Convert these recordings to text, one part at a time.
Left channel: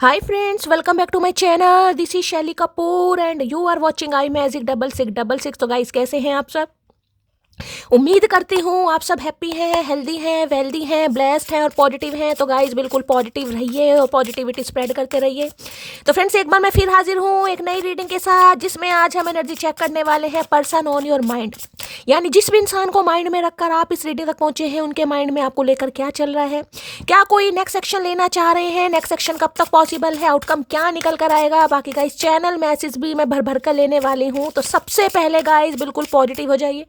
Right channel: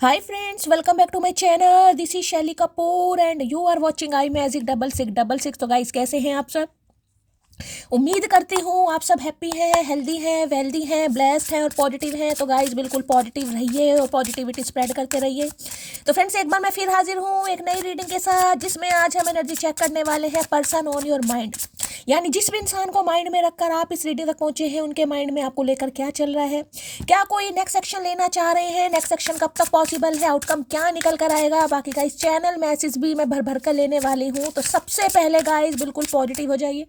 Hi friends, welcome back to my channel. This is Shelly Kapoor and you are watching I Magic 6666। तो guys कैसे हैं आप सब? उम्मीद करती हूँ आप सब हैप्पी हैं, हेल्दी हैं, वेल्दी हैं, ब्लेस्ड हैं और पॉजिटिव हैं। तो गाइस बिल्कुल पॉजिटिव रहिए और पॉजिटिविटी स्प्रेड करते रहिए। तो फ्रेंड्स एक बार मैं फिर हाजिर हूँ एक नई रीडिंग के साथ, जिसमें आज हम एनर्जी चेक करने वाले हैं पर्सन ऑन योर माइंड। यानी जिस भी इंसान को माइंड में रखकर आप इस रीडिंग तक पहुंचे हैं, उनके माइंड में आपको लेकर क्या चल रहा है, क्या कोई नेक्स्ट सेक्शन लेना चाह रहे हैं, नेक्स्ट सेक्शन कब तक पॉसिबल है, आउटकम क्या निकल कर आएगा। बाकी गाइस चैनल मैसेज भी मैं भर भर कर लेने वाली हूँ। तो सबसे पहले गाइस बिल्कुल पॉजिटिव हो जाइए।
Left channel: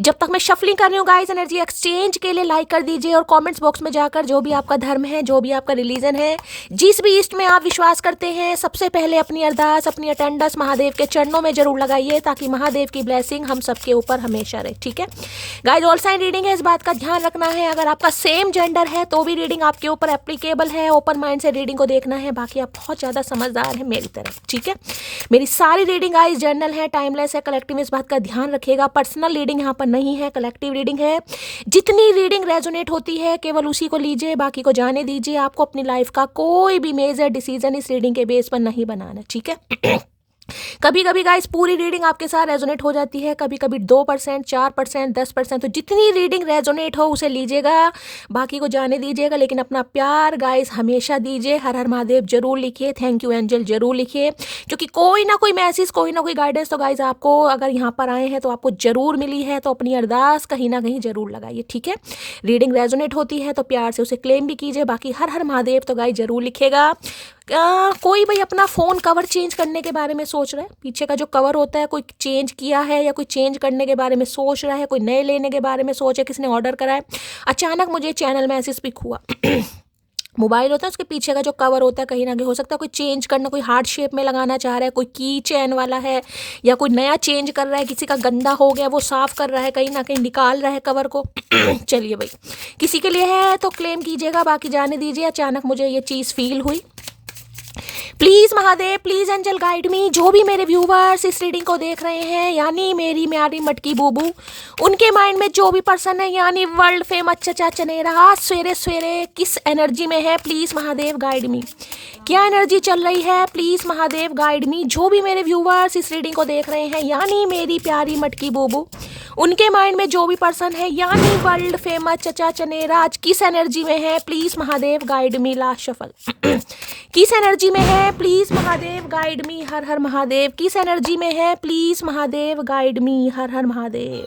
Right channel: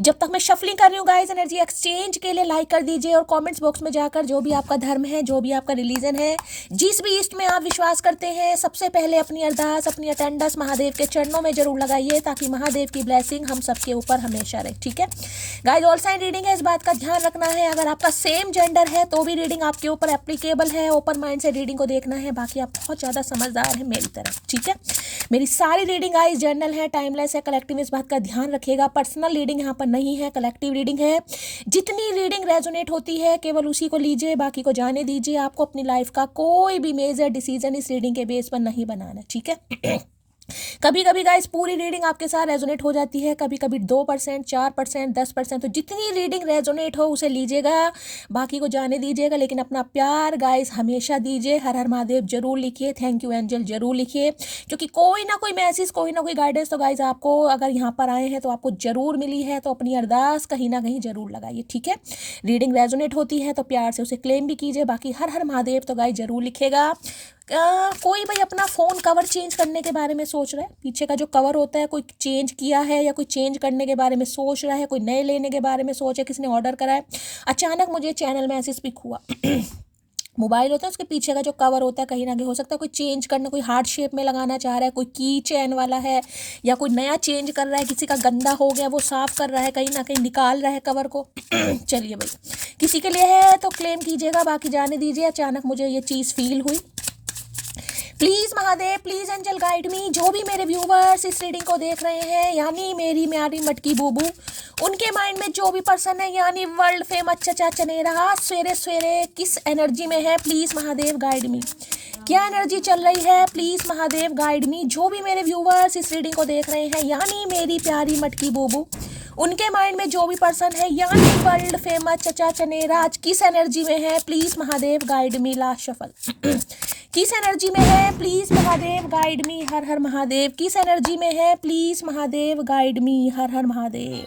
जब तक मैं शफलिंग कर रही हूँ गाइस, एनर्जी एक्सचेंज के लिए लाइक कर दीजिए और कमेंट्स बॉक्स में जाकर जो भी आपका धर्म है, जो भी आपका रिलीजन है, जिस भी ईस्ट में आप विश्वास करते हैं, सबसे पहले अपनी अरदास, अपनी अटेंडेंस महादेव के चरणों में जरूर लगाइए, ताकि महादेव की ब्लेसिंग हम सबके ऊपर हमेशा रहे। ठीक है गाइस, ऑल साइन रीडिंग है, इस बात का ध्यान रखना है। अगर आपका सेम जेंडर है तो भी रीडिंग आपके ऊपर एप्लीकेबल है। ओपन माइंड से रीडिंग को देखना है। बाकी आप बहुत ज़्यादा समझदार हैं मेरी तरह। ठीक है, मेरी सारी रीडिंग गाइस जर्नल है, टाइमलेस है, कलेक्टिव। इस बात का ध्यान रखिएगा। पर्सनल रीडिंग यहाँ पर नहीं है, कलेक्टिव रीडिंग है। जितनी रीडिंग रेजोनेट होती है केवल उसी को लीजिए, बाकी को जाने दीजिए। आपको अपनी लाइफ का कोई भी मेजर डिसीजन इस रीडिंग के बेस पर नहीं बनाना। ठीक है कभी कभी गाइस पूरी रीडिंग आपके साथ रेजोनेट हो जाती है, कभी कभी 2%, 4%, 10%। तो जितनी रीडिंग रेजोनेट हो उसे लीजिएगा, बाकी को जाने दीजिएगा। लेकिन अपना प्यार गाइस हमेशा दीजिए। हर हर महादेव जरूर लिखिए, थैंक यू एंजल जरूर लिखिए, क्योंकि कोई ना कोई मैसेज, कोई ना कोई गाइडेंस तो गाइस आपको, अगर यहाँ पर आए हैं तो आपको जरूर मिली है। तो अपनी अरदास कहीं ना कहीं जरूर लगाइए। ठीक है, रीडिंग रेजोनेट होती है तो प्यार से उसे क्लेम भी कीजिए। बाकी हर हर महादेव तो गाइस जरूर लिखेगा। कोई भाई अपना फ़ोन कवर चेंज करने के बारे में सोच रहा है, पीछे का जो कवर होता है कोई चेंज किया है, या कोई चेंज करने के बारे में सोच रहा है, कोई नए लेने के बारे में सोच है, किसी ने ऑर्डर करा है, अचानक मुझे चैनल मैसेज पिक हुआ मोबाइल होता है उसके पीछे का जो कवर होता है, कहीं ना कहीं हो सकता है कोई चेंज करना, कोई हार्ट शेप में लगाना चाह रहा है, कोई की चैन वाला है, या कोई नया चेंज कर रहा है, किसी का गंदा हो गया वो साफ कर रहा है, कहीं ना कहीं निकाल रहा है कवर को चलिए भाई, किसी के लिए है तो क्लेम कीजिएगा, बाकी जाने दीजिए। अचानक मुझे ये चीज़ फील हुई। Please Mahadev, please angel guide me. जो भी मेरे व्यूवर्स इस रीडिंग को देख रहे हैं, यानी मेरी म्यारी मटकी बूबू, उनके माइंड में जो भी पर्सन है, यानी वर्ल्ड फेमस चचा चनेरा, आज सवेरे सवेरे किस एनर्जी में है, प्लीज़ महादेव गाइड मी। क्या एनर्जी चल रही है, प्लीज़ महादेव गाइड मी। जो भी मेरे व्यूवर्स इस रीडिंग को देख रहे हैं, यानी मेरी प्यारी मटकी बूबू, उनके माइंड में जो भी पर्सन है, यानी वर्ल्ड फेमस चचा चनेरा, आज किस एनर्जी में है, please Mahadev guide me. Last shuffle किस एनर्जी में है, प्लीज़ महादेव गाइड मी। हर हर महादेव। किस एनर्जी में है, प्लीज़ महादेव गाइड मी। हर हर महादेव।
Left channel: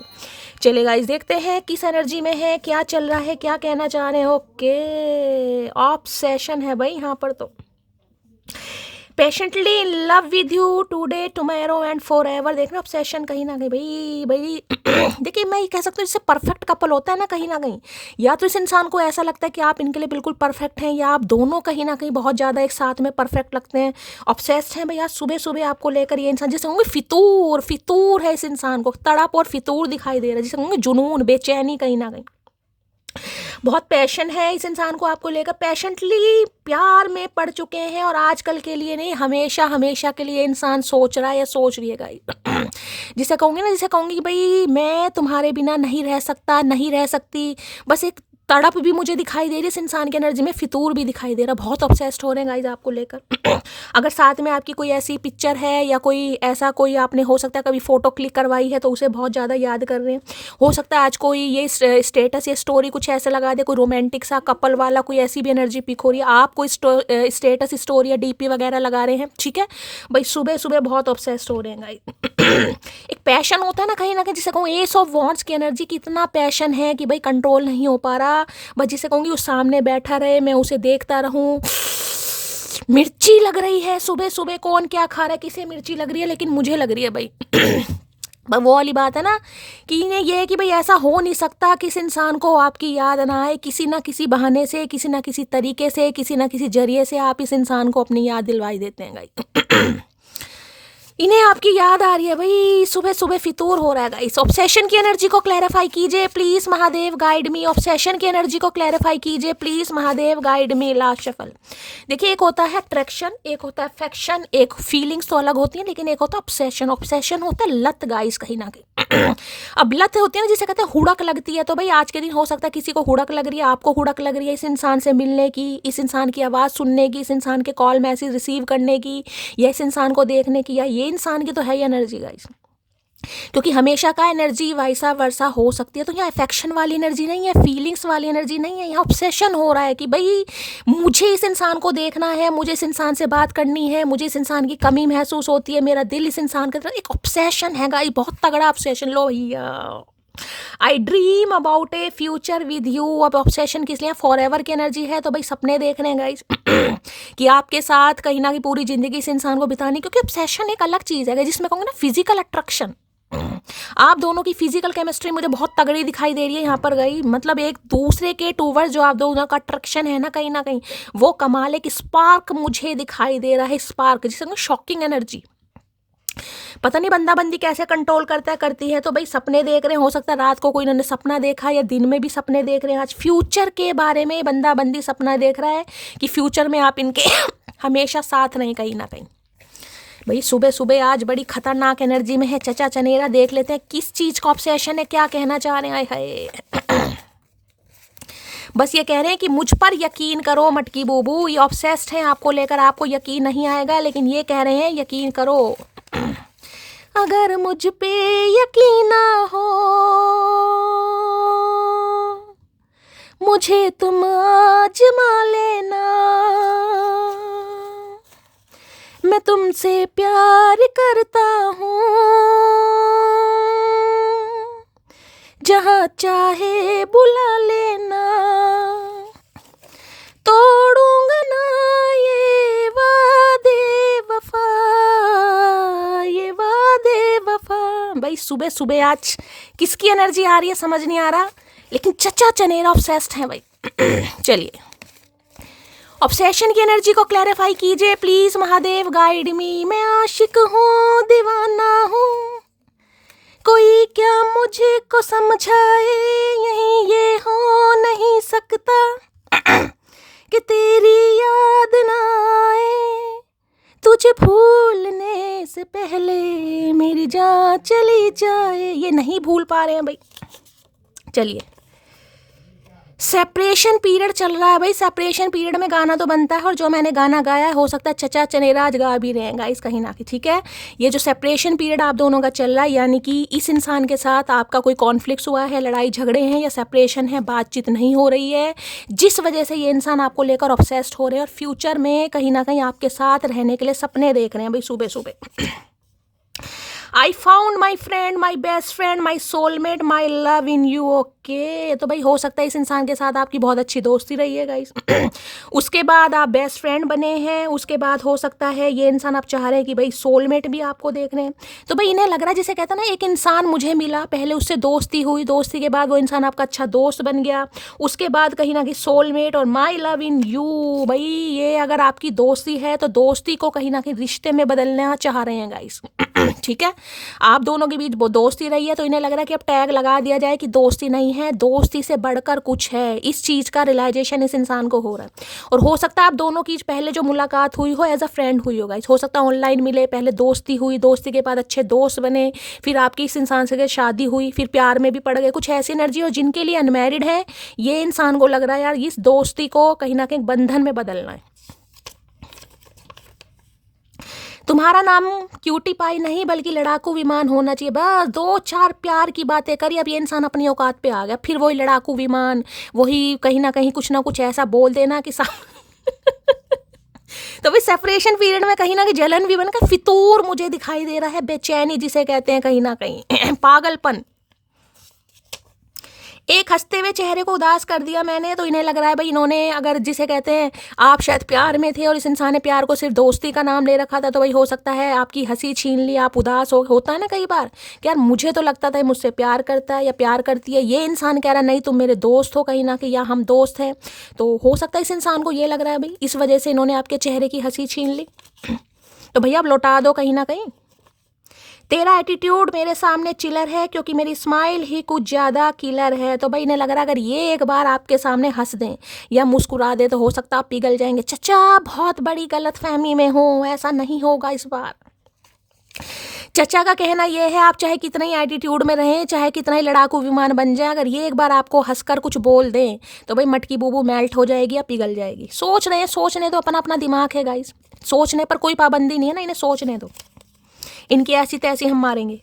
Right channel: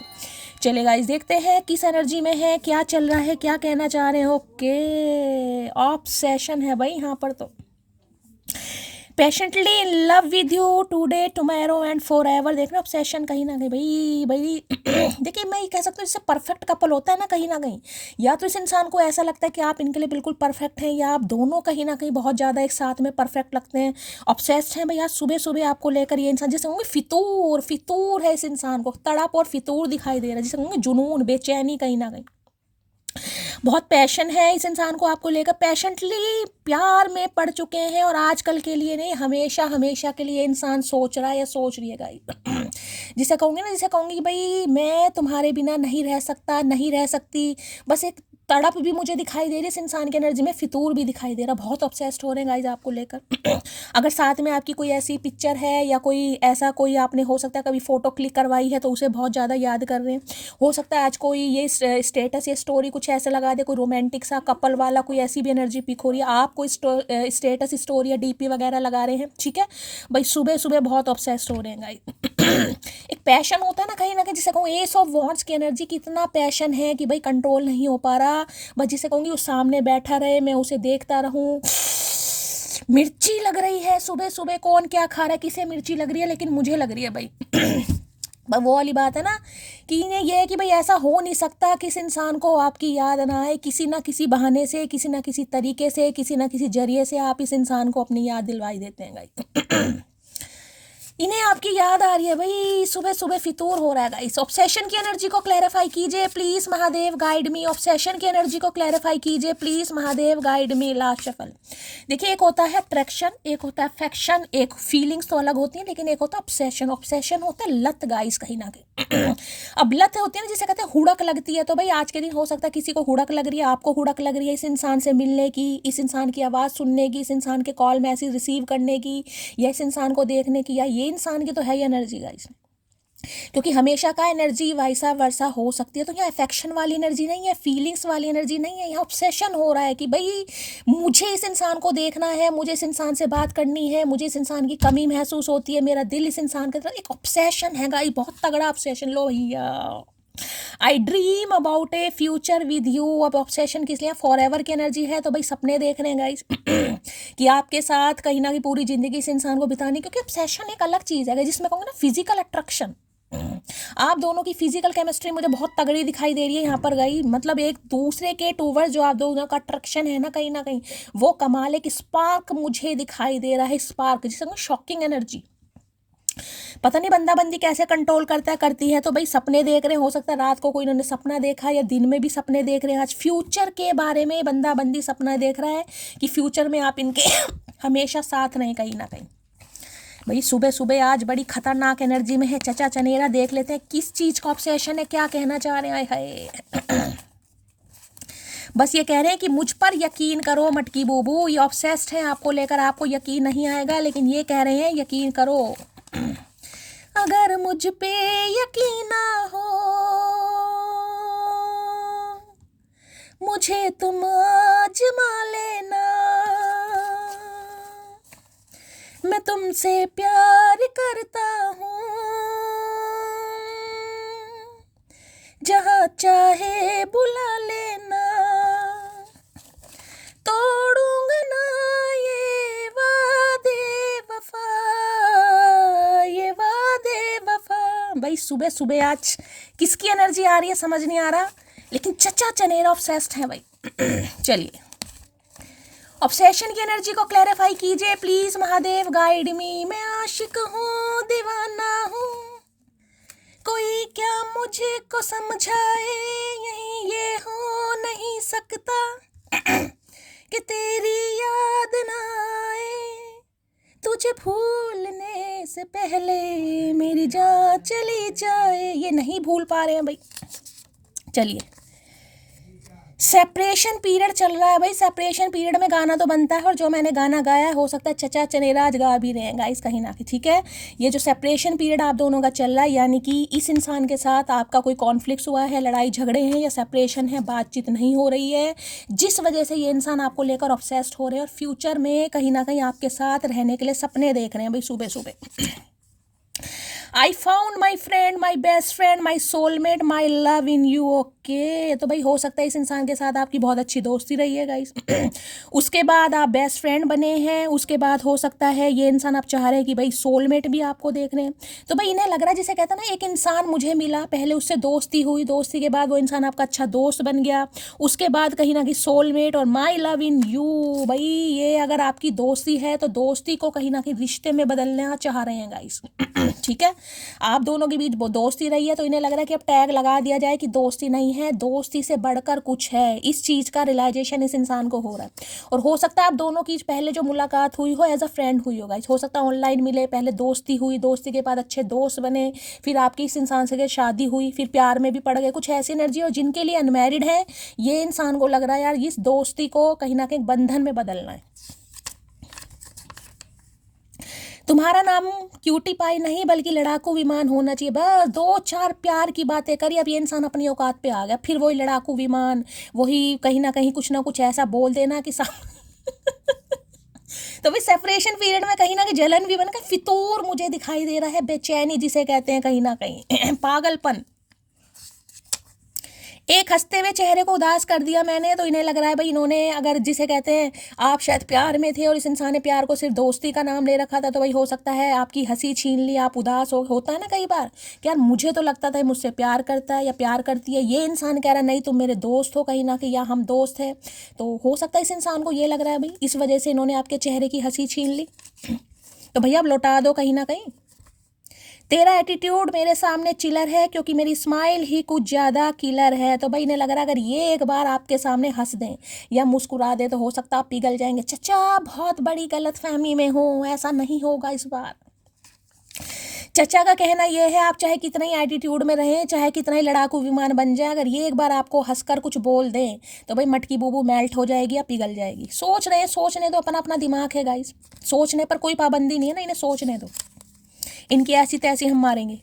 चले गाइस देखते हैं किस एनर्जी में है, क्या चल रहा है, क्या कहना चाह रहे हो। ओके, ऑब्सेशन है भाई यहाँ पर तो। Patiently in love with you today tomorrow and for ever. देखना ऑब्सेशन कहीं ना कहीं भाई भाई देखिए मैं ये कह सकती हूँ, इससे परफेक्ट कपल होता है ना कहीं ना कहीं, या तो इस इंसान को ऐसा लगता है कि आप इनके लिए बिल्कुल परफेक्ट हैं, या आप दोनों कहीं ना कहीं बहुत ज़्यादा एक साथ में परफेक्ट लगते हैं, ऑब्सेस्ड हैं भैया। सुबह सुबह आपको लेकर ये इंसान, जैसे होंगे फितूर, फितूर है इस इंसान को, तड़प और फितूर दिखाई दे रहा है, जैसे होंगे जुनून, बेचैनी कहीं ना कहीं। बहुत पैशन है इस इंसान को आपको लेकर, पैशनेटली प्यार में पड़ चुके हैं, और आजकल के लिए नहीं, हमेशा हमेशा के लिए इंसान सोच रहा है या सोच रही है गाइस। जिसे कहूँगी ना, जिसे कहूँगी कि भाई मैं तुम्हारे बिना नहीं रह सकता, नहीं रह सकती, बस एक तड़प भी मुझे दिखाई दे रही है इस इंसान की एनर्जी में, फितूर भी दिखाई दे रहा, बहुत ऑब्सेस्ड हो रहे हैं गाइस आपको लेकर। अगर साथ में आपकी कोई ऐसी पिक्चर है, या कोई ऐसा कोई आपने हो सकता है कभी फोटो क्लिक करवाई है, तो उसे बहुत ज़्यादा याद कर रहे हैं। हो सकता है आज कोई ये स्टेटस या स्टोरी कुछ ऐसे लगा दे, कोई रोमांटिक सा कपल वाला, कोई ऐसी भी एनर्जी पिक हो रही है, आप कोई स्टेटस स्टोरी या डीपी वगैरह लगा रहे हैं। ठीक है भाई, सुबह सुबह बहुत ऑब्सेस्ड हो रहे हैं गाइस। एक पैशन होता है ना कहीं, जिसे कहूँ एस ऑफ वॉन्ट्स की एनर्जी, कितना पैशन है कि भाई कंट्रोल नहीं हो पा रहा, बस जिसे कहूँगी वो सामने बैठा रहे, मैं उसे देखता रहूँ। मिर्ची लग रही है सुबह सुबह, कौन क्या खा रहा है, किसे मिर्ची लग रही है, लेकिन मुझे लग रही है भाई। पर वो वाली बात है ना कि ये है कि भाई ऐसा हो नहीं सकता कि इस इंसान को आपकी याद ना आए, किसी ना किसी बहाने से, किसी ना किसी तरीके से, किसी ना किसी जरिए से आप इस इंसान को अपनी याद दिलवाई देते हैं गाइस। इन्हें आपकी याद आ रही है भाई, सुबह सुबह फितूर हो रहा है गाइस। ऑब्सेशन की एनर्जी को क्लैरिफाई कीजिए please Mahadev, guide me. Obsession की एनर्जी को क्लैरिफाई कीजिए please Mahadev, guide me. Last shuffle. देखिए, एक होता है अट्रैक्शन, एक होता है अफेक्शन, एक फीलिंग्स तो अलग होती है, लेकिन एक होता है ऑब्सेशन। ऑब्सेशन होता है लत गाइस, कहीं ना कहीं। अब लत होती है ना, जिसे कहते हैं हुड़क लगती है। तो भाई आज के दिन हो सकता है किसी को हुड़क लग रही है, आपको हुड़क लग रही है इस इंसान से मिलने की, इस इंसान की आवाज़ सुनने की, इस इंसान के कॉल मैसेज रिसीव करने की, या इस इंसान को देखने की, या ये इंसान की तो है ही एनर्जी गाइस, क्योंकि हमेशा का एनर्जी वैसा वर्षा हो सकती है। तो यहाँ अफेक्शन वाली एनर्जी नहीं है, फीलिंग्स वाली एनर्जी नहीं है, यहाँ ऑब्सेशन हो रहा है कि भाई मुझे इस इंसान को देखना है, मुझे इस इंसान से बात करनी है, मुझे इस इंसान की कमी महसूस होती है, मेरा दिल इस इंसान के तरफ, एक ऑब्सेशन है गाइस, बहुत तगड़ा ऑब्सेशन। लो भैया, आई dream about A future with you. अब ऑब्सेशन किस लिए, फॉर एवर की एनर्जी है। तो भाई सपने देख रहे हैं गाइस कि आपके साथ कहीं ना कहीं पूरी जिंदगी इस इंसान को बितानी, क्योंकि ऑब्सेशन एक अलग चीज़ है जिसमें कहूँगा ना फिजिकल अट्रैक्शन। आप दोनों की फिजिकल केमिस्ट्री मुझे बहुत तगड़ी दिखाई दे रही है यहाँ पर गई, मतलब एक दूसरे के टूवर्ड्स जो आप दोनों का अट्रैक्शन है ना कहीं वो कमाल, एक स्पार्क मुझे दिखाई दे रहा है, स्पार्क जिसे शॉकिंग एनर्जी। पता नहीं बंदा बंदी कैसे कंट्रोल करता है, करती है। तो भाई सपने देख रहे हैं, हो सकता है रात को कोई इन्होंने सपना देखा, या दिन में भी सपने देख रहे हैं। आज फ्यूचर के बारे में बंदा बंदी सपना देख रहा है कि फ्यूचर में आप इनके हमेशा साथ रहें कहीं ना कहीं। भाई सुबह सुबह आज बड़ी खतरनाक एनर्जी में है चचा चनेरा। देख लेते हैं किस चीज़ का ऑब्सेशन है, क्या कहना चाह रहे हैं। बस ये कह रहे हैं कि मुझ पर यकीन करो मटकी बूबू, ये ऑब्सेस्ड है आपको लेकर, आपको यकीन नहीं आएगा, लेकिन ये कह रहे हैं यकीन करो। अगर मुझ पे यकीन ना हो, मुझे तुम आजमा लेना, मैं तुमसे प्यार करता हूँ, जहाँ चाहे बुला लेना, तोड़ूंगा ना ये वादे वफा, ये वादे वफा। भाई सुबह सुबह आज किसकी एनर्जी आ रही है समझ नहीं आ रहा, लेकिन चचा चनेरा ऑब्सेस्ड है भाई। चलिए, ऑब्सेशन की एनर्जी को क्लैरिफाई कीजिए प्लीज महादेव, गाइड मी। मैं आशिक हूँ, दीवाना हूँ, कोई क्या मुझे को समझाए, यही ये हो नहीं सकता कि तेरी याद ना आए, तुझे भूलने से पहले मेरी जान चली जाए। ये नहीं भूल पा रहे हैं भाई। चलिए, सेपरेशन पीरियड चल रहा है भाई। सेपरेशन पीरियड में गाना तो बनता है, और जो मैंने गाना गाया है हो सकता है चचा चनेरा आज गा भी रहे हैं गाइस कहीं ना कहीं, ठीक है। ये जो सेपरेशन पीरियड आप दोनों का चल रहा है, यानी कि इस इंसान के साथ आपका कोई कॉन्फ्लिक्ट हुआ है, लड़ाई झगड़े हैं या सेपरेशन है, बातचीत नहीं हो रही है, जिस वजह से ये इंसान आपको लेकर ऑब्सेस्ड हो रहे हैं, और फ्यूचर में कहीं ना कहीं आपके साथ रहने के लिए सपने देख रहे हैं भाई सुबह सुबह। I found my friend, my best friend, my soulmate, my love in you. Okay, तो भाई हो सकता है इस इंसान के साथ आपकी बहुत अच्छी दोस्ती रही है गाइस। उसके बाद आप बेस्ट फ्रेंड बने हैं, उसके बाद हो सकता है ये इंसान आप चाह रहे हैं कि भाई सोलमेट भी आपको देख रहे हैं। तो भाई इन्हें लग रहा है, जिसे कहता है ना, एक इंसान मुझे मिला, पहले उससे दोस्ती हुई, दोस्ती के बाद वो इंसान आपका अच्छा दोस्त बन गया, उसके बाद कहीं ना कहीं सोलमेट और माई लव इन यू। भाई ये अगर आपकी दोस्ती है तो दोस्ती को कहीं ना कहीं रिश्ते में बदलना चाह रहे हैं गाइस। ठीक है, आप दोनों के बीच वो दोस्ती रही है, तो इन्हें लग रहा है कि अब टैग लगा दिया जाए कि दोस्ती नहीं है, दोस्ती से बढ़कर कुछ है। इस चीज़ का रियलाइजेशन इस इंसान को हो रहा है। और हो सकता है आप दोनों की पहले जो मुलाकात हुई हो एज अ फ्रेंड हुई होगा, हो सकता है ऑनलाइन मिले, पहले दोस्ती हुई, दोस्ती के बाद अच्छे दोस्त बने, फिर आपकी इस इंसान से शादी हुई, फिर प्यार में भी पड़ गए। कुछ ऐसी एनर्जी हो जिनके लिए अनमैरिड है, ये इंसान को लग रहा है यार इस दोस्ती को कहीं ना कहीं बंधन में बदलना है। तुम्हारा नाम क्यूटी पाई नहीं बल्कि लड़ाकू विमान होना चाहिए। बस 2-4 प्यार की बातें करी, अब ये इंसान अपनी औकात पे आ गया, फिर वही लड़ाकू विमान, वही कहीं ना कुछ ऐसा बोल देना कि तो भाई सेपरेशन पीरियड में कहीं ना कहीं जलन भी बनकर फितूर मुझे दिखाई दे रहा है, बेचैनी जिसे कहते हैं कहीं ना कहीं पागलपन। एक हंसते हुए चेहरे को उदास कर दिया मैंने, तो इन्हें लग रहा है भाई इन्होंने, अगर जिसे कहते हैं आप शायद प्यार में थे और इस इंसान ने प्यार को सिर्फ दोस्ती का नाम ले रखा था, तो भाई हो सकता है आपकी हंसी छीन ली, आप उदास होता है ना कई बार कि यार मुझे तो लगता था मुझसे प्यार करता है या प्यार करती है, ये इंसान कह रहा है नहीं तुम मेरे दोस्त हो कहीं ना कहीं, या हम दोस्त हैं। तो हो सकता है इस इंसान को ये लग रहा है भाई इस वजह से इन्होंने आपके चेहरे की हंसी छीन ली, तो भैया अब लौटा दो कहीं ना कहीं। तेरा एटीट्यूड मेरे सामने चिलर है क्योंकि मेरी स्माइल ही कुछ ज़्यादा किलर है। तो भाई इन्हें लग रहा है अगर ये एक बार आपके सामने हंस दें या मुस्कुरा दे तो हो सकता है आप पिघल जाएंगे। चचा बहुत बड़ी गलतफहमी में हो, ऐसा नहीं होगा इस बार। चचा का कहना यह है आप चाहे कितना ही एटीट्यूड में रहें, चाहे कितना ही लड़ाकू विमान बन जाए, अगर ये एक बार आपको हंसकर कुछ बोल दें तो भाई मटकी बूबू मेल्ट हो जाएगी या पिघल जाएगी। सोच रहे हैं, सोचने दो, अपना अपना दिमाग है गाइस, सोचने पर कोई पाबंदी नहीं है ना, इन्हें सोचने दो। इनकी ऐसी तैसी हम मारेंगे।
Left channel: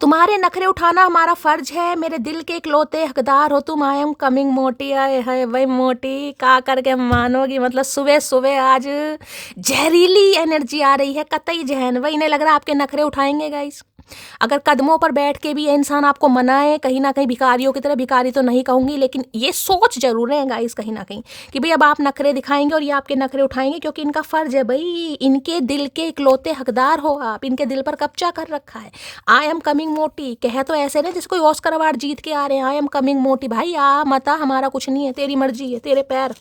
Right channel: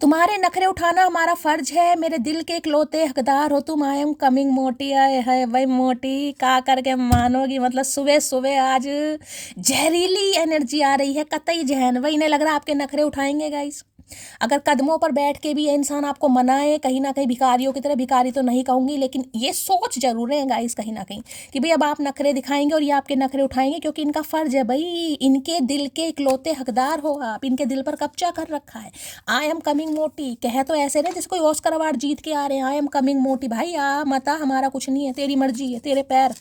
तुम्हारे नखरे उठाना हमारा फर्ज है, मेरे दिल के इकलौते हकदार हो तुम। आई एम कमिंग मोटी। आए है भाई मोटी का करके मानोगी, मतलब सुबह सुबह आज जहरीली एनर्जी आ रही है, कतई जहन। भाई इन्हें लग रहा है आपके नखरे उठाएंगे गाइस। अगर कदमों पर बैठ के भी ये इंसान आपको मनाए, कहीं ना कहीं भिखारियों की तरह, भिखारी तो नहीं कहूँगी लेकिन ये सोच जरूर है गाइस कहीं ना कहीं कि भाई अब आप नखरे दिखाएंगे और ये आपके नखरे उठाएंगे क्योंकि इनका फर्ज है। भाई इनके दिल के इकलौते हकदार हो आप, इनके दिल पर कब्जा कर रखा है। आई एम कमिंग मोटी कह तो ऐसे नहीं जैसे कोई ऑस्कर अवार्ड जीत के आ रहे हैं। आई एम कमिंग मोटी, भाई आ मता, हमारा कुछ नहीं है, तेरी मर्जी है, तेरे पैर।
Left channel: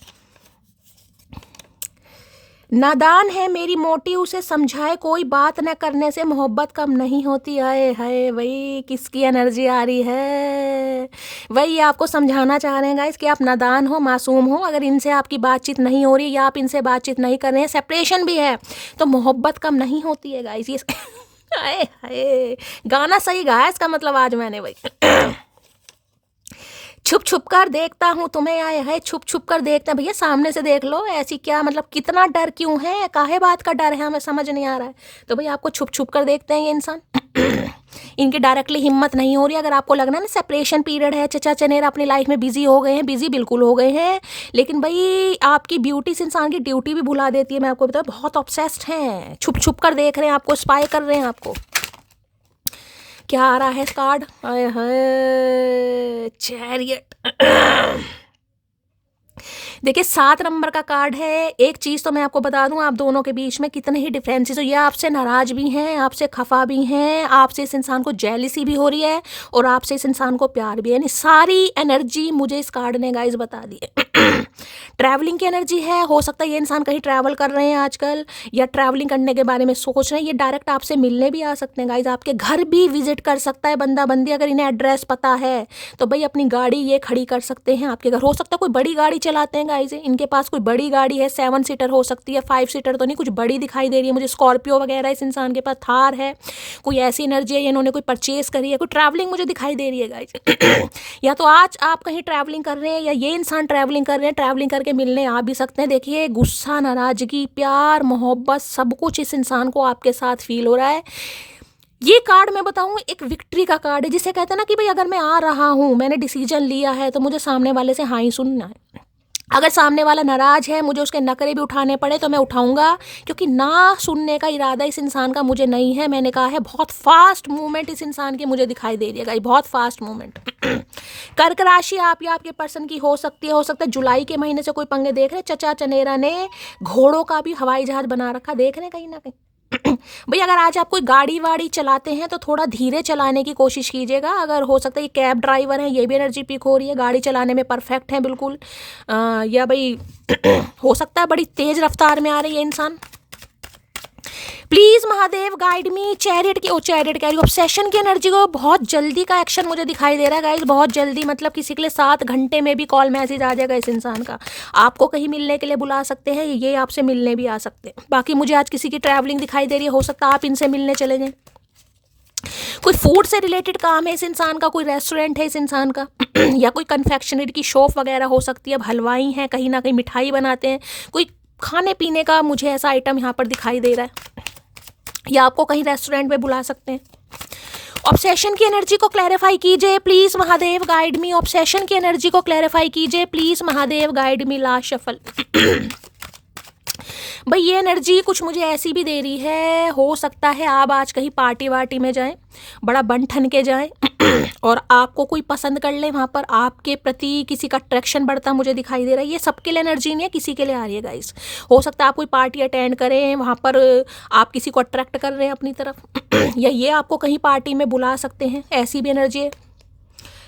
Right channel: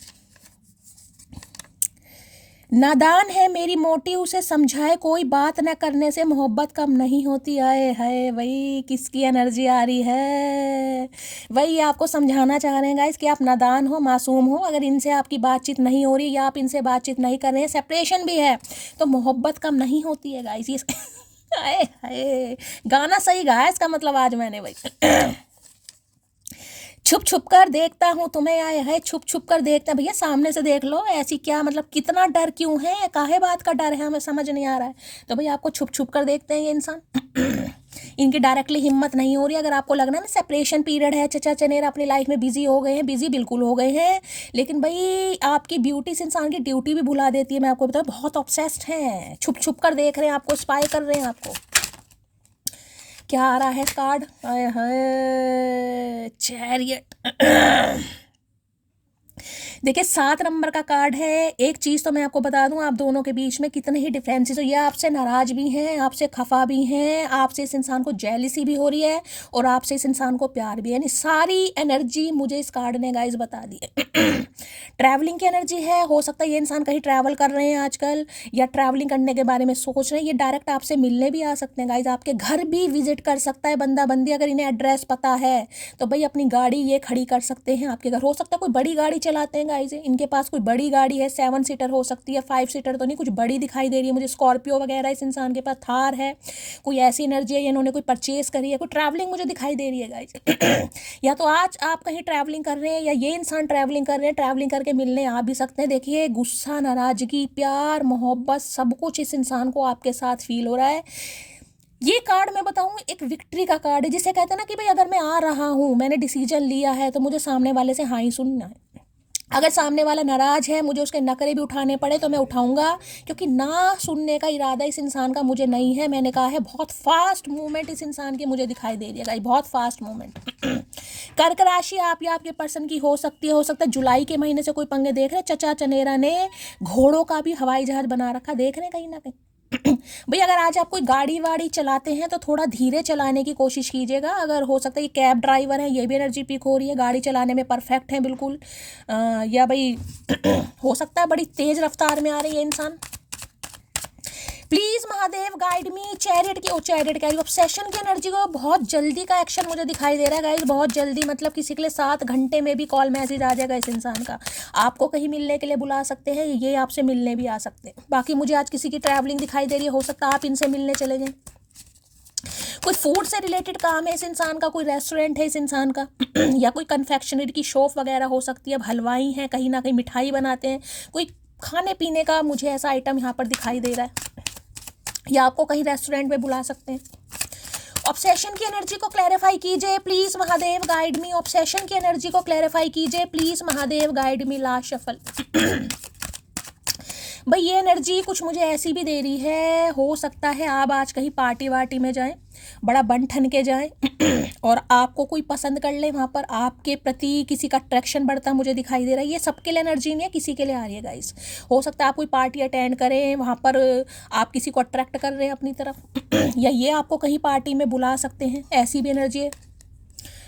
नादान है मेरी मोटी, उसे समझाए कोई बात न करने से मोहब्बत कम नहीं होती। आए हाय भाई किसकी एनर्जी आ रही है। वही आपको समझाना चाह रहे हैं गाइस कि आप नादान हो, मासूम हो। अगर इनसे आपकी बातचीत नहीं हो रही या आप इनसे बातचीत नहीं कर रहे हैं, सेपरेशन भी है, तो मोहब्बत कम नहीं होती है गाइस। ये आए हाय गाना सही गाया इसका मतलब आज मैंने भाई। छुप छुप कर देखता हूँ तुम्हें, आए है छुप छुप कर देखता। भैया सामने से देख लो, ऐसी क्या मतलब कितना डर क्यों है, काहे बात का डर है, हमें समझ नहीं आ रहा है। तो भाई आपको छुप छुप कर देखते हैं ये इंसान। इनकी डायरेक्टली हिम्मत नहीं हो रही। अगर आपको लगना ना सेपरेशन पीरियड है, चचा चनेरा अपनी लाइफ में बिजी हो गए हैं, बिजी बिल्कुल हो गए हैं, लेकिन भाई आपकी ब्यूटी इस इंसान की ड्यूटी भी भुला देती है। मैं आपको बताऊँ बहुत ऑब्सेस्ड हैं, छुप छुप कर देख रहे हैं आपको, स्पाई कर रहे हैं आपको। क्या आ रहा है कार्ड, आए हाय चैरियट। देखिए 7 नंबर का कार्ड है। एक चीज़ तो मैं आपको बता दूं, आप दोनों के बीच में कितने ही डिफरेंसेस हो, ये आपसे नाराज भी हैं, आपसे खफा भी हैं, आपसे इस इंसान को जेलिसी भी हो रही है और आपसे इस इंसान को प्यार भी है। यानी सारी एनर्जी मुझे इस कार्ड ने गाइस बता दी है। ट्रैवलिंग की एनर्जी है, हो सकता है ये इंसान कहीं ट्रैवल कर रहे हैं आजकल या ट्रैवलिंग करने के बारे में सोच रहे हैं। ये डायरेक्ट आपसे मिलने भी आ सकते हैं गाइस, आपके घर भी विजिट कर सकता है बंदा बंदी। अगर इन्हें एड्रेस पता है तो भाई अपनी गाड़ी ये खड़ी कर सकते हैं आपके घर। हो सकता है कोई बड़ी गाड़ी चलाते हैं गाइस, इनके पास कोई बड़ी गाड़ी है, 7 सीटर हो सकती है, 5 सीटर तो नहीं, कुछ बड़ी दिखाई दे रही है मुझे, स्कॉर्पियो वगैरह इस इंसान के पास, थार है, कोई ऐसी एनर्जी है, इन्होंने कोई परचेज करी है, कोई ट्रैवलिंग मुझे दिखाई दे रही है गाइस। या तो आज आप कहीं ट्रैवलिंग कर रहे हैं या ये इंसान ट्रैवलिंग कर रहे हैं, ट्रैवलिंग करके मिलने आ भी सकते हैं। देखिए गुस्सा, नाराजगी, प्यार, मोहब्बत सब कुछ इस इंसान को आपके साथ फील हो रहा है। ये कार्ड मैं बताऊं एक विक्ट्री का कार्ड है, जिसे कहते हैं ना कि भाई अगर मैं आ रहा हूं, मैंने डिसीजन लिया है, तो मुझे सामने वाले से हाँ ही सुनना है। अगर सामने वाला नाराज है, मुझे उसके नखरे भी उठाने पड़े तो मैं उठाऊंगा, क्योंकि ना सुनने का इरादा इस इंसान का मुझे नहीं है। मैंने कहा है बहुत फास्ट मूवमेंट इस इंसान की मुझे दिखाई दे रही है, बहुत फास्ट मूवमेंट। कर्क राशि आप या आपके पर्सन की हो सकती है, हो सकता है जुलाई के महीने से कोई पंगे देख रहे हैं। चचा चनेरा ने घोड़ों का भी हवाई जहाज बना रखा, देख रहे हैं कहीं ना कहीं। भाई अगर आज आप कोई गाड़ी वाड़ी चलाते हैं तो थोड़ा धीरे चलाने की कोशिश कीजिएगा। अगर हो सकता है ये कैब ड्राइवर है, ये भी एनर्जी पिक हो रही है, गाड़ी चलाने में परफेक्ट है बिल्कुल। या भाई हो सकता है बड़ी तेज रफ्तार में आ रही है इंसान। Please Mahadev guide me. Chariot की चैरियट कह रही हूँ, ऑब्सेशन की एनर्जी को बहुत जल्दी का एक्शन मुझे दिखाई दे रहा है गाइस, बहुत जल्दी, मतलब किसी के लिए 7 घंटे में भी कॉल मैसेज आ जाएगा इस इंसान का। आपको कहीं मिलने के लिए बुला सकते हैं, ये आपसे मिलने भी आ सकते हैं। बाकी मुझे आज किसी की ट्रैवलिंग दिखाई दे रही है, हो सकता है आप इनसे मिलने चले जाएं। कोई फूड से रिलेटेड काम है इस इंसान का, कोई रेस्टोरेंट है इस इंसान का, या कोई कन्फेक्शनरी की शॉप वगैरह हो सकती है। अब हलवाई हैं, कहीं ना कहीं मिठाई बनाते हैं, कोई खाने पीने का मुझे ऐसा आइटम यहाँ पर दिखाई दे रहा है, या आपको कहीं रेस्टोरेंट में बुला सकते हैं। ऑब्सेशन की एनर्जी को क्लैरिफाई कीजिए please Mahadev guide me. Obsession की एनर्जी को क्लैरिफाई कीजिए please Mahadev guide me. Last shuffle. भाई ये एनर्जी कुछ मुझे ऐसी भी दे रही है, हो सकता है आप आज कहीं पार्टी वार्टी में जाएं, बड़ा बन ठन के जाएं और आपको कोई पसंद कर ले, वहाँ पर आपके प्रति किसी का अट्रैक्शन बढ़ता मुझे दिखाई दे रहा है। ये सबके लिए एनर्जी नहीं है, किसी के लिए आ रही है गाइस। हो सकता है आप कोई पार्टी अटेंड करें, वहाँ पर आप किसी को अट्रैक्ट कर रहे हैं अपनी तरफ, या ये आपको कहीं पार्टी में बुला सकते हैं, ऐसी भी एनर्जी है।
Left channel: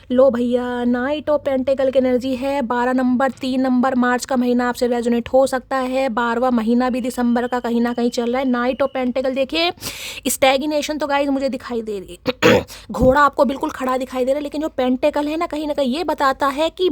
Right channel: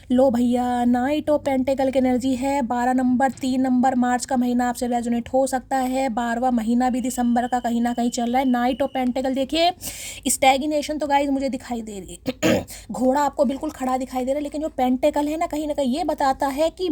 लो भैया, नाइट ऑफ पेंटिकल की एनर्जी है 12 नंबर 3 नंबर। मार्च का महीना आपसे रेजोनेट हो सकता है, 12वां महीना भी दिसंबर का कहीं ना कहीं चल रहा है। नाइट ऑफ पेंटिकल देखिए, स्टैग्नेशन तो गाइस मुझे दिखाई दे रही है घोड़ा आपको बिल्कुल खड़ा दिखाई दे रहा है, लेकिन जो पेंटिकल है ना कहीं ये बताता है कि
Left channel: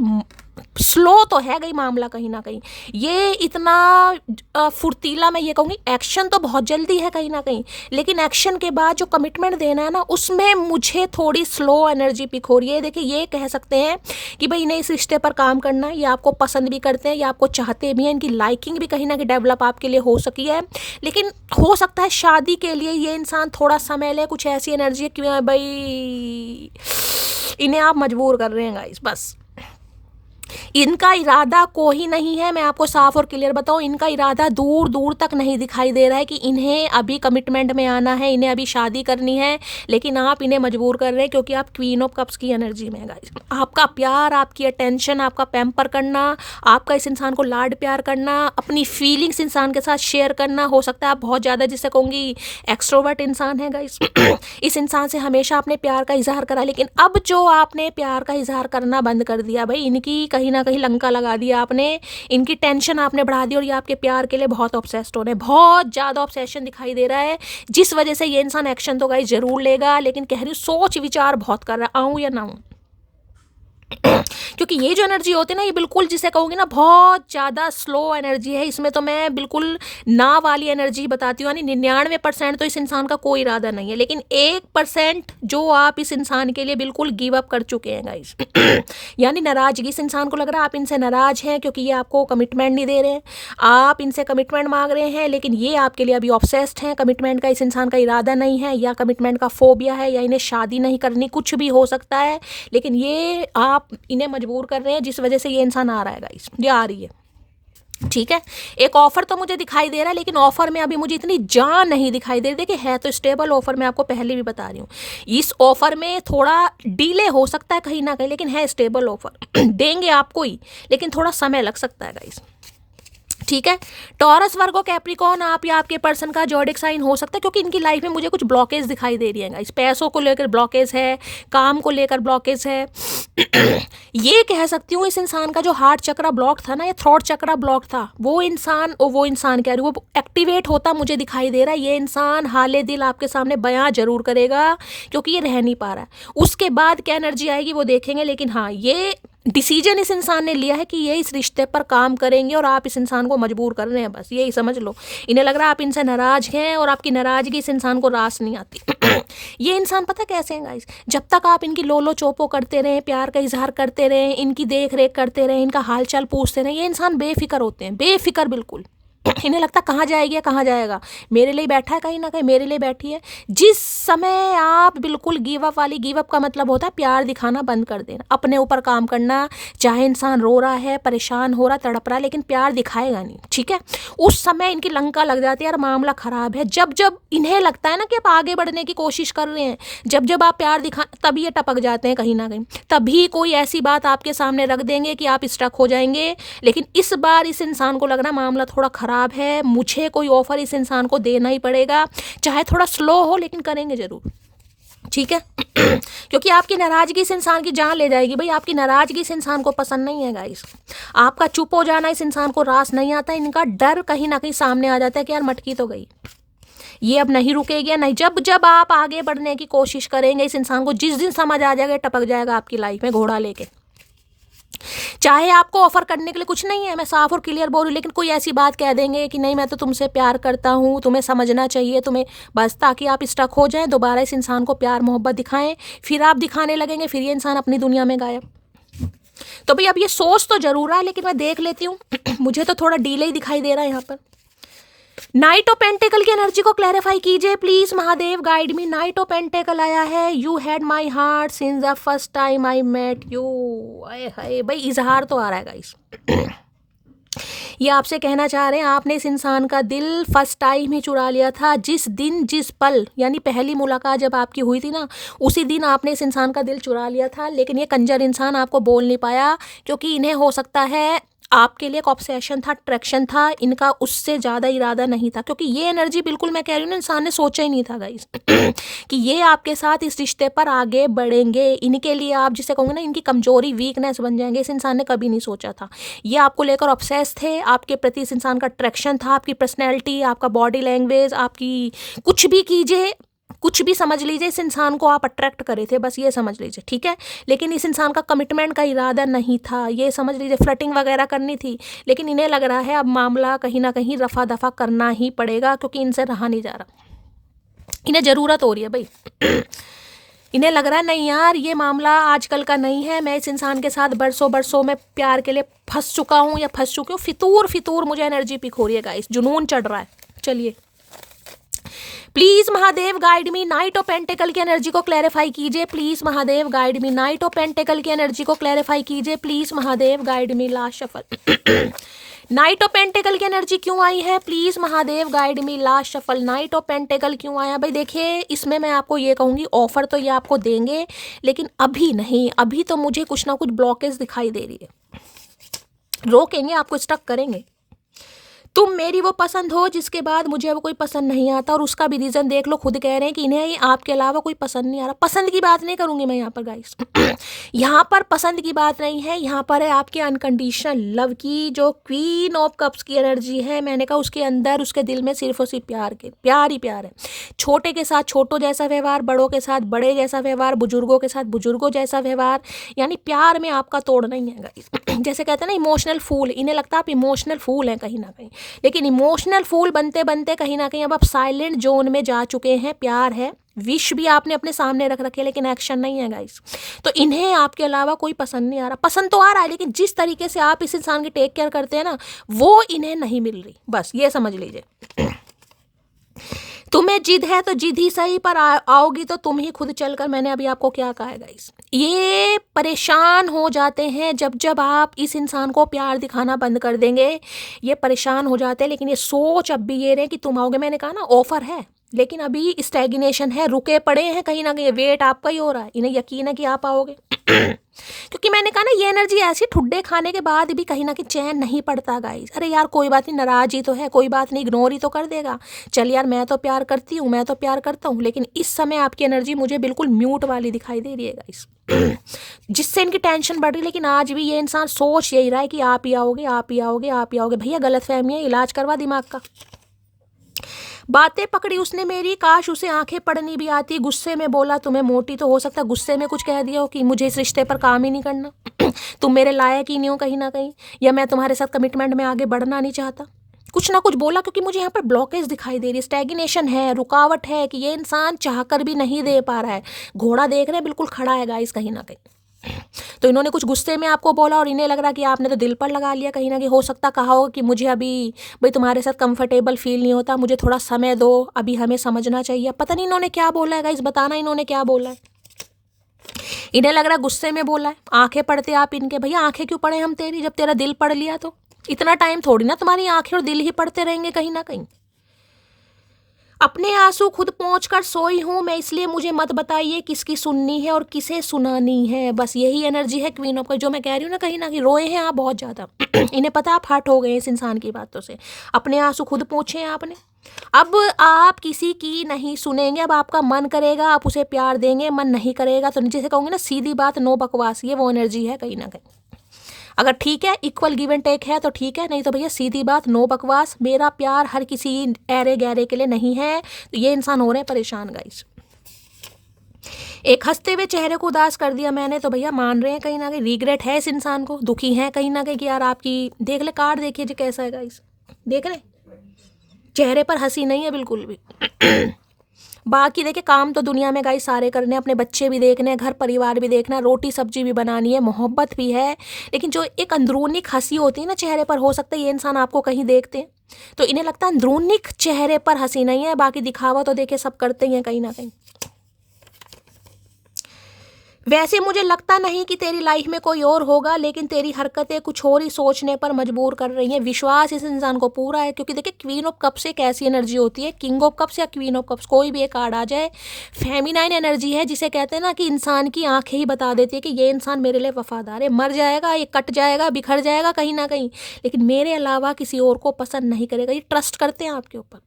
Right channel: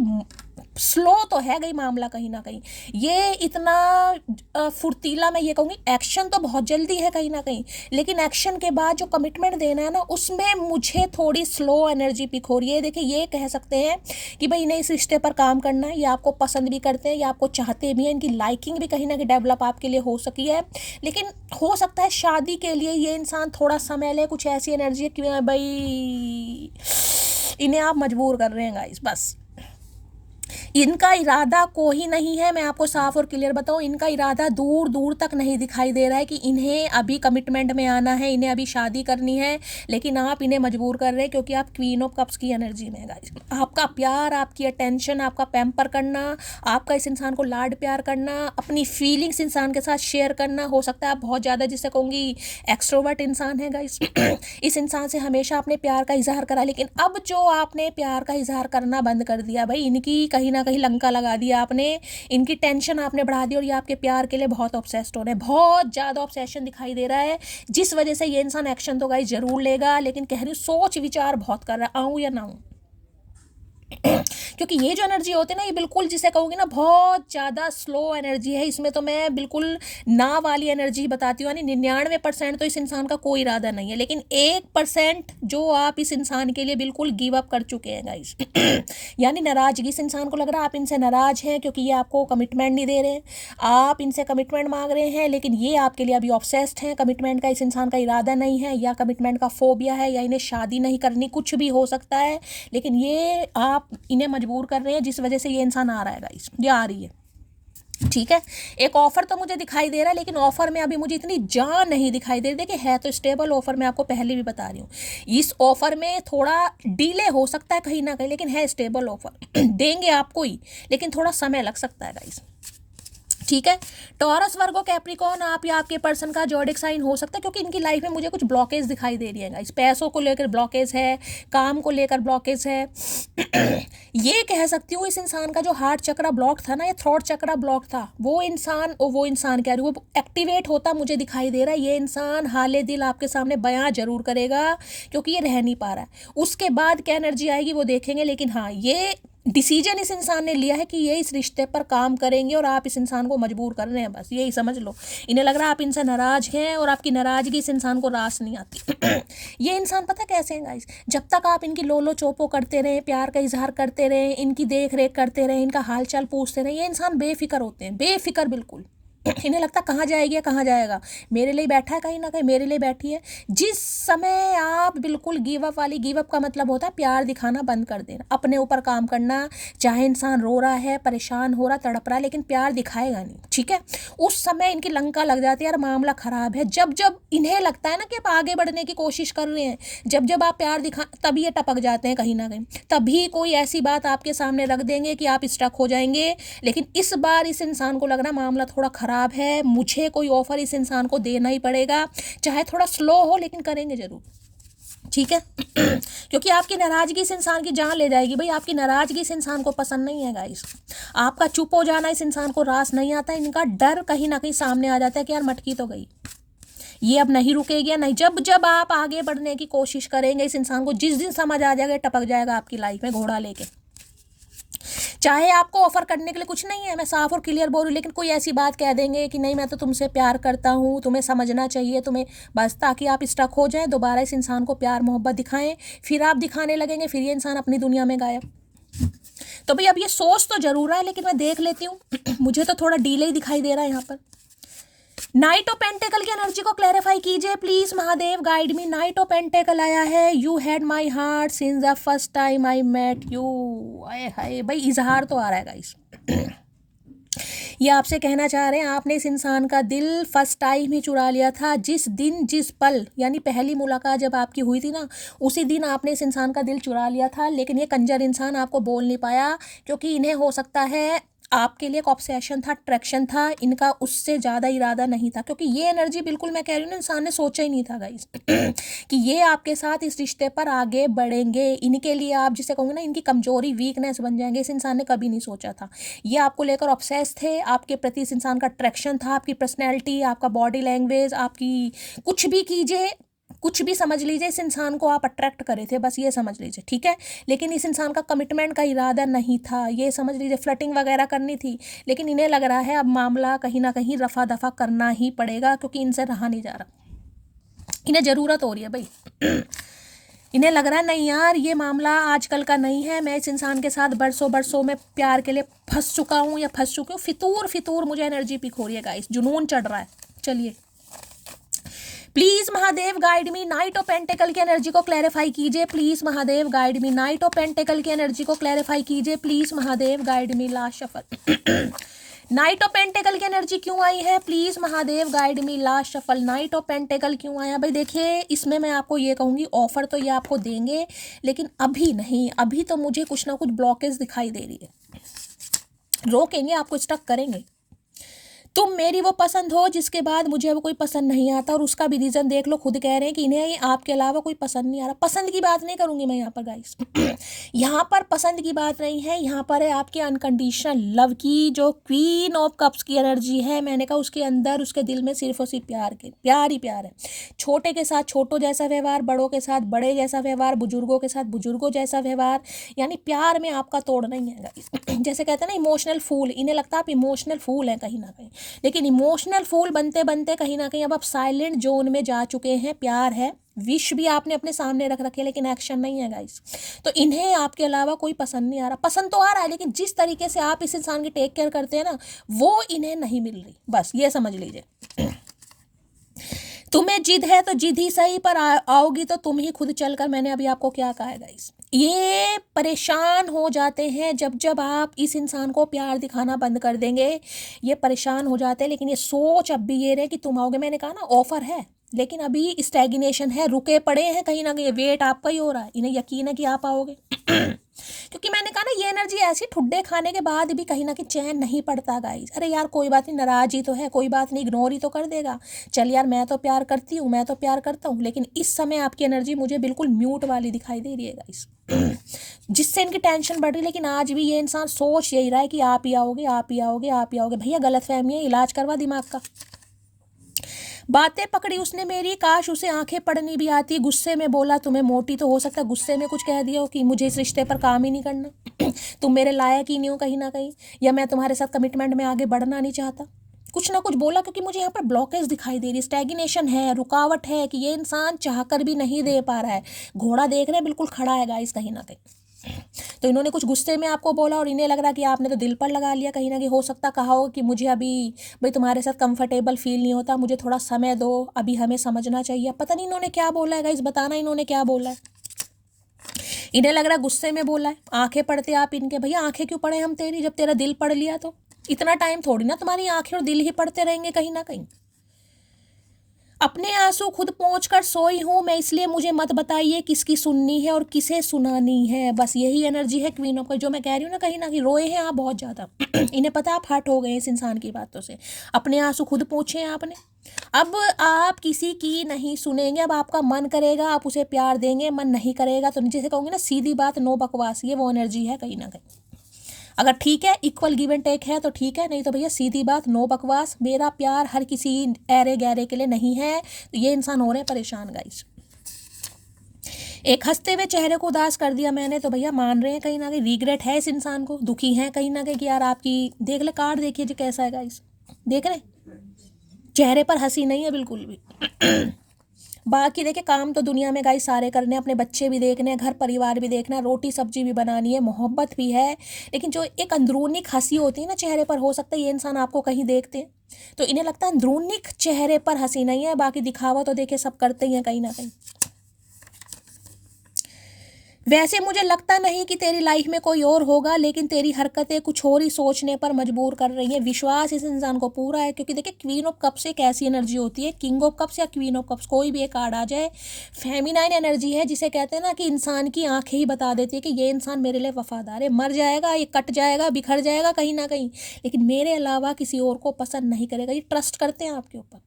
स्लो तो है गई मामला कहीं ना कहीं। ये इतना फुर्तीला, मैं ये कहूँगी एक्शन तो बहुत जल्दी है कहीं ना कहीं, लेकिन एक्शन के बाद जो कमिटमेंट देना है ना उसमें मुझे थोड़ी स्लो एनर्जी पिक हो रही है। देखिए ये कह सकते हैं कि भाई इन्हें इस रिश्ते पर काम करना है, ये आपको पसंद भी करते हैं, ये आपको चाहते भी हैं, इनकी लाइकिंग भी कहीं ना कहीं डेवलप आपके लिए हो सकी है, लेकिन हो सकता है शादी के लिए ये इंसान थोड़ा समय ले। कुछ ऐसी एनर्जी है कि भाई इन्हें आप मजबूर कर रहे हैं गाइस। बस इनका इरादा कोई नहीं है, मैं आपको साफ और क्लियर बताऊं, इनका इरादा दूर दूर तक नहीं दिखाई दे रहा है कि इन्हें अभी कमिटमेंट में आना है, इन्हें अभी शादी करनी है, लेकिन आप इन्हें मजबूर कर रहे हैं क्योंकि आप क्वीन ऑफ कप्स की एनर्जी में है गाइस। आपका प्यार, आपकी अटेंशन, आपका पैम्पर करना, आपका इस इंसान को लाड प्यार करना, अपनी फीलिंग्स इंसान के साथ शेयर करना, हो सकता है आप बहुत ज़्यादा जिसे कहूँगी एक्सट्रोवर्ट इंसान है गाइस इस इंसान से हमेशा आपने प्यार का इजहार करा, लेकिन अब जो आपने प्यार का इजहार करना बंद कर दिया भाई, इनकी कहीं ना कहीं लंका लगा दिया आपने, इनकी टेंशन आपने बढ़ा दी और ये आपके प्यार के लिए बहुत ऑब्सेस्ड हो रहे हैं, बहुत ज़्यादा ऑब्सेशन दिखाई दे रहा है, जिस वजह से ये इंसान एक्शन तो गाइस जरूर लेगा, लेकिन कह रही हूँ सोच विचार बहुत कर रहा, आऊँ या ना आऊँ क्योंकि ये जो एनर्जी होती है ना, ये बिल्कुल जिसे कहूँगी ना बहुत ज़्यादा स्लो एनर्जी है। इसमें तो मैं बिल्कुल ना वाली एनर्जी बताती हूँ, यानी 99% तो इस इंसान का कोई इरादा नहीं है, लेकिन 1% जो आप इस इंसान के लिए बिल्कुल गिव अप कर चुके हैं गाइस यानी नाराजगी, इस इंसान को लग रहा है आप इनसे नाराज हैं क्योंकि ये आपको कमिटमेंट नहीं दे रहे हैं, आप इनसे कमिटमेंट मांग रहे हैं, लेकिन ये आपके लिए अभी ऑब्सेस्ड हैं। कमिटमेंट का इस इंसान का इरादा नहीं है, या कमिटमेंट का फोबिया है, या इन्हें शादी नहीं करनी, कुछ भी हो सकता है, लेकिन ये आप इन्हें मजबूर कर रहे हैं जिस वजह से ये इंसान आ रहा है गाइस, ये आ रही है। ठीक है, एक ऑफर तो मुझे दिखाई दे रहा है, लेकिन ऑफर में अभी मुझे इतनी जान नहीं दिखाई दे रही। देखिए है तो स्टेबल ऑफर, मैं आपको पहले भी बता रही हूँ, इस ऑफर में थोड़ा डिले हो सकता है कहीं ना कहीं, लेकिन है स्टेबल ऑफर देंगे आपको ही, लेकिन थोड़ा समय लग सकता है गाइस। ठीक है, टॉरस, वर्गो, कैप्रिकॉर्न, आप या आपके पर्सन का जॉडिक साइन हो सकता है, क्योंकि इनकी लाइफ में मुझे कुछ ब्लॉकेज दिखाई दे रही है गाइस। पैसों को लेकर ब्लॉकेज है, काम को लेकर ब्लॉकेज है ये कह सकती हूँ इस इंसान का जो हार्ट चक्रा ब्लॉक था ना, या थ्रोट चक्रा ब्लॉक था, वो इंसान कह रही, वो एक्टिवेट होता मुझे दिखाई दे रहा है। ये इंसान हाले दिल आपके सामने बयां जरूर करेगा क्योंकि ये रह नहीं पा रहा है। उसके बाद क्या एनर्जी आएगी वो देखेंगे, लेकिन हाँ ये डिसीजन इस इंसान ने लिया है कि ये इस रिश्ते पर काम करेंगे, और आप इस इंसान को मजबूर कर रहे हैं, बस यही समझ लो। इन्हें लग रहा है आप इनसे नाराज हैं और आपकी नाराजगी इस इंसान को रास नहीं आती ये इंसान पता कैसे हैं गाइस, जब तक आप इनकी लोलो चोपो करते रहें, प्यार का इजहार करते रहें, इनकी देख रेख करते रहें, इनका हालचाल पूछते रहें, ये इंसान बेफिक्र होते हैं, बेफिक्र बिल्कुल इन्हें लगता कहाँ जाएगी, कहाँ जाएगा, मेरे लिए बैठा है, कहीं ना कहीं मेरे लिए बैठी है। जिस समय आप बिल्कुल गिव अप वाली, गिव अप का मतलब होता है प्यार दिखाना बंद कर देना, अपने ऊपर काम करना, चाहे इंसान रो रहा है, परेशान हो रहा, तड़प रहा, लेकिन प्यार दिखाएगा नहीं। ठीक है, उस समय इनकी लंका लग जाती है, यार मामला खराब है। जब जब इन्हें लगता है ना कि आप आगे बढ़ने की कोशिश कर रहे हैं, जब जब आप प्यार दिखा, तभी ये टपक जाते हैं कहीं ना कहीं, तभी कोई ऐसी बात आपके सामने रख देंगे कि आप स्टक हो जाएंगे। लेकिन इस बार इस इंसान को लग रहा मामला थोड़ा खराब है, मुझे कोई ऑफर इस इंसान को देना ही पड़ेगा, चाहे थोड़ा स्लो हो, लेकिन करेंगे जरूर। ठीक है क्योंकि आपकी नाराजगी इस इंसान की जान ले जाएगी भाई, आपकी नाराजगी इस इंसान को पसंद नहीं है गाइस, आपका चुप हो जाना इस इंसान को रास नहीं आता, इनका डर कहीं ना कहीं सामने आ जाता है कि यार मटकी तो गई, ये अब नहीं रुकेगी, नहीं। जब जब आप आगे बढ़ने की कोशिश करेंगे, इस इंसान को जिस दिन समझ आ जाएगा, टपक जाएगा आपकी लाइफ में घोड़ा लेके। चाहे आपको ऑफर करने के लिए कुछ नहीं है, मैं साफ और क्लियर बोल रही हूँ, लेकिन कोई ऐसी बात कह देंगे कि नहीं मैं तो तुमसे प्यार करता हूँ, तुम्हें समझना चाहिए, तुम्हें, बस ताकि आप स्टक हो जाएं, दोबारा इस इंसान को प्यार मोहब्बत दिखाएं, फिर आप दिखाने लगेंगे, फिर ये इंसान अपनी दुनिया में गायब। तो भाई अब ये सोच तो जरूर है, लेकिन मैं देख लेती हूँ मुझे तो थोड़ा डीले ही दिखाई दे रहा है यहाँ पर। नाइट ऑफ पेंटिकल की एनर्जी को क्लैरिफाई कीजिए please Mahadev, guide me. Knight of pentacle आया है, you had my heart since the first time I met you. आए हाय भाई, इजहार तो आ रहा है गाइस ये आपसे कहना चाह रहे हैं आपने इस इंसान का दिल फर्स्ट टाइम ही चुरा लिया था, जिस दिन, जिस पल, यानी पहली मुलाकात जब आपकी हुई थी ना, उसी दिन आपने इस इंसान का दिल चुरा लिया था। लेकिन ये कंजर इंसान आपको बोल नहीं पाया, क्योंकि इन्हें हो सकता है आपके लिए एक ऑब्सेशन था, अट्रैक्शन था, इनका उससे ज़्यादा इरादा नहीं था, क्योंकि ये एनर्जी बिल्कुल मैं कह रही हूँ ना, इंसान ने सोचा ही नहीं था गाइस कि ये आपके साथ इस रिश्ते पर आगे बढ़ेंगे, इनके लिए आप जिसे कहूँगे ना इनकी कमजोरी वीकनेस बन जाएंगे, इस इंसान ने कभी नहीं सोचा था। ये आपको लेकर ऑब्सेस थे, आपके प्रति इस इंसान का अट्रैक्शन था, आपकी पर्सनैलिटी, आपका बॉडी लैंग्वेज, आपकी कुछ भी कीजिए, कुछ भी समझ लीजिए, इस इंसान को आप अट्रैक्ट करे थे, बस ये समझ लीजिए, ठीक है। लेकिन इस इंसान का कमिटमेंट का इरादा नहीं था, ये समझ लीजिए, फ्लर्टिंग वगैरह करनी थी, लेकिन इन्हें लग रहा है अब मामला कहीं ना कहीं रफा दफा करना ही पड़ेगा, क्योंकि इनसे रहा नहीं जा रहा, इन्हें ज़रूरत हो रही है भाई इन्हें लग रहा है नहीं यार, ये मामला आजकल का नहीं है, मैं इस इंसान के साथ बरसों बरसों में प्यार के लिए फंस चुका हूँ या फंस चुकी हूँ, फितूर फितूर मुझे एनर्जी पिक हो रही है गाइस, जुनून चढ़ रहा है। चलिए please Mahadev guide me, knight of pentacle की एनर्जी को क्लैरिफाई कीजिए, please Mahadev guide me, knight of pentacle की एनर्जी को क्लैरिफाई कीजिए, please Mahadev guide me. Last shuffle night of pentacle की एनर्जी क्यों आई है, please Mahadev guide me. Last shuffle night of pentacle क्यों आया भाई? देखिए इसमें मैं आपको ये कहूँगी, ऑफर तो ये आपको देंगे, लेकिन अभी नहीं, अभी तो मुझे कुछ ना कुछ ब्लॉकेज दिखाई दे रही है, रोकेंगे आपको, स्टक करेंगे। तुम मेरी वो पसंद हो जिसके बाद मुझे अब कोई पसंद नहीं आता, और उसका भी रीज़न देख लो, खुद कह रहे हैं कि इन्हें आपके अलावा कोई पसंद नहीं आ रहा। पसंद की बात नहीं करूँगी मैं यहाँ पर गाइस यहाँ पर पसंद की बात नहीं है, यहाँ पर है आपके अनकंडीशनल लव की, जो क्वीन ऑफ कप्स की एनर्जी है। मैंने कहा उसके अंदर, उसके दिल में सिर्फ और सिर्फ प्यार ही प्यार है। छोटे के साथ छोटों जैसा व्यवहार, बड़ों के साथ बड़े जैसा व्यवहार, बुजुर्गों के साथ बुजुर्गों जैसा व्यवहार, यानी प्यार में आपका तोड़ नहीं है गाइस जैसे कहते हैं ना इमोशनल फूल, इन्हें लगता है आप इमोशनल फूल हैं कहीं ना कहीं, लेकिन इमोशनल फूल बनते बनते कहीं ना कहीं अब आप साइलेंट जोन में जा चुके हैं। प्यार है, विश भी आपने अपने सामने रख रखे, लेकिन एक्शन नहीं है गाइस। तो इन्हें आपके अलावा कोई पसंद नहीं आ रहा, पसंद तो आ रहा है, लेकिन जिस तरीके से आप इस इंसान की टेक केयर करते हैं ना, वो इन्हें नहीं मिल रही, बस ये समझ लीजिए। तुम्हें जिद है तो जिद ही सही, पर आओगी तो तुम ही खुद चलकर। मैंने अभी आपको क्या कहा है गाइस, ये परेशान हो जाते हैं जब जब आप इस इंसान को प्यार दिखाना बंद कर देंगे, ये परेशान हो जाते हैं। लेकिन ये सोच अब भी ये रहे कि तुम आओगे, मैंने कहा ना ऑफर है, लेकिन अभी स्टैग्नेशन है, रुके पड़े हैं कहीं ना कहीं, वेट आपका ही हो रहा है, इन्हें यकीन है कि आप आओगे क्योंकि मैंने कहा ना ये एनर्जी ऐसी, ठुड्डे खाने के बाद भी कहीं ना कहीं चैन नहीं पड़ता गाइस। अरे यार कोई बात नहीं, नाराज ही तो है, कोई बात नहीं, इग्नोर ही तो कर देगा, चल यार मैं तो प्यार करती हूँ, मैं तो प्यार करता हूँ। लेकिन इस समय आपकी एनर्जी मुझे बिल्कुल म्यूट वाली दिखाई दे रही है गाइस जिससे इनकी टेंशन बढ़ रही है। लेकिन आज भी ये इंसान सोच यही रहा है कि आप ही आओगे, आप ही आओगे, आप ही आओगे। भैया गलतफहमी है, इलाज करवा दिमाग का। बातें पकड़ी उसने मेरी, काश उसे आंखें पढ़नी भी आती, गुस्से में बोला तुम्हें मोटी, तो हो सकता है गुस्से में कुछ कह दिया हो कि मुझे इस रिश्ते पर काम ही नहीं करना तुम मेरे लायक ही नहीं हो कहीं ना कहीं, या मैं तुम्हारे साथ कमिटमेंट में आगे बढ़ना नहीं चाहता, कुछ ना कुछ बोला। क्योंकि मुझे यहाँ पर ब्लॉकेज दिखाई दे रही है, स्टैग्नेशन है, रुकावट है, कि ये इंसान चाहकर भी नहीं दे पा रहा है। घोड़ा देख रहे हैं बिल्कुल खड़ा है गाइस कहीं ना कहीं। तो इन्होंने कुछ गुस्से में आपको बोला, और इन्हें लग रहा कि आपने तो दिल पर लगा लिया कहीं ना कहीं। हो सकता कहा होगा कि मुझे अभी भाई तुम्हारे साथ कंफर्टेबल फील नहीं होता, मुझे थोड़ा समय दो, अभी हमें समझना चाहिए। पता नहीं इन्होंने क्या बोला है गाइस, बताना इन्होंने क्या बोला है। इन्हें लग रहा है गुस्से में बोला है, आंखें पढ़ते आप इनके। भैया आंखें क्यों पढ़े हम तेरी, जब तेरा दिल पढ़ लिया तो इतना टाइम थोड़ी ना तुम्हारी आंखें और दिल ही पढ़ते रहेंगे कहीं ना कहीं। अपने आंसू खुद पहुंचकर सोई हूँ मैं, इसलिए मुझे मत बताइए किसकी सुननी है और किसे सुनानी है। बस यही एनर्जी है क्वीन ऑफ, जो मैं कह रही हूँ ना, कहीं ना कहीं रोए हैं आप बहुत ज़्यादा इन्हें पता आप हर्ट हो गए इस इंसान की बातों से। अपने आंसू खुद पहुँचे हैं आपने, अब आप किसी की नहीं सुनेंगे। अब आपका मन करेगा आप उसे प्यार देंगे, मन नहीं करेगा तो जैसे कहूँगी ना सीधी बात, नो बकवास, ये वो एनर्जी है कहीं ना कहीं। अगर ठीक है, इक्वल गिव एंड टेक है तो ठीक है, नहीं तो भैया सीधी बात, नो बकवास। मेरा प्यार हर किसी ऐरे गहरे के लिए नहीं है। तो ये इंसान हो रहे हैं परेशान गाइस। एक हंसते हुए चेहरे को उदास कर दिया मैंने, तो भैया मान रहे हैं कहीं ना कहीं, रिग्रेट है इस इंसान को, दुखी है कहीं ना कहीं कि यार आपकी, देख ले कार्ड, देखिए जी कैसा है गाइस, देख रहे चेहरे पर हंसी नहीं है बिल्कुल भी बाकी देखिए काम तो दुनिया में गाइस सारे करने, अपने बच्चे भी देखने हैं, घर परिवार भी देखना, रोटी सब्जी भी बनानी है, मोहब्बत भी है। लेकिन जो एक अंदरूनी हंसी होती है ना चेहरे पर, हो सकता है ये इंसान आपको कहीं देखते हैं तो इन्हें लगता है अंदरूनी चेहरे पर हंसी नहीं है, बाकी दिखावा तो देखे सब करते ही हैं कहीं ना कहीं। वैसे मुझे लगता नहीं कि तेरी लाइफ में कोई और होगा, लेकिन तेरी हरकतें कुछ और ही सोचने पर मजबूर कर रही हैं। विश्वास इस इंसान को पूरा है, क्योंकि देखिए क्वीन ऑफ कप्स एक ऐसी एनर्जी होती है, किंग ऑफ कप्स या क्वीन ऑफ कप्स कोई भी एक कार्ड आ जाए, फेमिनाइन एनर्जी है, जिसे कहते हैं ना कि इंसान की आंखें ही बता देती है कि ये इंसान मेरे लिए वफादार है। मर जाएगा, ये कट जाएगा, बिखर जाएगा कहीं ना कहीं, लेकिन मेरे अलावा किसी और को पसंद नहीं करेगा। ये ट्रस्ट करते हैं आपके ऊपर।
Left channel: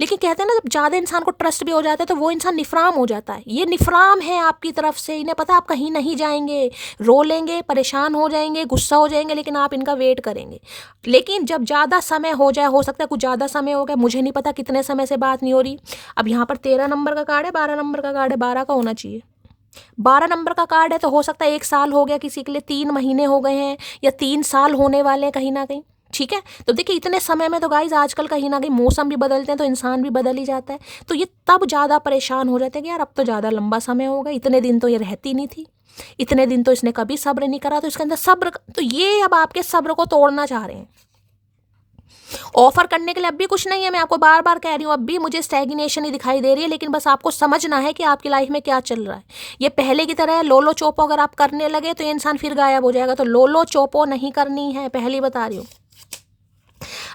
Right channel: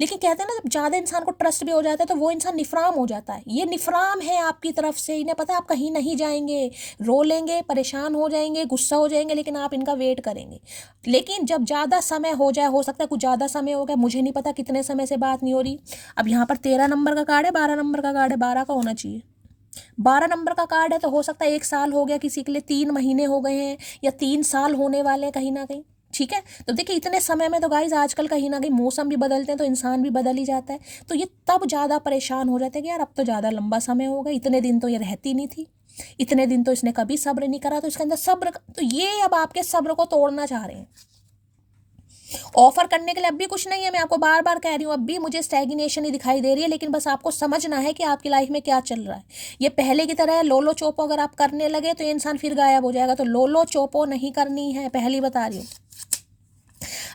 लेकिन कहते हैं ना, जब ज़्यादा इंसान को ट्रस्ट भी हो जाता है तो वो इंसान निफराम हो जाता है। ये निफराम है आपकी तरफ से, इन्हें पता आप कहीं नहीं जाएंगे, रो लेंगे, परेशान हो जाएंगे, गुस्सा हो जाएंगे, लेकिन आप इनका वेट करेंगे। लेकिन जब ज़्यादा समय हो जाए, हो सकता है कुछ ज़्यादा समय हो गया, मुझे नहीं पता कितने समय से बात नहीं हो रही। अब यहाँ पर 13 नंबर का कार्ड है, 12 नंबर का कार्ड है, 12 का होना चाहिए। 12 नंबर का कार्ड है, तो हो सकता है 1 साल हो गया किसी के लिए, 3 महीने हो गए हैं, या 3 साल होने वाले हैं कहीं ना कहीं। ठीक है, तो देखिए इतने समय में तो गाइज आजकल कहीं ना कहीं मौसम भी बदलते हैं, तो इंसान भी बदल ही जाता है। तो ये तब ज़्यादा परेशान हो जाते हैं कि यार अब तो ज़्यादा लंबा समय हो गया, इतने दिन तो ये रहती नहीं थी, इतने दिन तो इसने कभी सब्र नहीं करा, तो इसके अंदर सब्र, तो ये अब आपके सब्र को तोड़ना चाह रहे हैं। ऑफर करने के लिए अब भी कुछ नहीं है, मैं आपको बार बार कह रही हूँ, अब भी मुझे स्टैग्नेशन ही दिखाई दे रही है, लेकिन बस आपको समझना है कि आपकी लाइफ में क्या चल रहा है। ये पहले की तरह लोलो चोपो अगर आप करने लगे तो ये इंसान फिर गायब हो जाएगा, तो लोलो चोपो नहीं करनी है, पहली बता रही हूँ।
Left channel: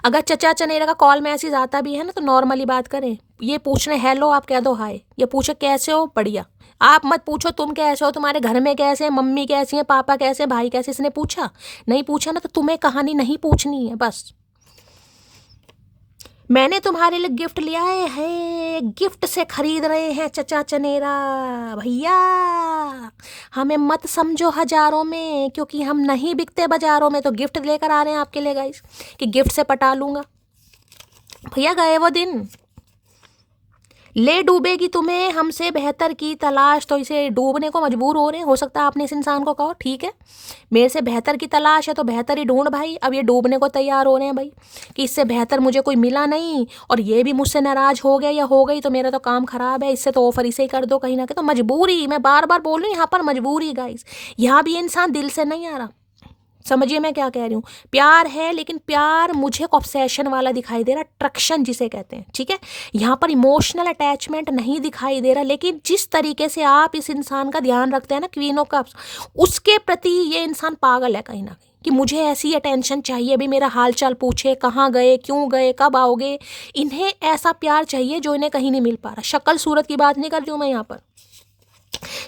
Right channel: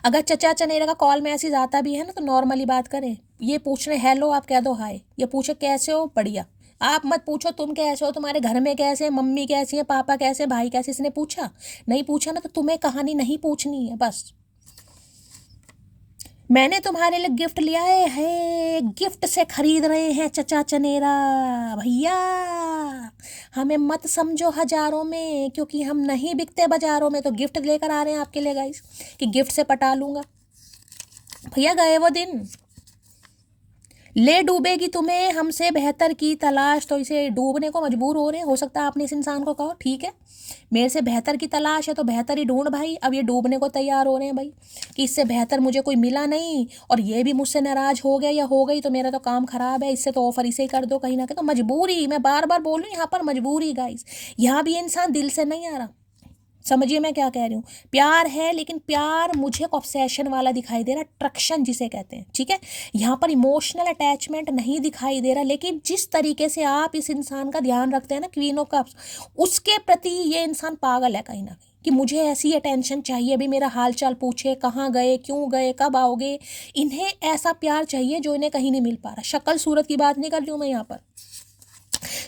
अगर चचा चनेरा का कॉल मैसेज आता भी है ना, तो नॉर्मली बात करें, ये पूछने हेलो आप कह दो हाय, ये पूछे कैसे हो, बढ़िया। आप मत पूछो तुम कैसे हो, तुम्हारे घर में कैसे हैं, मम्मी कैसी है, पापा कैसे, भाई कैसे, इसने पूछा नहीं, पूछा ना, तो तुम्हें कहानी नहीं पूछनी है बस। मैंने तुम्हारे लिए गिफ्ट लिया है, गिफ्ट से खरीद रहे हैं चचा चनेरा भैया, हमें मत समझो हजारों में, क्योंकि हम नहीं बिकते बाजारों में, तो गिफ्ट लेकर आ रहे हैं आपके लिए गाइस, कि गिफ्ट से पटा लूंगा भैया। गए वो दिन, ले डूबेगी तुम्हें हमसे बेहतर की तलाश, तो इसे डूबने को मजबूर हो रहे हैं। हो सकता है आपने इस इंसान को कहो ठीक है मेरे से बेहतर की तलाश है, तो बेहतर ही ढूंढ भाई। अब ये डूबने को तैयार हो रहे हैं भाई, कि इससे बेहतर मुझे कोई मिला नहीं, और ये भी मुझसे नाराज हो गए या हो गई तो मेरा तो काम खराब है, इससे तो ऑफर इसे ही कर दो कहीं ना कहीं। तो मजबूरी, मैं बार बार बोल रही हूँ यहाँ पर मजबूरी गाइस, यहाँ भी ये इंसान दिल से नहीं आ रहा। समझिए मैं क्या कह रही हूँ, प्यार है, लेकिन प्यार मुझे ऑब्सेशन वाला दिखाई दे रहा, अट्रैक्शन जिसे कहते हैं। ठीक है, यहाँ पर इमोशनल अटैचमेंट नहीं दिखाई दे रहा, लेकिन जिस तरीके से आप इस इंसान का ध्यान रखते हैं ना, क्वीन ऑफ कप्स, उसके प्रति ये इंसान पागल है कहीं ना कहीं, कि मुझे ऐसी अटेंशन चाहिए, भी मेरा हाल चाल पूछे, कहाँ गए, क्यों गए, कब आओगे। इन्हें ऐसा प्यार चाहिए जो इन्हें कहीं नहीं मिल पा रहा। शक्ल सूरत की बात नहीं कर रही हूँ मैं यहाँ पर,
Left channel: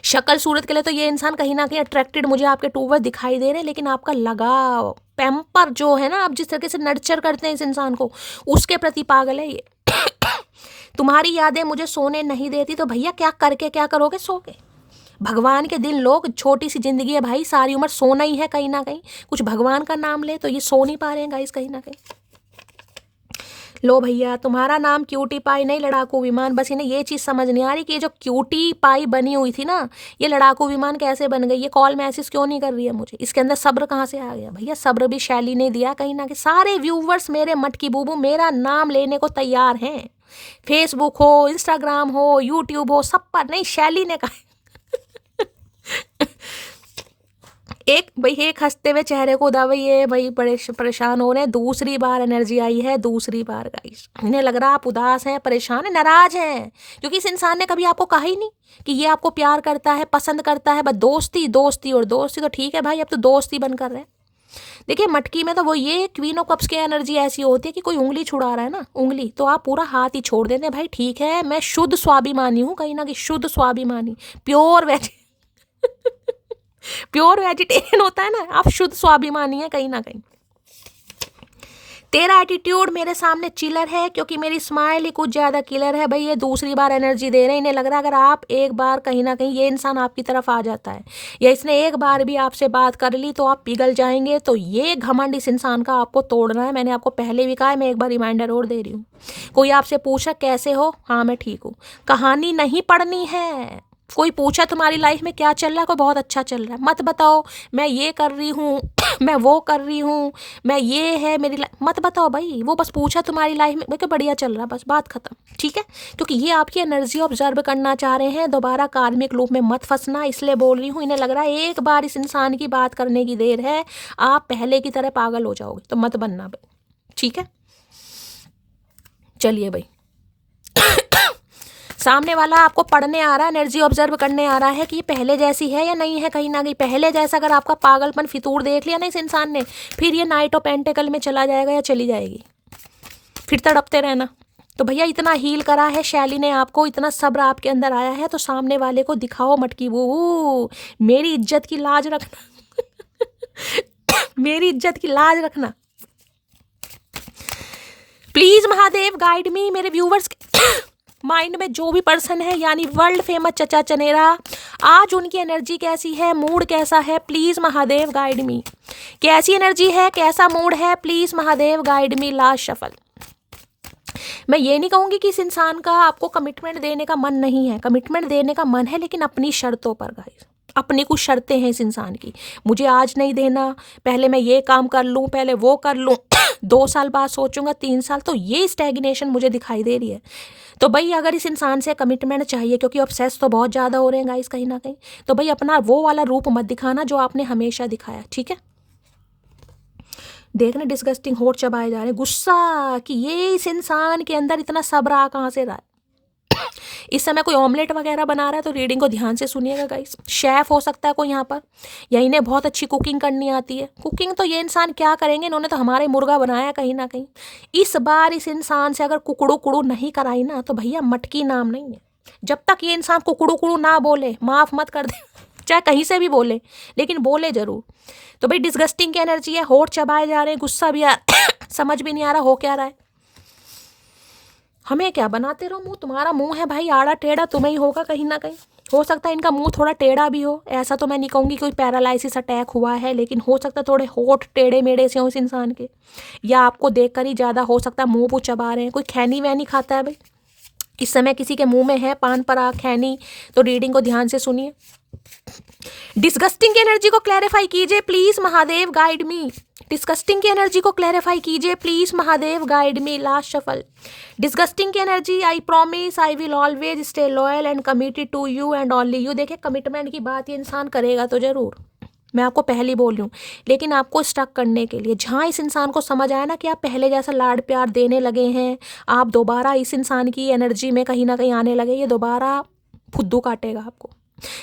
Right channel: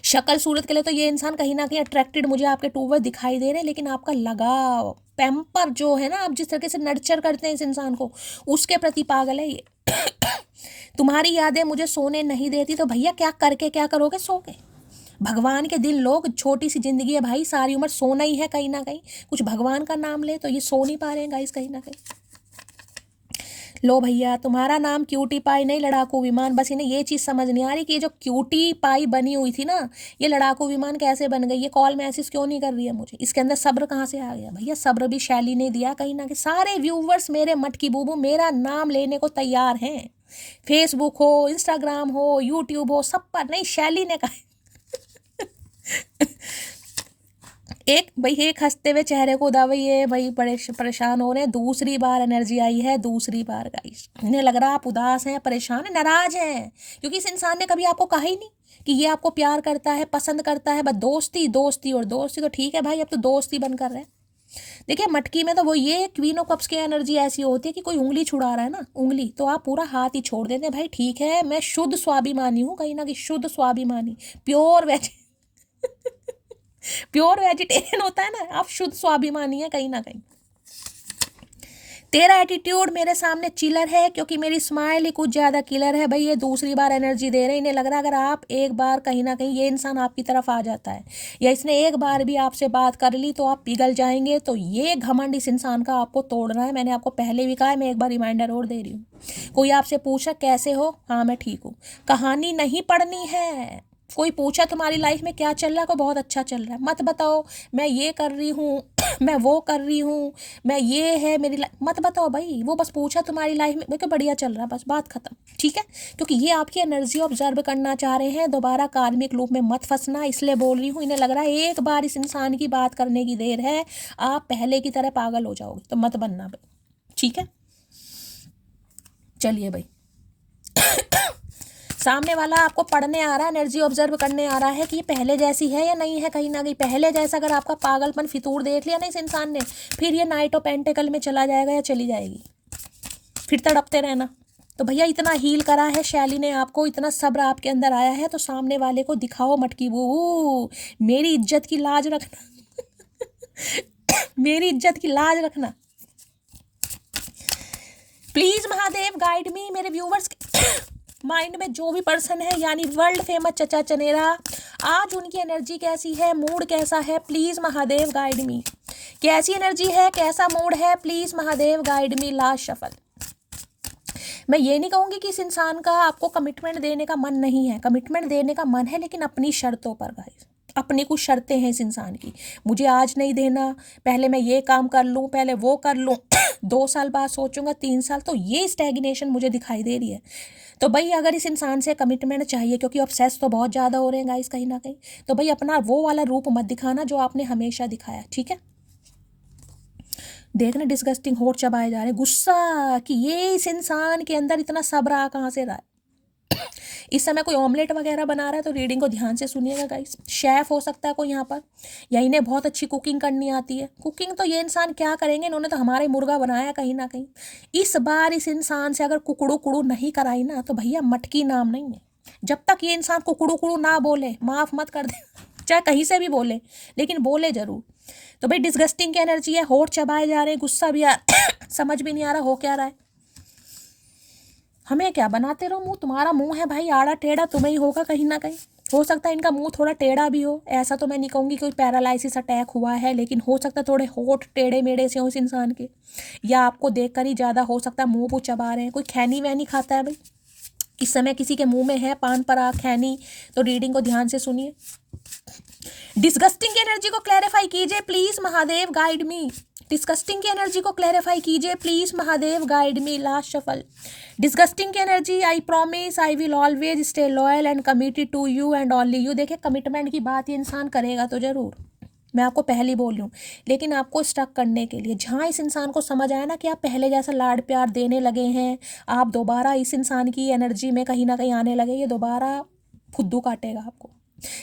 शक्ल सूरत के लिए तो ये इंसान कहीं ना कहीं अट्रैक्टेड मुझे आपके टूवर्ड दिखाई दे रहे हैं, लेकिन आपका लगाव, पैम्पर जो है ना, आप जिस तरीके से नर्चर करते हैं इस इंसान को, उसके प्रति पागल है ये। तुम्हारी यादें मुझे सोने नहीं देती, तो भैया क्या करके क्या करोगे, सो के। भगवान के दिन लोग, छोटी सी जिंदगी है भाई, सारी उम्र सोना ही है कहीं ना कहीं, कुछ भगवान का नाम ले, तो ये सो नहीं पा रहे हैं गाइस कहीं ना कहीं। लो भैया, तुम्हारा नाम क्यूटी पाई नहीं, लड़ाकू विमान। बस इन्हें ये चीज़ समझ नहीं आ रही कि ये जो क्यूटी पाई बनी हुई थी ना, ये लड़ाकू विमान कैसे बन गई। ये कॉल मैसेज क्यों नहीं कर रही है मुझे, इसके अंदर सब्र कहाँ से आ गया भैया। सब्र भी शैली ने दिया कहीं ना कहीं। सारे व्यूवर्स मेरे मटकी बूबू मेरा नाम लेने को तैयार हैं, फेसबुक हो, इंस्टाग्राम हो, यूट्यूब हो, सब पर। नहीं, शैली ने कहा एक भाई, एक हंसते हुए चेहरे को दावे, ये भाई बड़े परेशान हो रहे हैं। दूसरी बार एनर्जी आई है, दूसरी बार गाइस, इन्हें लग रहा है आप उदास हैं, परेशान हैं, नाराज हैं, क्योंकि इस इंसान ने कभी आपको कहा ही नहीं कि ये आपको प्यार करता है, पसंद करता है। बस दोस्ती दोस्ती और दोस्ती, तो ठीक है भाई, अब तो दोस्ती बन कर रहे हैं। देखिए मटकी में तो वो ये क्वीन ऑफ कप्स की एनर्जी ऐसी होती है कि कोई उंगली छुड़ा रहा है ना, उंगली, तो आप पूरा हाथ ही छोड़ देते हैं भाई। ठीक है, मैं शुद्ध स्वाभिमानी हूँ कहीं ना कहीं, शुद्ध स्वाभिमानी, प्योर वेज प्योर वेजिटेरियन होता है ना, आप शुद्ध स्वाभिमानी है कहीं ना कहीं। तेरा एटीट्यूड मेरे सामने चिलर है, क्योंकि मेरी स्माइल ही कुछ ज़्यादा किलर है भाई। ये दूसरी बार एनर्जी दे रहे हैं, इन्हें लग रहा है अगर आप एक बार कहीं ना कहीं ये इंसान आपकी तरफ आ जाता है, या इसने एक बार भी आपसे बात कर ली, तो आप पिघल जाएंगे। तो ये घमंड इस इंसान का आपको तोड़ना है। मैंने आपको पहले भी कहा है, मैं एक बार रिमाइंडर और दे रही हूँ। कोई आपसे पूछा कैसे हो, हाँ मैं ठीक हूँ, कहानी नहीं पढ़नी है। कोई पूछा तुम्हारी लाइफ में क्या चल रहा है, कोई बहुत अच्छा चल रहा है, मत बताओ मैं ये कर रही हूँ मैं वो कर रही हूँ, मैं ये है मेरी लाइफ, मत बताओ भाई। वो बस पूछा तुम्हारी लाइफ में क्या बढ़िया चल रहा है, बस बात खत्म। ठीक है, क्योंकि ये आपकी एनर्जी ऑब्जर्व करना चाह रहे हैं। दोबारा कार्मिक लूप में मत फंसना, इसलिए बोल रही हूँ। इन्हें लग रहा है एक बार इस इंसान की बात करने की देर है, आप पहले की तरह पागल हो जाओगे, तो मत बनना भाई। ठीक है, चलिए भाई सामने वाला आपको पढ़ने आ रहा है, एनर्जी ऑब्जर्व करने आ रहा है कि ये पहले जैसी है या नहीं है। कहीं ना कहीं पहले जैसा अगर आपका पागलपन फितूर देख लिया ना इस इंसान ने, फिर ये नाइट ऑफ पेंटिकल में चला जाएगा या चली जाएगी, फिर तड़पते रहना। तो भैया इतना हील करा है शैली ने आपको, इतना सब्र आपके अंदर आया है, तो सामने वाले को दिखाओ मटकी वो मेरी इज्जत की लाज रखना मेरी इज्जत की लाज रखना प्लीज। Mahadev guide me. मेरे व्यूवर्स माइंड में जो भी पर्सन है यानी वर्ल्ड फेमस चचा चनेरा, आज उनकी एनर्जी कैसी है, मूड कैसा है, प्लीज महादेव गाइड मी। कैसी एनर्जी है, कैसा मूड है, please Mahadev guide me. Last shuffle. मैं ये नहीं कहूंगी कि इस इंसान का आपको कमिटमेंट देने का मन नहीं है, कमिटमेंट देने का मन है, लेकिन अपनी शर्तों पर गाइस। अपनी कुछ शर्तें हैं इस इंसान की, मुझे आज नहीं देना, पहले मैं ये काम कर लूँ, पहले वो कर लूँ 2 साल बाद सोचूंगा, 3 साल, तो ये स्टैग्नेशन मुझे दिखाई दे रही है। तो भाई अगर इस इंसान से कमिटमेंट चाहिए, क्योंकि ऑब्सेस तो बहुत ज़्यादा हो रहे हैं गाइस कहीं ना कहीं, तो भाई अपना वो वाला रूप मत दिखाना जो आपने हमेशा दिखाया, ठीक है। देखना डिस्गस्टिंग होठ चबाए जा रहे, गुस्सा कि ये इस इंसान के अंदर इतना सब्र आ कहाँ से रहा है। इस समय कोई ऑमलेट वगैरह बना रहा है तो रीडिंग को ध्यान से सुनिएगा गाइस। शेफ हो सकता है कोई यहाँ पर, या इन्हें बहुत अच्छी कुकिंग करनी आती है। कुकिंग तो ये इंसान क्या करेंगे, इन्होंने तो हमारे मुर्गा बनाया कहीं ना कहीं। इस बार इस इंसान से अगर कुकड़ू कुड़ू नहीं कराई ना तो भैया मटकी नाम नहीं है। जब तक ये इंसान कुकड़ू कुड़ू ना बोले, माफ मत कर दे चाहे कहीं से भी बोले, लेकिन बोले जरूर। तो भाई डिस्गस्टिंग की एनर्जी है, होठ चबाए जा रहे हैं, गुस्सा भी समझ भी नहीं आ रहा हो क्या रहा है। हमें क्या बनाते रहो मुंह, तुम्हारा मुंह है भाई आड़ा टेढ़ा, तुम्हें ही होगा कहीं ना कहीं। हो सकता है इनका मुंह थोड़ा टेढ़ा भी हो, ऐसा तो मैं नहीं कहूँगी कोई पैरालाइसिस अटैक हुआ है, लेकिन हो सकता है थोड़े होठ टेढ़े मेढ़े से हो इस इंसान के, या आपको देखकर ही ज़्यादा हो सकता है मुँह चबा रहे हैं। कोई खैनी वैनी खाता है भाई इस समय, किसी के मुंह में है पान पराग खैनी, तो रीडिंग को ध्यान से सुनिए। डिस्गस्टिंग की एनर्जी को क्लैरिफाई कीजिए please Mahadev guide me. Disgusting की एनर्जी को क्लैरिफाई कीजिए please Mahadev guide me. Last shuffle. Disgusting की energy, I promise I will always stay loyal and committed to you and only you. देखिए कमिटमेंट की बात ये इंसान करेगा तो जरूर, मैं आपको पहले बोल रही हूँ, लेकिन आपको स्टक करने के लिए जहाँ इस इंसान को समझ आया ना कि आप पहले जैसा लाड प्यार देने लगे हैं, आप दोबारा इस इंसान की एनर्जी में कहीं ना कहीं आने लगे, ये दोबारा फुद्दू काटेगा आपको।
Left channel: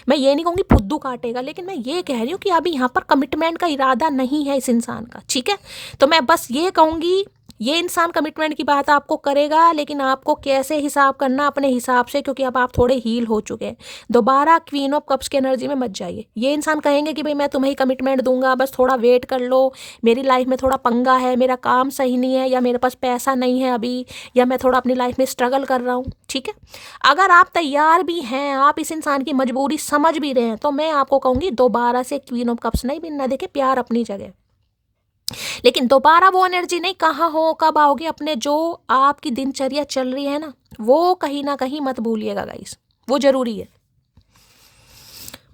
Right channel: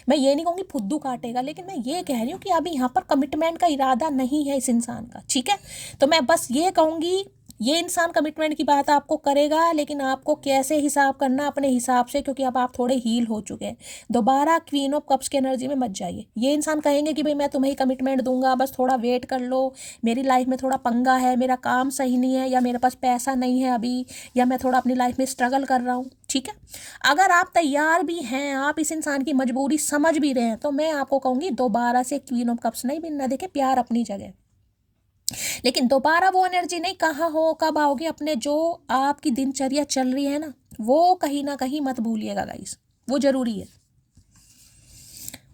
मैं ये नहीं कहूँगी फुद्दू काटेगा, लेकिन मैं ये कह रही हूँ कि अभी यहाँ पर कमिटमेंट का इरादा नहीं है इस इंसान का, ठीक है। तो मैं बस ये कहूँगी ये इंसान कमिटमेंट की बात आपको करेगा, लेकिन आपको कैसे हिसाब करना अपने हिसाब से, क्योंकि अब आप थोड़े हील हो चुके हैं। दोबारा क्वीन ऑफ कप्स की एनर्जी में मत जाइए। ये इंसान कहेंगे कि भाई मैं तुम्हें ही कमिटमेंट दूंगा, बस थोड़ा वेट कर लो, मेरी लाइफ में थोड़ा पंगा है, मेरा काम सही नहीं है, या मेरे पास पैसा नहीं है अभी, या मैं थोड़ा अपनी लाइफ में स्ट्रगल कर रहा हूँ, ठीक है। अगर आप तैयार भी हैं, आप इस इंसान की मजबूरी समझ भी रहे हैं, तो मैं आपको कहूँगी दोबारा से क्वीन ऑफ कप्स नहीं बनना। देखे प्यार अपनी जगह, लेकिन दोबारा वो एनर्जी नहीं, कहाँ हो कब आओगे, अपने जो आपकी दिनचर्या चल रही है ना वो कहीं ना कहीं मत भूलिएगा गाइस, वो जरूरी है।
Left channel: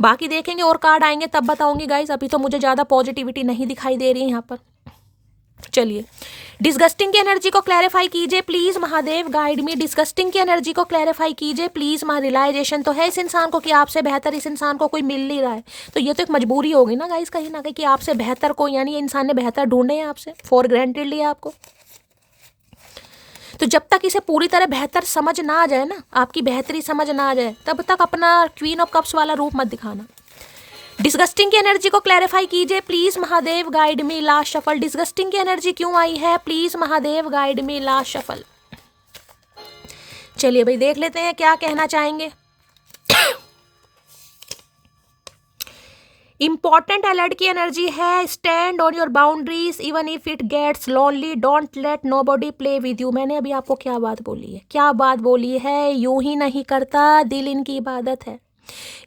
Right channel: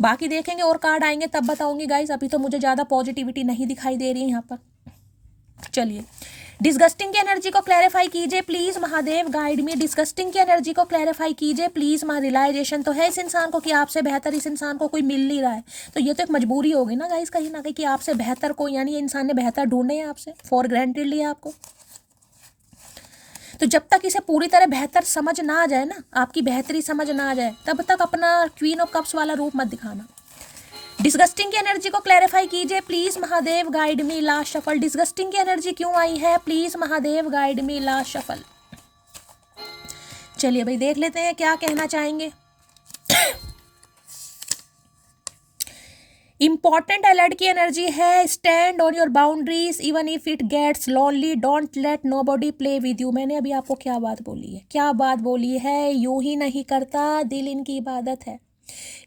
बाकी देखेंगे और कार्ड आएंगे तब बताऊंगी गाइस, अभी तो मुझे ज़्यादा पॉजिटिविटी नहीं दिखाई दे रही है यहाँ पर। चलिए डिस्गस्टिंग की एनर्जी को क्लैरिफाई कीजिए please Mahadev guide me. Disgusting की एनर्जी को क्लैरिफाई कीजिए प्लीज। रियलाइजेशन तो है इस इंसान को कि आपसे बेहतर इस इंसान को कोई मिल नहीं रहा है, तो ये तो एक मजबूरी होगी ना गाइस कहीं ना कहीं कि आपसे बेहतर को, यानी ये इंसान ने बेहतर ढूंढे हैं आपसे, फॉर ग्रांटेड लिया आपको। तो जब तक इसे पूरी तरह बेहतर समझ ना आ जाए ना, आपकी बेहतरी समझ ना आ जाए, तब तक अपना क्वीन ऑफ कप्स वाला रूप मत दिखाना। डिस्गस्टिंग की एनर्जी को क्लैरिफाई कीजिए please Mahadev guide me. Last shuffle. Disgusting की एनर्जी क्यों आई है please Mahadev guide me. Last shuffle. चलिए भाई देख लेते हैं क्या कहना चाहेंगे। इंपॉर्टेंट अलर्ट की एनर्जी है, stand on your boundaries even if it gets lonely, don't let nobody play with you. मैंने अभी आपको क्या बात बोली है, क्या बात बोली है, यूं ही नहीं करता दिल इनकी इबादत है,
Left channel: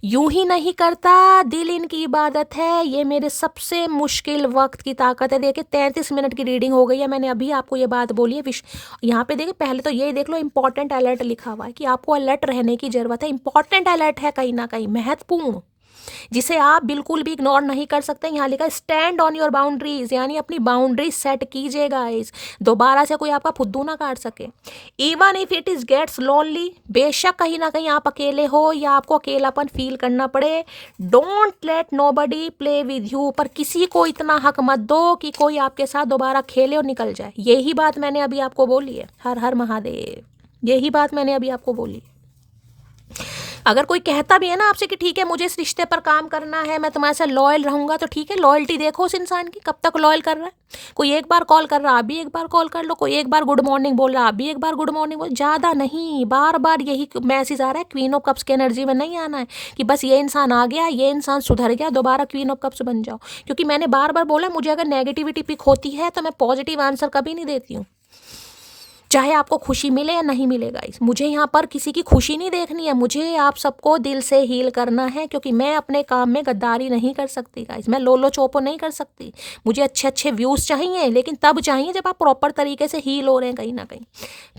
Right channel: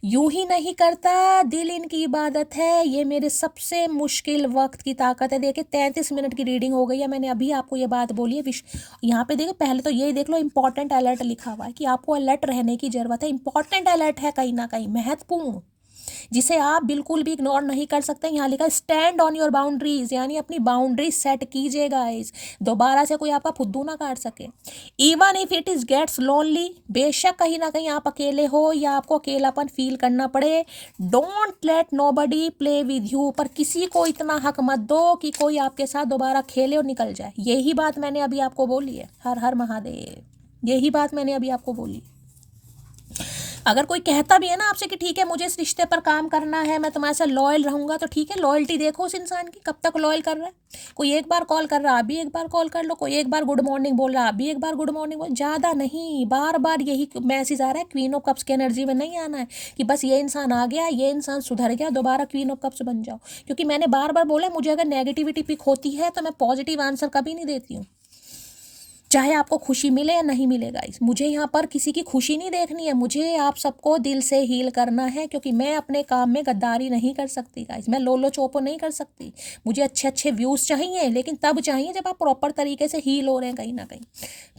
यूं ही नहीं करता दिल इनकी इबादत है, ये मेरे सबसे मुश्किल वक्त की ताकत है। देखिए 33 मिनट की रीडिंग हो गई है, मैंने अभी आपको ये बात बोली है। यहाँ पे देखिए पहले तो यही देख लो इंपॉर्टेंट अलर्ट लिखा हुआ है कि आपको अलर्ट रहने की जरूरत है। इंपॉर्टेंट अलर्ट है कहीं ना कहीं महत्वपूर्ण, जिसे आप बिल्कुल भी इग्नोर नहीं कर सकते। यहाँ लिखा स्टैंड ऑन योर बाउंड्रीज, यानी अपनी बाउंड्री सेट कीजिए गाइस, दोबारा से कोई आपका फुद्दू ना काट सके। Even if it is gets lonely, बेशक कहीं ना कहीं आप अकेले हो या आपको अकेलापन फील करना पड़े, don't let nobody play with you, पर किसी को इतना हक मत दो कि कोई आपके साथ दोबारा खेले और निकल जाए। यही बात मैंने अभी आपको बोली है। हर हर महादेव, यही बात मैंने अभी आपको बोली। अगर कोई कहता भी है ना आपसे कि ठीक है मुझे इस रिश्ते पर काम करना है, मैं तुम्हारे साथ लॉयल रहूंगा, तो ठीक है, लॉयल्टी देखो उस इंसान की कब तक लॉयल कर रहा है। कोई एक बार कॉल कर रहा, अभी एक बार कॉल कर लो, कोई एक बार गुड मॉर्निंग बोल रहा, अभी एक बार गुड मॉर्निंग बोल, ज़्यादा नहीं, बार बार यही मैसेज आ रहा है। क्वीन ऑफ कप्स की एनर्जी में नहीं आना है कि बस ये इंसान आ गया, ये इंसान सुधर गया, दोबारा क्वीन ऑफ कप्स बन जाओ। क्योंकि मैंने बार बार बोला, मुझे अगर नेगेटिविटी पिक होती है तो मैं पॉजिटिव आंसर कभी नहीं देती हूँ, चाहे आपको खुशी मिले या नहीं मिले गाइस। मुझे यहाँ पर किसी की खुशी नहीं देखनी है, मुझे आप सबको दिल से हील करना है, क्योंकि मैं अपने काम में गद्दारी नहीं कर सकती गाइस, मैं लोलो चोपो नहीं कर सकती। मुझे अच्छे अच्छे व्यूज़ चाहिए, लेकिन तब चाहिए जब आप प्रॉपर तरीके से हील हो रहे हैं। कहीं ना कहीं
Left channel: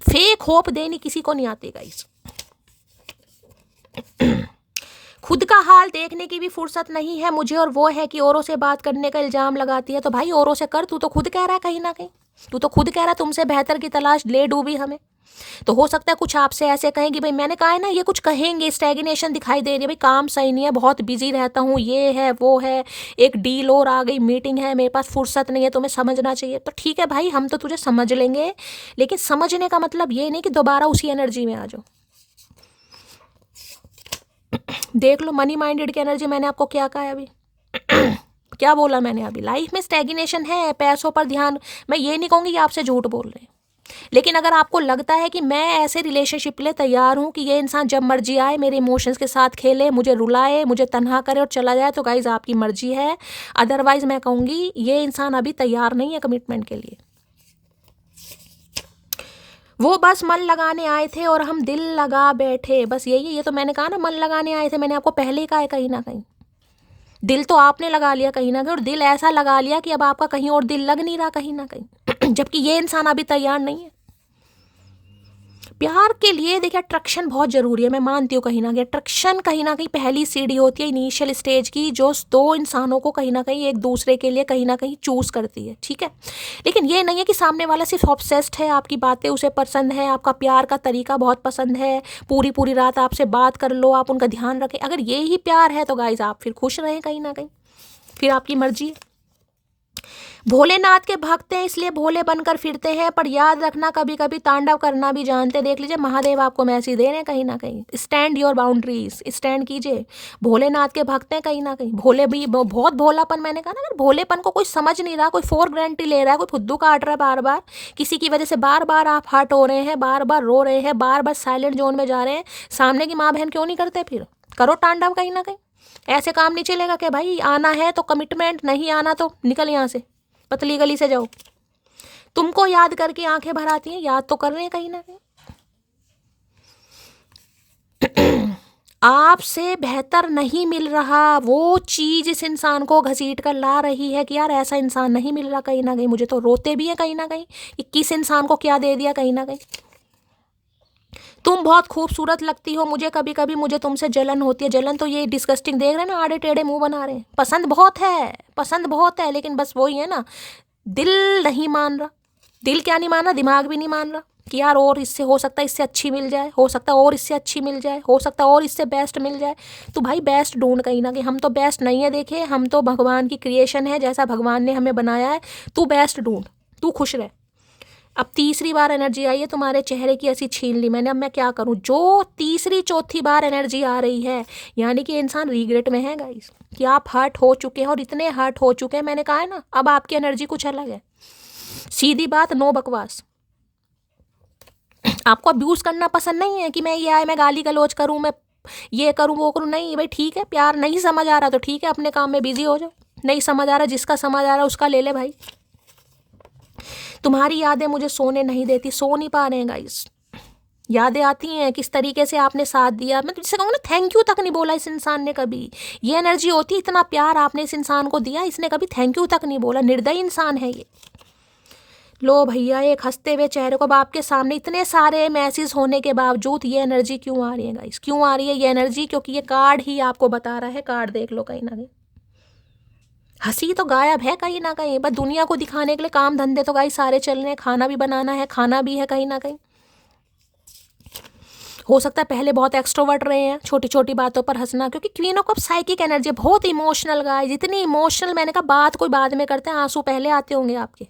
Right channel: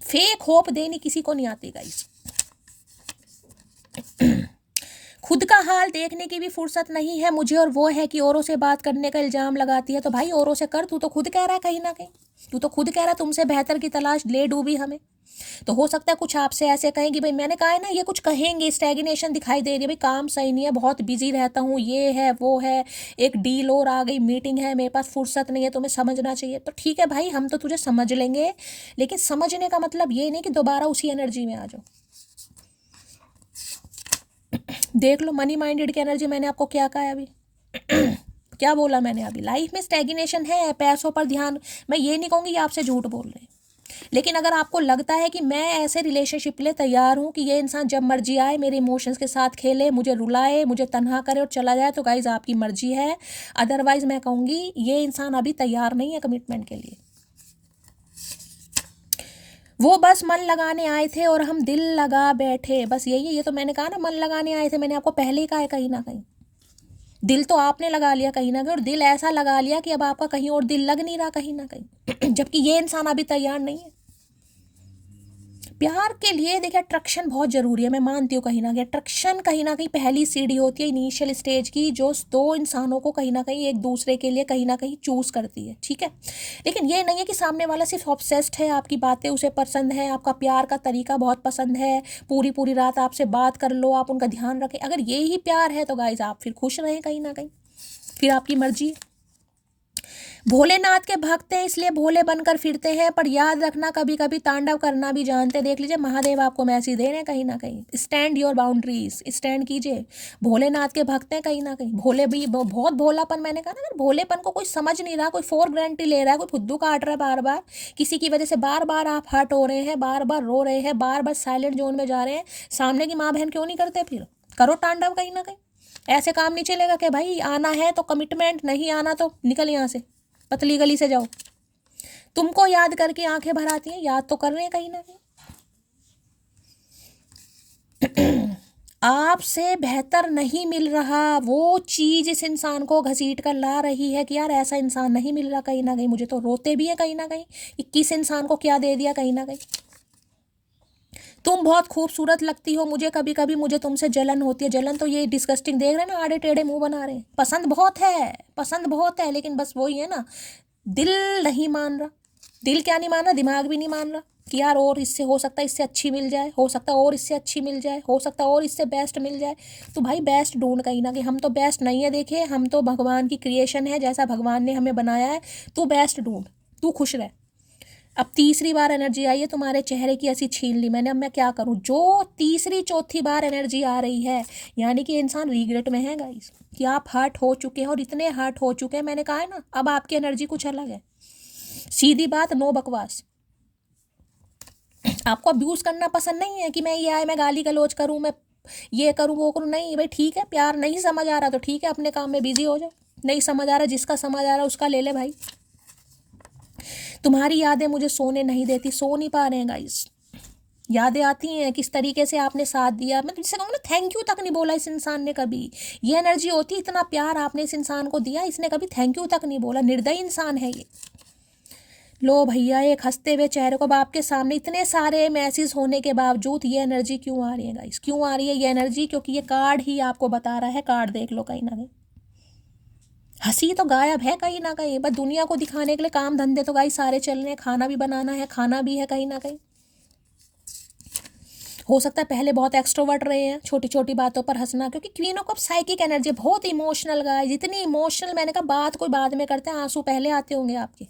फेक होप देनी किसी को नहीं आती गाइस। खुद का हाल देखने की भी फुर्सत नहीं है मुझे, और वो है कि औरों से बात करने का इल्ज़ाम लगाती है। तो भाई औरों से कर, तू तो खुद कह रहा है, कहीं ना कहीं तू तो खुद कह रहा है तुमसे बेहतर की तलाश ले डूबी हमें। तो हो सकता है कुछ आपसे ऐसे कहें कि भाई, मैंने कहा है ना, ये कुछ कहेंगे, स्टैग्नेशन दिखाई दे रही है, भाई काम सही नहीं है, बहुत बिजी रहता हूँ, ये है वो है, एक डील और आ गई, मीटिंग है, मेरे पास फुर्सत नहीं है, तुम्हें समझना चाहिए। तो ठीक है भाई, हम तो तुझे समझ लेंगे, लेकिन समझने का मतलब ये नहीं कि दोबारा उसी एनर्जी में आ जाओ। देख लो मनी माइंडेड की एनर्जी, मैंने आपको क्या कहा है अभी क्या बोला मैंने अभी, लाइफ में स्टैग्नेशन है, पैसों पर ध्यान। मैं ये नहीं कहूँगी कि आपसे झूठ बोल रहे हैं, लेकिन अगर आपको लगता है कि मैं ऐसे रिलेशनशिप के लिए तैयार हूँ कि ये इंसान जब मर्जी आए मेरे इमोशंस के साथ खेले, मुझे रुलाए, मुझे तन्हा करे और चला जाए, तो गाइज आपकी मर्जी है। अदरवाइज मैं कहूँगी ये इंसान अभी तैयार नहीं है कमिटमेंट के लिए। वो बस मन लगाने आए थे और हम दिल लगा बैठे, बस यही है। ये तो मैंने कहा ना, मन लगाने आए थे, मैंने आपको पहले ही कहा है। कहीं ना कहीं दिल तो आपने लगा लिया कहीं ना कहीं, और दिल ऐसा लगा लिया कि अब आपका कहीं और दिल लग नहीं रहा कहीं ना कहीं जबकि ये इंसान अभी तैयार नहीं है प्यार के लिए। देखिए अट्रैक्शन बहुत ज़रूरी है, मैं मानती हूँ कहीं ना कहीं अट्रैक्शन कहीं ना कहीं पहली सीढ़ी होती है इनिशियल स्टेज की, जो दो इंसानों को कहीं ना कहीं एक दूसरे के लिए कहीं ना कहीं चूज़ करती है, ठीक है। लेकिन ये नहीं है कि सामने वाला सिर्फ ऑब्सेस्ड है, आपकी बातें उसे पसंद है, आपका प्यार का तरीका बहुत पसंद है, पूरी पूरी रात आपसे बात कर लो, आप उनका ध्यान रखें। अगर ये ही प्यार है तो गाइज आप फिर खुश रहें कहीं ना कहीं, फिर आपकी मर्जी है। भोलेनाथ के भक्त हैं इसलिए भोले बनकर फिरते हैं, पर याद रखना कभी कभी तांडव करना भी जानते। देख लीजिए महादेव आपको मैसेज दे रहे हैं कहीं ना कहीं, स्टैंड योर बाउंड्रीज, स्टैंड कीजिए। भोलेनाथ के भक्त हैं कहीं ना कहीं, भोले भी बहुत भोलापन, मैंने कहा ना, अगर भोलेपन को कोई समझ नहीं रहा, कोई फॉर ग्रांटेड ले रहा है, कोई फुद्दू काट रहा है बार बार, किसी की वजह से बार बार आप हर्ट हो रहे हैं, बार बार रो रहे हैं, बार बार साइलेंट जोन में जा रहे हैं, सामने की माँ बहन क्यों नहीं करते? फिर करो तांडव कहीं ना कहीं। ऐसे काम नहीं चलेगा कि भाई आना है तो कमिटमेंट, नहीं आना तो निकल यहाँ से, पतली गली से जाओ। तुमको याद करके आंखें भर आती हैं, याद तो कर रहे हैं कहीं ना कहीं आपसे बेहतर नहीं मिल रहा, वो चीज इस इंसान को घसीट कर ला रही है कि यार ऐसा इंसान नहीं मिल रहा कहीं ना कहीं। मुझे तो रोते भी है कहीं ना कहीं कि किस इंसान को क्या दे दिया कहीं ना कहीं। तुम बहुत खूबसूरत लगती हो, मुझे कभी कभी मुझे तुमसे जलन होती है। जलन तो ये डिस्गस्टिंग देख रहे हैं ना, आड़े टेढ़े मुंह बना रहे हैं। पसंद बहुत है, पसंद बहुत है, लेकिन बस वही है ना, दिल नहीं मान रहा। दिल क्या नहीं मान रहा, दिमाग भी नहीं मान रहा कि यार और इससे हो सकता है, इससे अच्छी मिल जाए, हो सकता है और इससे अच्छी मिल जाए, हो सकता है और इससे बेस्ट मिल जाए। तो भाई बेस्ट ढूंढ कहीं ना कहीं, हम तो बेस्ट नहीं है, देखे हम तो भगवान की क्रिएशन है, जैसा भगवान ने हमें बनाया है। तू बेस्ट ढूंढ, तू खुश रह। अब तीसरी बार एनर्जी आई है तुम्हारे चेहरे की, ऐसी छीन ली मैंने, अब मैं क्या करूं? जो तीसरी चौथी बार एनर्जी आ रही है, यानी कि इंसान रिग्रेट में है गाइस, कि आप हर्ट हो चुके हैं, और इतने हर्ट हो चुके हैं। मैंने कहा है ना, अब आपकी एनर्जी कुछ अलग है। सीधी बात, नो बकवास। आपको अब्यूज करना पसंद नहीं है कि मैं ये आए, मैं गाली गलौज करूं, मैं ये करूं वो करूं, नहीं भाई ठीक है, प्यार नहीं समझ आ रहा तो ठीक है, अपने काम में बिजी हो जाओ। नहीं समझ आ रहा, जिसका समझ आ रहा है उसका ले ले भाई। तुम्हारी यादें मुझे सोने नहीं देती, सो नहीं पा रहे हैं गाइस। यादें आती हैं किस तरीके से आपने साथ दिया, मैं तुझसे कहूँगा ना, थैंक यू तक नहीं बोला इस इंसान ने कभी। ये एनर्जी होती, इतना प्यार आपने इस इंसान को दिया, इसने कभी थैंक यू तक नहीं बोला। निर्दयी इंसान है ये। लो भैया, एक हंसते हुए चेहरे को, अब आपके सामने इतने सारे मैसेज होने के बावजूद ये एनर्जी क्यों आ रही है गाइस? क्यों आ रही है ये एनर्जी? क्योंकि ये कार्ड ही आपको बता रहा है। कार्ड देख लो कहीं ना कहीं, हंसी तो गायब है कहीं ना कहीं, बस दुनिया को दिखाने के लिए काम धंधे तो गाइस सारे चल रहे हैं, खाना भी बनाना है, खाना भी है कहीं ना कहीं। हो सकता है पहले बहुत एक्सट्रोवर्ट रहे हैं, छोटी छोटी बातों पर हंसना, क्योंकि queen of cup psychic energy, बहुत इमोशनल गाइस, इतनी इमोशनल। मैंने कहा बात कोई बाद में करते हैं, आंसू पहले आते होंगे आपके।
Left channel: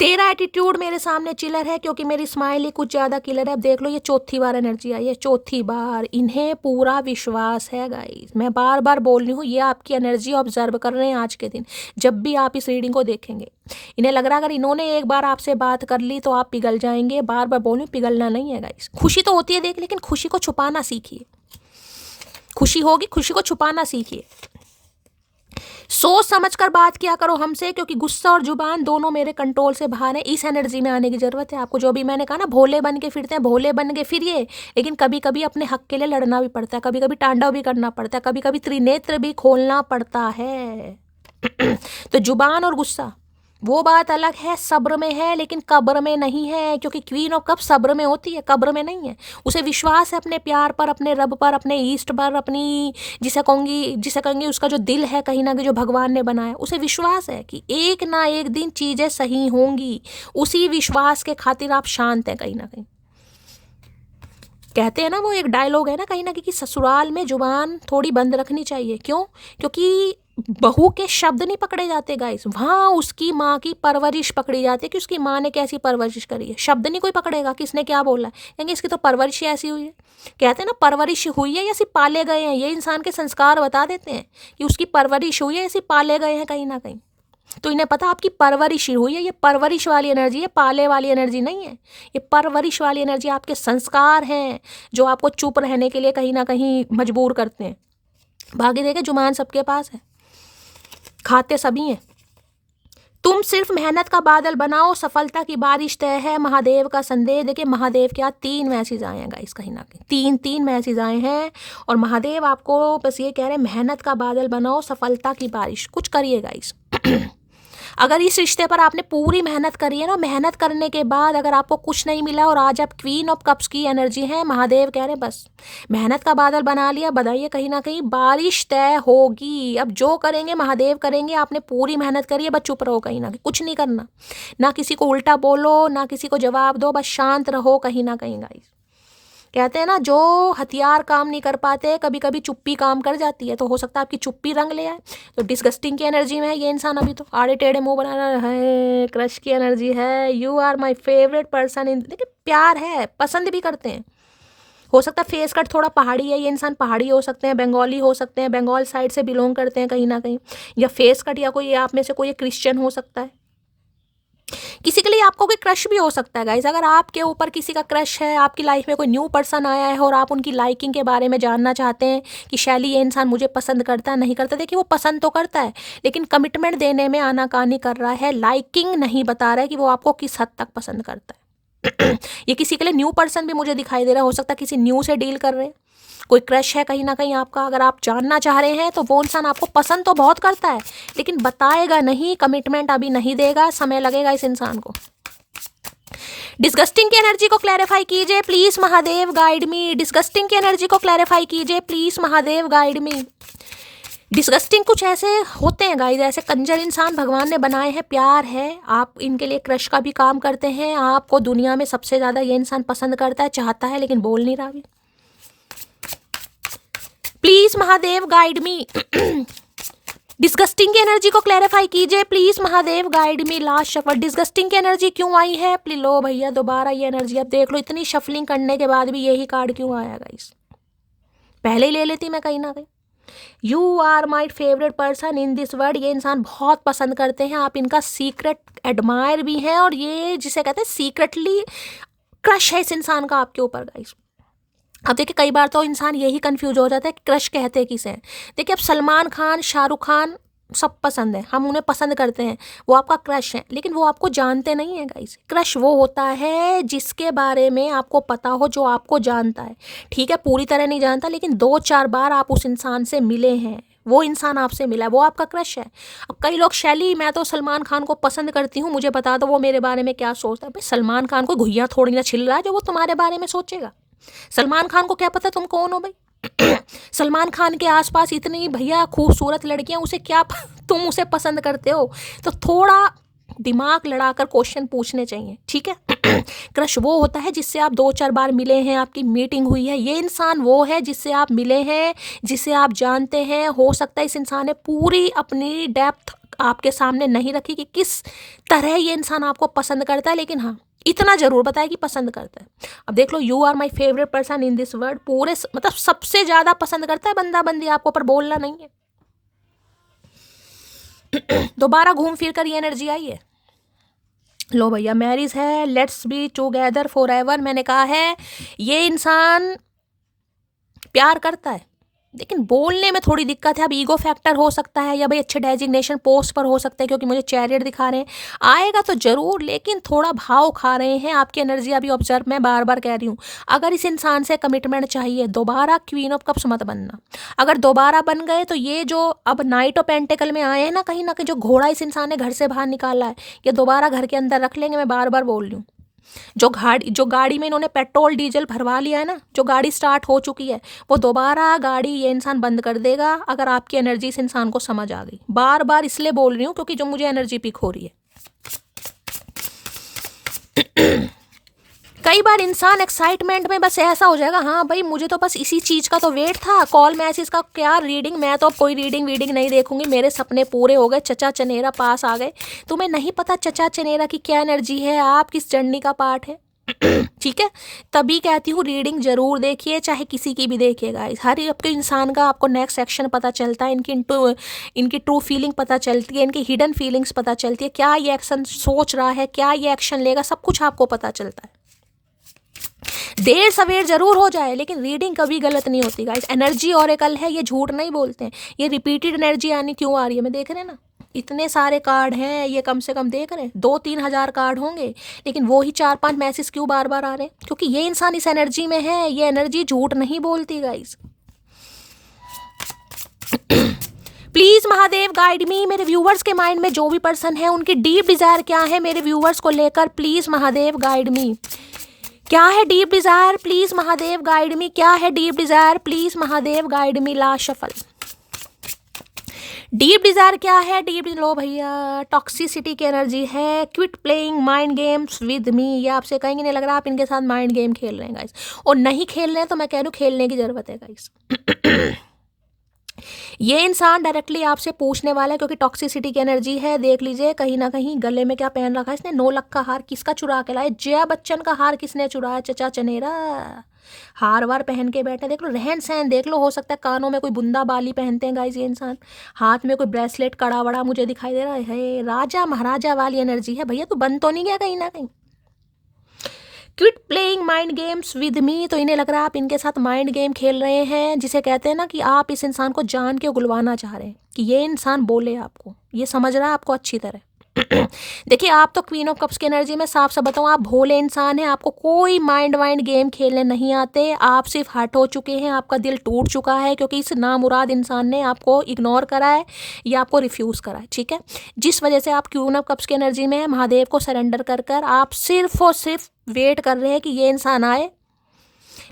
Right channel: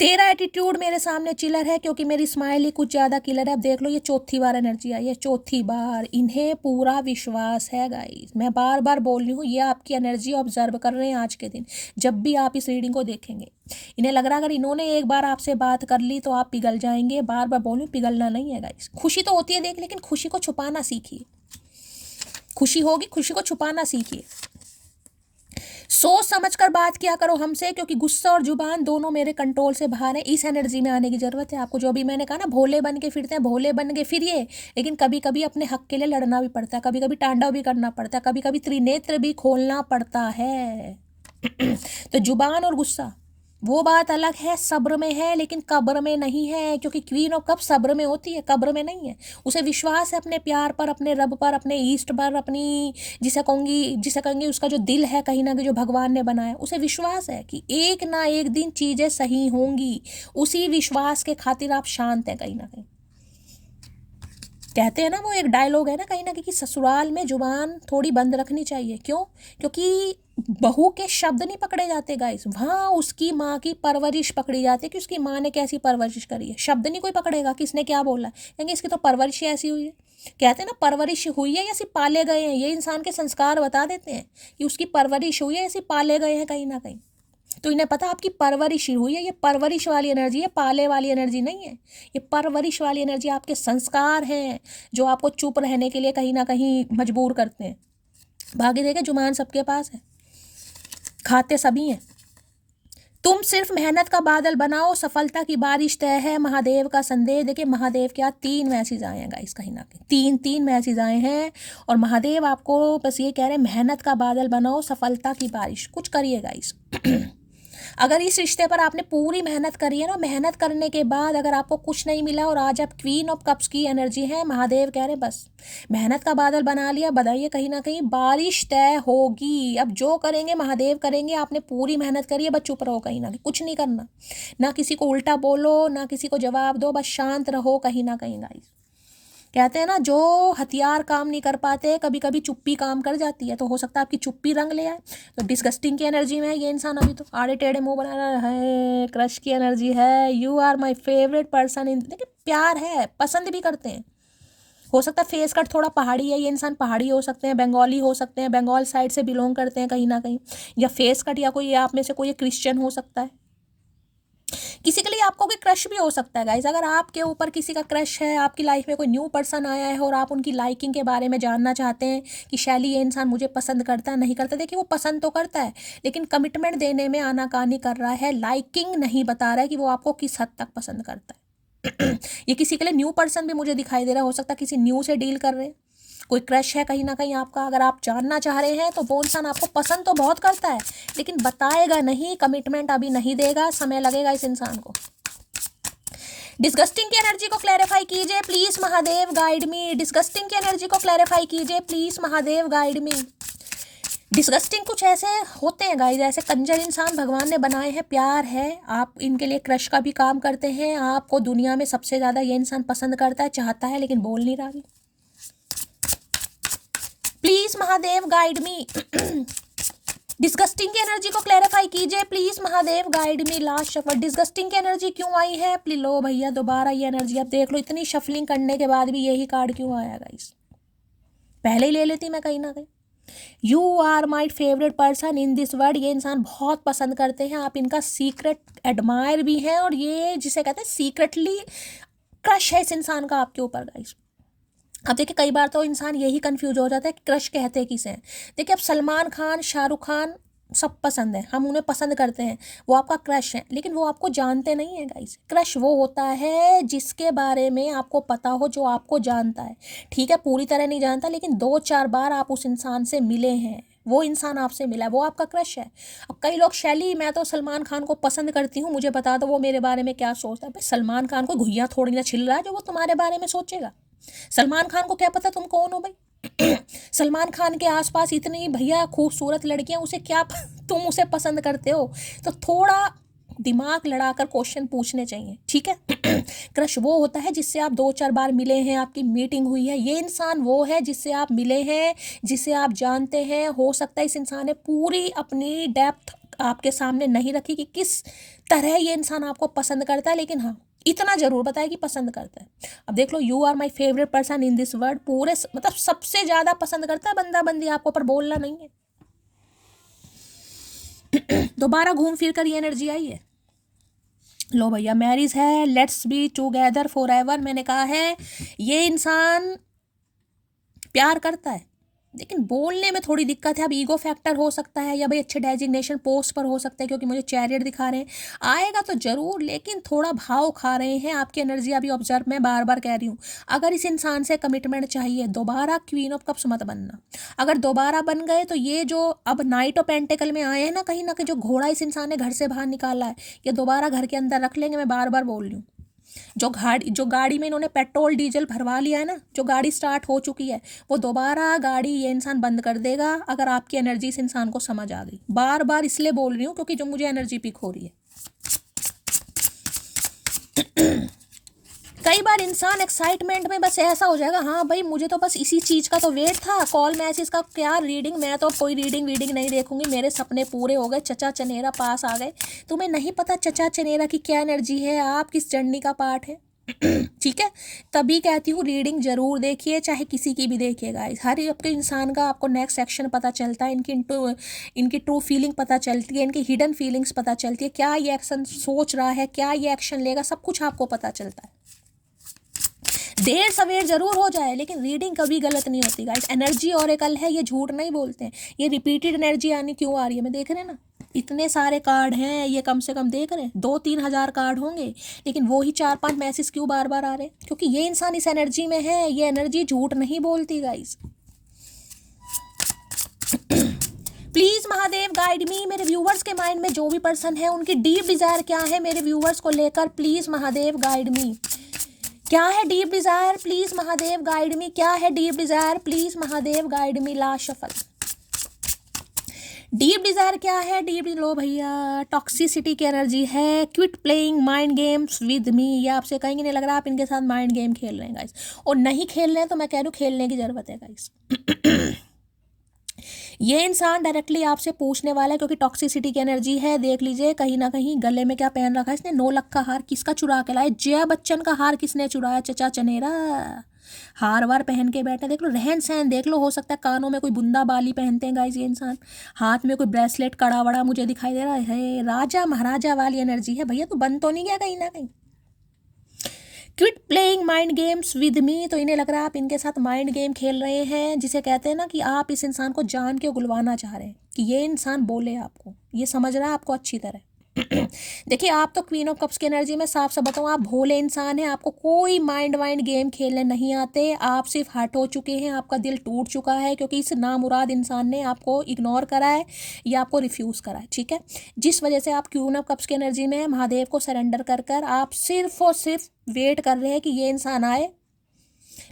तेरा एटीट्यूड मेरे सामने चिलर है क्योंकि मेरी स्माइल ही कुछ ज़्यादा किलर है। अब देख लो, ये चौथी बार एनर्जी आई है, चौथी बार। इन्हें पूरा विश्वास है गाइस, मैं बार बार बोल रही हूँ, ये आपकी एनर्जी ऑब्जर्व कर रहे हैं आज के दिन। जब भी आप इस रीडिंग को देखेंगे, इन्हें लग रहा है अगर इन्होंने एक बार आपसे बात कर ली तो आप पिघल जाएंगे। बार बार बोल रही हूँ, पिघलना नहीं है गाइस। खुशी तो होती है देख, लेकिन खुशी को छुपाना सीखिए। खुशी होगी, खुशी को छुपाना सीखिए। सोच समझ कर बात किया करो हमसे, क्योंकि गुस्सा और जुबान दोनों मेरे कंट्रोल से बाहर है। इस एनर्जी में आने की जरूरत है आपको। जो भी मैंने कहा ना, भोले बन के फिरते हैं, भोले बन के फिरिए, लेकिन कभी कभी अपने हक के लिए लड़ना भी पड़ता है, कभी कभी तांडव भी करना पड़ता है, कभी कभी त्रिनेत्र भी खोलना पड़ता है। तो जुबान और गुस्सा वो बात अलग है, सब्र में है लेकिन कब्र में नहीं है, क्योंकि क्वीन ऑफ कप सब्र में होती है, कब्र में नहीं है। उसे विश्वास है अपने प्यार पर, अपने रब पर, अपने ईस्ट पर, अपनी जिसे कहेंगे उसका जो दिल है कहीं ना कहीं जो भगवान ने बनाया, उसे विश्वास है कि एक ना एक दिन चीज़ें सही होंगी। उसी विश्वास के खातिर आप शांत हैं कहीं ना कहीं। कहते हैं ना, वो एक डायलॉग है ना कहीं ना कहीं कि ससुराल में जुबान थोड़ी बंद रखनी चाहिए। क्यों? क्योंकि बहू के शब्द नहीं पकड़े जाते गाइस, वहाँ उसकी माँ की परवरिश पकड़ी जाती है कि उसकी माँ ने कैसी परवरिश करी है। शब्द नहीं कोई पकड़ेगा, किसने क्या बोला, कहेंगे इसकी तो परवरिश ही ऐसी हुई है। कहते हैं ना, परवरिश हुई है या सिर्फ पाले गए हैं, ये इंसान के संस्कार बता देते हैं कि उसकी परवरिश हुई है या सिर्फ पाले गए हैं कहीं ना कहीं। तो इन्हें पता आपकी परवरिश हुई है, ये परवरिश वाली एनर्जी है, पाले वाली एनर्जी नहीं है। ये परवरिश वाली एनर्जी आपके संस्कार हैं जो आपको चुप रहने के लिए कहीं ना कहीं मजबूर करते हैं। भाग्य देखे जुबान सबके पास है, खाते सभी हैं। तुम सिर्फ मेहनत का बादल बनाओ, सफलता की बारिश तय है, महादेव का संदेश। देखिए महादेव क्या 3 मैसेज आए हैं गाइस, कहीं ना कहीं तीन मैसेज आए हैं, और महादेव आपको बस ये कह रहे हैं, मेहनत का बादल बनाओ, सफलता की बारिश कुछ करिए गाइस। अगर इस रिश्ते पर आपने पूरी मेहनत करी है ना, मेहनत करने के बाद अगर आपको कुछ नहीं मिला और आज आप क्वीन ऑफ कप्स की एनर्जी है, महादेव कह रहे बस मेहनत का बादल बना लिया, बताइए कहीं ना कहीं बारिश तय होगी। अब जो करेंगे महादेव करेंगे, आपने पूरी मेहनत करी है, बस चुप रहो कहीं ना कहीं, कुछ नहीं करना, ना किसी को उल्टा बोलो, ना किसी को जवाब दो, बस शांत रहो कहीं ना कहीं गाइस। कहते हैं ना, जो हथियार काम नहीं कर पाते, कभी कभी चुप्पी काम कर जाती है। तो हो सकता है आपकी चुप्पी रंग ले आए। तो डिस्गस्टिंग की एनर्जी में है ये इंसान, अभी तो आड़े टेढ़े मुंह बनाना है। क्रश की एनर्जी है, you are my favourite person in. देखिए प्यार है, पसंद भी करते हैं। हो सकता है फेस कट थोड़ा पहाड़ी है, ये इंसान पहाड़ी हो सकते हैं, बंगाली हो सकते हैं, बंगाल साइड से बिलोंग करते हैं कहीं ना कहीं, या फेस कट, या कोई आप में से कोई क्रिश्चियन हो सकता है। किसी के लिए आपको कोई क्रश भी हो सकता है गाइस। अगर आपके ऊपर किसी का क्रश है, आपकी लाइफ में कोई न्यू पर्सन आया है और आप उनकी लाइकिंग के बारे में जानना चाहते हैं कि शैली ये इंसान मुझे पसंद करता है नहीं करता, देखिए वो पसंद तो करता है लेकिन कमिटमेंट देने में आनाकानी कर रहा है, लाइकिंग नहीं बता रहा है कि वो आपको किस हद तक पसंद करता है। ये किसी के लिए न्यू पर्सन भी मुझे दिखाई दे रहा है, हो सकता है किसी न्यू से डील कर रहे हैं, कोई क्रश है कहीं ना कहीं आपका। अगर आप जानना चाह रहे हैं तो वो इंसान आपको पसंद तो बहुत करता है लेकिन बताएगा नहीं, कमिटमेंट अभी नहीं देगा, समय लगेगा इस इंसान को। डिस्गस्टिंग की एनर्जी को क्लैरिफाई कीजिए please, Mahadev guide me. Disgusting की एनर्जी को क्लैरिफाई कीजिए please, Mahadev guide me. Disgusting कुछ ऐसे होते हैं गाइस, ऐसे कंजर इंसान भगवान ने बनाए हैं, प्यार है, आप इनके लिए क्रश का भी काम करते हैं, आपको दुनिया में सबसे ज़्यादा ये इंसान पसंद करता है, चाहता है लेकिन बोल नहीं रहा। Please Mahadev guide me. Disgusting की एनर्जी को क्लैरिफाई कीजिए please, Mahadev guide me. Last shuffle, disgusting की एनर्जी क्यों आई है प्लीज? लो भैया दोबारा ये एनर्जी, अब देख लो इतनी शफलिंग करने के बाद भी यही कार्ड क्यों आया गाइस? पहले ही ले लेती मैं कहीं ना कहीं। You are my favourite person in this world, ये इंसान बहुत पसंद करते हैं, आप इनका सीक्रेट एडमायर भी हैं, और ये जिसे कहते हैं सीक्रेटली क्रश है इस इंसान का आपके ऊपर गाइस। अब देखिए कई बार तो इंसान यही कंफ्यूज हो जाता है कि क्रश कहते किसे हैं। देखिए अब सलमान खान, शाहरुख खान सब पसंद है, हम उन्हें पसंद करते हैं, वो आपका क्रश है, लेकिन वो आपको जानते नहीं है गाइस। क्रश वो होता है जिसके बारे में आपको पता हो, जो आपको जानता है, ठीक है पूरी तरह नहीं जानता लेकिन 2-4 बार आप उस इंसान से मिले हैं, वो इंसान आपसे मिला है, वो आपका क्रश है। अब कई लोग, शैली मैं तो सलमान खान को पसंद करती हूँ, मुझे बता दो वो मेरे बारे में क्या सोचता है। भाई सलमान खान को घुइयाँ थोड़ी ना छिल रहा है जो वो तुम्हारे बारे में सोचेगा। सलमान खान को क्या पता तुम कौन हो भाई? सलमान खान के आसपास इतनी भैया खूबसूरत लड़कियां, उसे क्या तुम उसे पसंद करते हो? तो थोड़ा दिमाग लड़ाकर क्वेश्चन पूछने चाहिए, ठीक है। क्रश वो होता है जिससे आप 2-4 बार मिले हैं, आपकी मीटिंग हुई है, ये इंसान वो है जिससे आप मिले हैं, जिसे आप जानते हैं। हो सकता है इस इंसान ने पूरी अपनी डेप्थ आपके सामने नहीं रखी कि किस तरह ये इंसान आपको पसंद करता है, लेकिन हाँ इतना जरूर बताया कि पसंद करता है। अब देख लो, you are my favourite person in this world, पूरे मतलब सबसे ज्यादा पसंद करता है बंदा बंदी आपको, पर बोलना नहीं है। दोबारा घूम फिर कर ये एनर्जी आई है। लो भैया, मैरिज है, let's be together for ever. मैंने कहा है ये इंसान प्यार करता है, लेकिन बोलने में थोड़ी दिक्कत है। अब ईगो फैक्टर हो सकता है, या भाई अच्छे डेजिग्नेशन पोस्ट पर हो सकते हैं, क्योंकि मुझे चैरियट दिखा रहे हैं। आएगा तो जरूर, लेकिन थोड़ा भाव खा रहे हैं। आपकी एनर्जी अभी ऑब्जर्व, मैं बार बार कह रही हूँ, अगर इस इंसान से कमिटमेंट चाहिए, दोबारा क्वीन ऑफ कप्स मत बनना। अगर दोबारा बन गए तो ये जो अब नाइट ऑफ पेंटिकल में आए हैं ना कहीं जो घोड़ा इस इंसान ने घर से बाहर निकाला है, ये दोबारा घर के अंदर रख लेंगे। मैं बार बार बोल रही हूँ, जो गाड़ी में इन्होंने पेट्रोल डीजल भरवा लिया है ना, जो गाड़ी स्टार्ट हो चुकी है, वो दोबारा गाड़ी ये इंसान बंद कर देगा, अगर आपकी एनर्जी इस इंसान को समझ आ गई। बार बार इसलिए बोल रही हूँ क्योंकि जो मुझे एनर्जी पिक हो रही है। कई बार इंसान एक्साइटमेंट में बस ऐसा हो जाएगा, हाँ भाई मुझे तो बस इसी चीज़ का तो वेट था, कॉल मैसेज का क्या रीडिंग, मैं तो अब कोई रीडिंग वीडिंग नहीं देखूंगी, मेरे सपने पूरे हो गए, चचा चनेरा पास आ गए। तुम्हें नहीं पता चचा चनेरा की क्या एनर्जी है, आप किस जर्नी का पार्ट है। ठीक है, तभी कहती हूँ रीडिंग जरूर देखिए, चाहे किसी की भी देखिएगा। हर आपके इंसान का आपको नेक्स्ट एक्शन पता चलता है, इनकी ट्रू फीलिंग पता चलती है, इनकी हिडन फीलिंग्स पता चलती है, क्या ये एक्शन सोच रहा है, क्या ये एक्शन लेगा, सब कुछ आपको पता चलता है। देर सवेर जरूर हो जाए, लेकिन रीडिंग कभी गलत नहीं होती गाइस। एनर्जी ऑरेकल है, ये झूठ नहीं बोलते हैं। ये रिपीटेड एनर्जी आनी क्यों आ रही है, मैं देख रहे हैं ना, इतने सारे कार्ड हैं, ये कम से कम देख रहे हैं 2-3 हज़ार कार्ड होंगे, लेकिन वो ही 4-5 मैसेज क्यों बार बार आ रहे हैं, क्योंकि ये इंसान इस एनर्जी में है। ये एनर्जी झूठ नहीं बोलती guys. Please Mahadev guide me. मेरे व्यूवर्स के माइंड में जो भी पर्सन है, उनकी डीप डिजायर क्या है मेरे व्यूवर्स को लेकर, प्लीज महादेव गाइड मी। क्या है deep Dzire, please Mahadev guide मी। क्या है deep Dzire, please Mahadev guide me. Last shuffle. Deep Dzire क्या है, लो भैया, टॉक्सिसिटी की एनर्जी है। Quit playing mind games with me. ये आपसे कहेंगे नहीं लग रहा आप इनके साथ माइंड गेम खेल रहे हैं गाइस, और नहीं खेल रहे हैं तो मैं कह रही हूँ खेलने की जरूरत है गाइस। ये इंसान डायरेक्टली आपसे पूछने वाला है, क्योंकि टॉक्सिसिटी की एनर्जी है। देख लीजिए कहीं ना कहीं गले में क्या पहन रखा है इसने, 9 लाख का हार किसका चुरा के लाए, जया बच्चन का हार किसने चुराया, चचा चनेरा। हार वार पहन के बैठा, देख लो रहन सहन देख लो, हो सकता है कानों में कोई बुंदा बाली पहनते हैं गाइस ये इंसान, हाथ में कोई ब्रेसलेट कड़ा वड़ा मुझे दिखाई दे रहा है। राजा महाराजा वाली एनर्जी है भैया, तो बन तो नहीं गया कहीं ना कहीं। Quit playing mind games with me, तो इन्हें लग रहा है आप इनके साथ माइंड गेम खेल रहे हैं, जिसे कहते हैं ना कि आप इस इंसान को जान के उगलवाना चाह रहे हैं कि ये इंसान बोले आपको, ये समझ रहा है आपको अच्छी तरह। देखिए आप तो क्वीन ऑफ कप्स की एनर्जी में साफ साफ बताऊँ, आप भोले इंसान हैं, आपको कोई माइंड वाइंड गेम खेलने नहीं आते, आप सिर्फ हर्ट हो चुके हैं, आपका दिल टूट चुका है, क्योंकि इस नामुराद इंसान ने आपको इग्नोर करा है या आपको रिफ्यूज़ करा है। ठीक है, जिस वजह से आप क्वीन ऑफ कप्स की एनर्जी में महादेव को सरेंडर कर आप सिर्फ और सिर्फ वेट कर रहे हैं कि ये इंसान आए,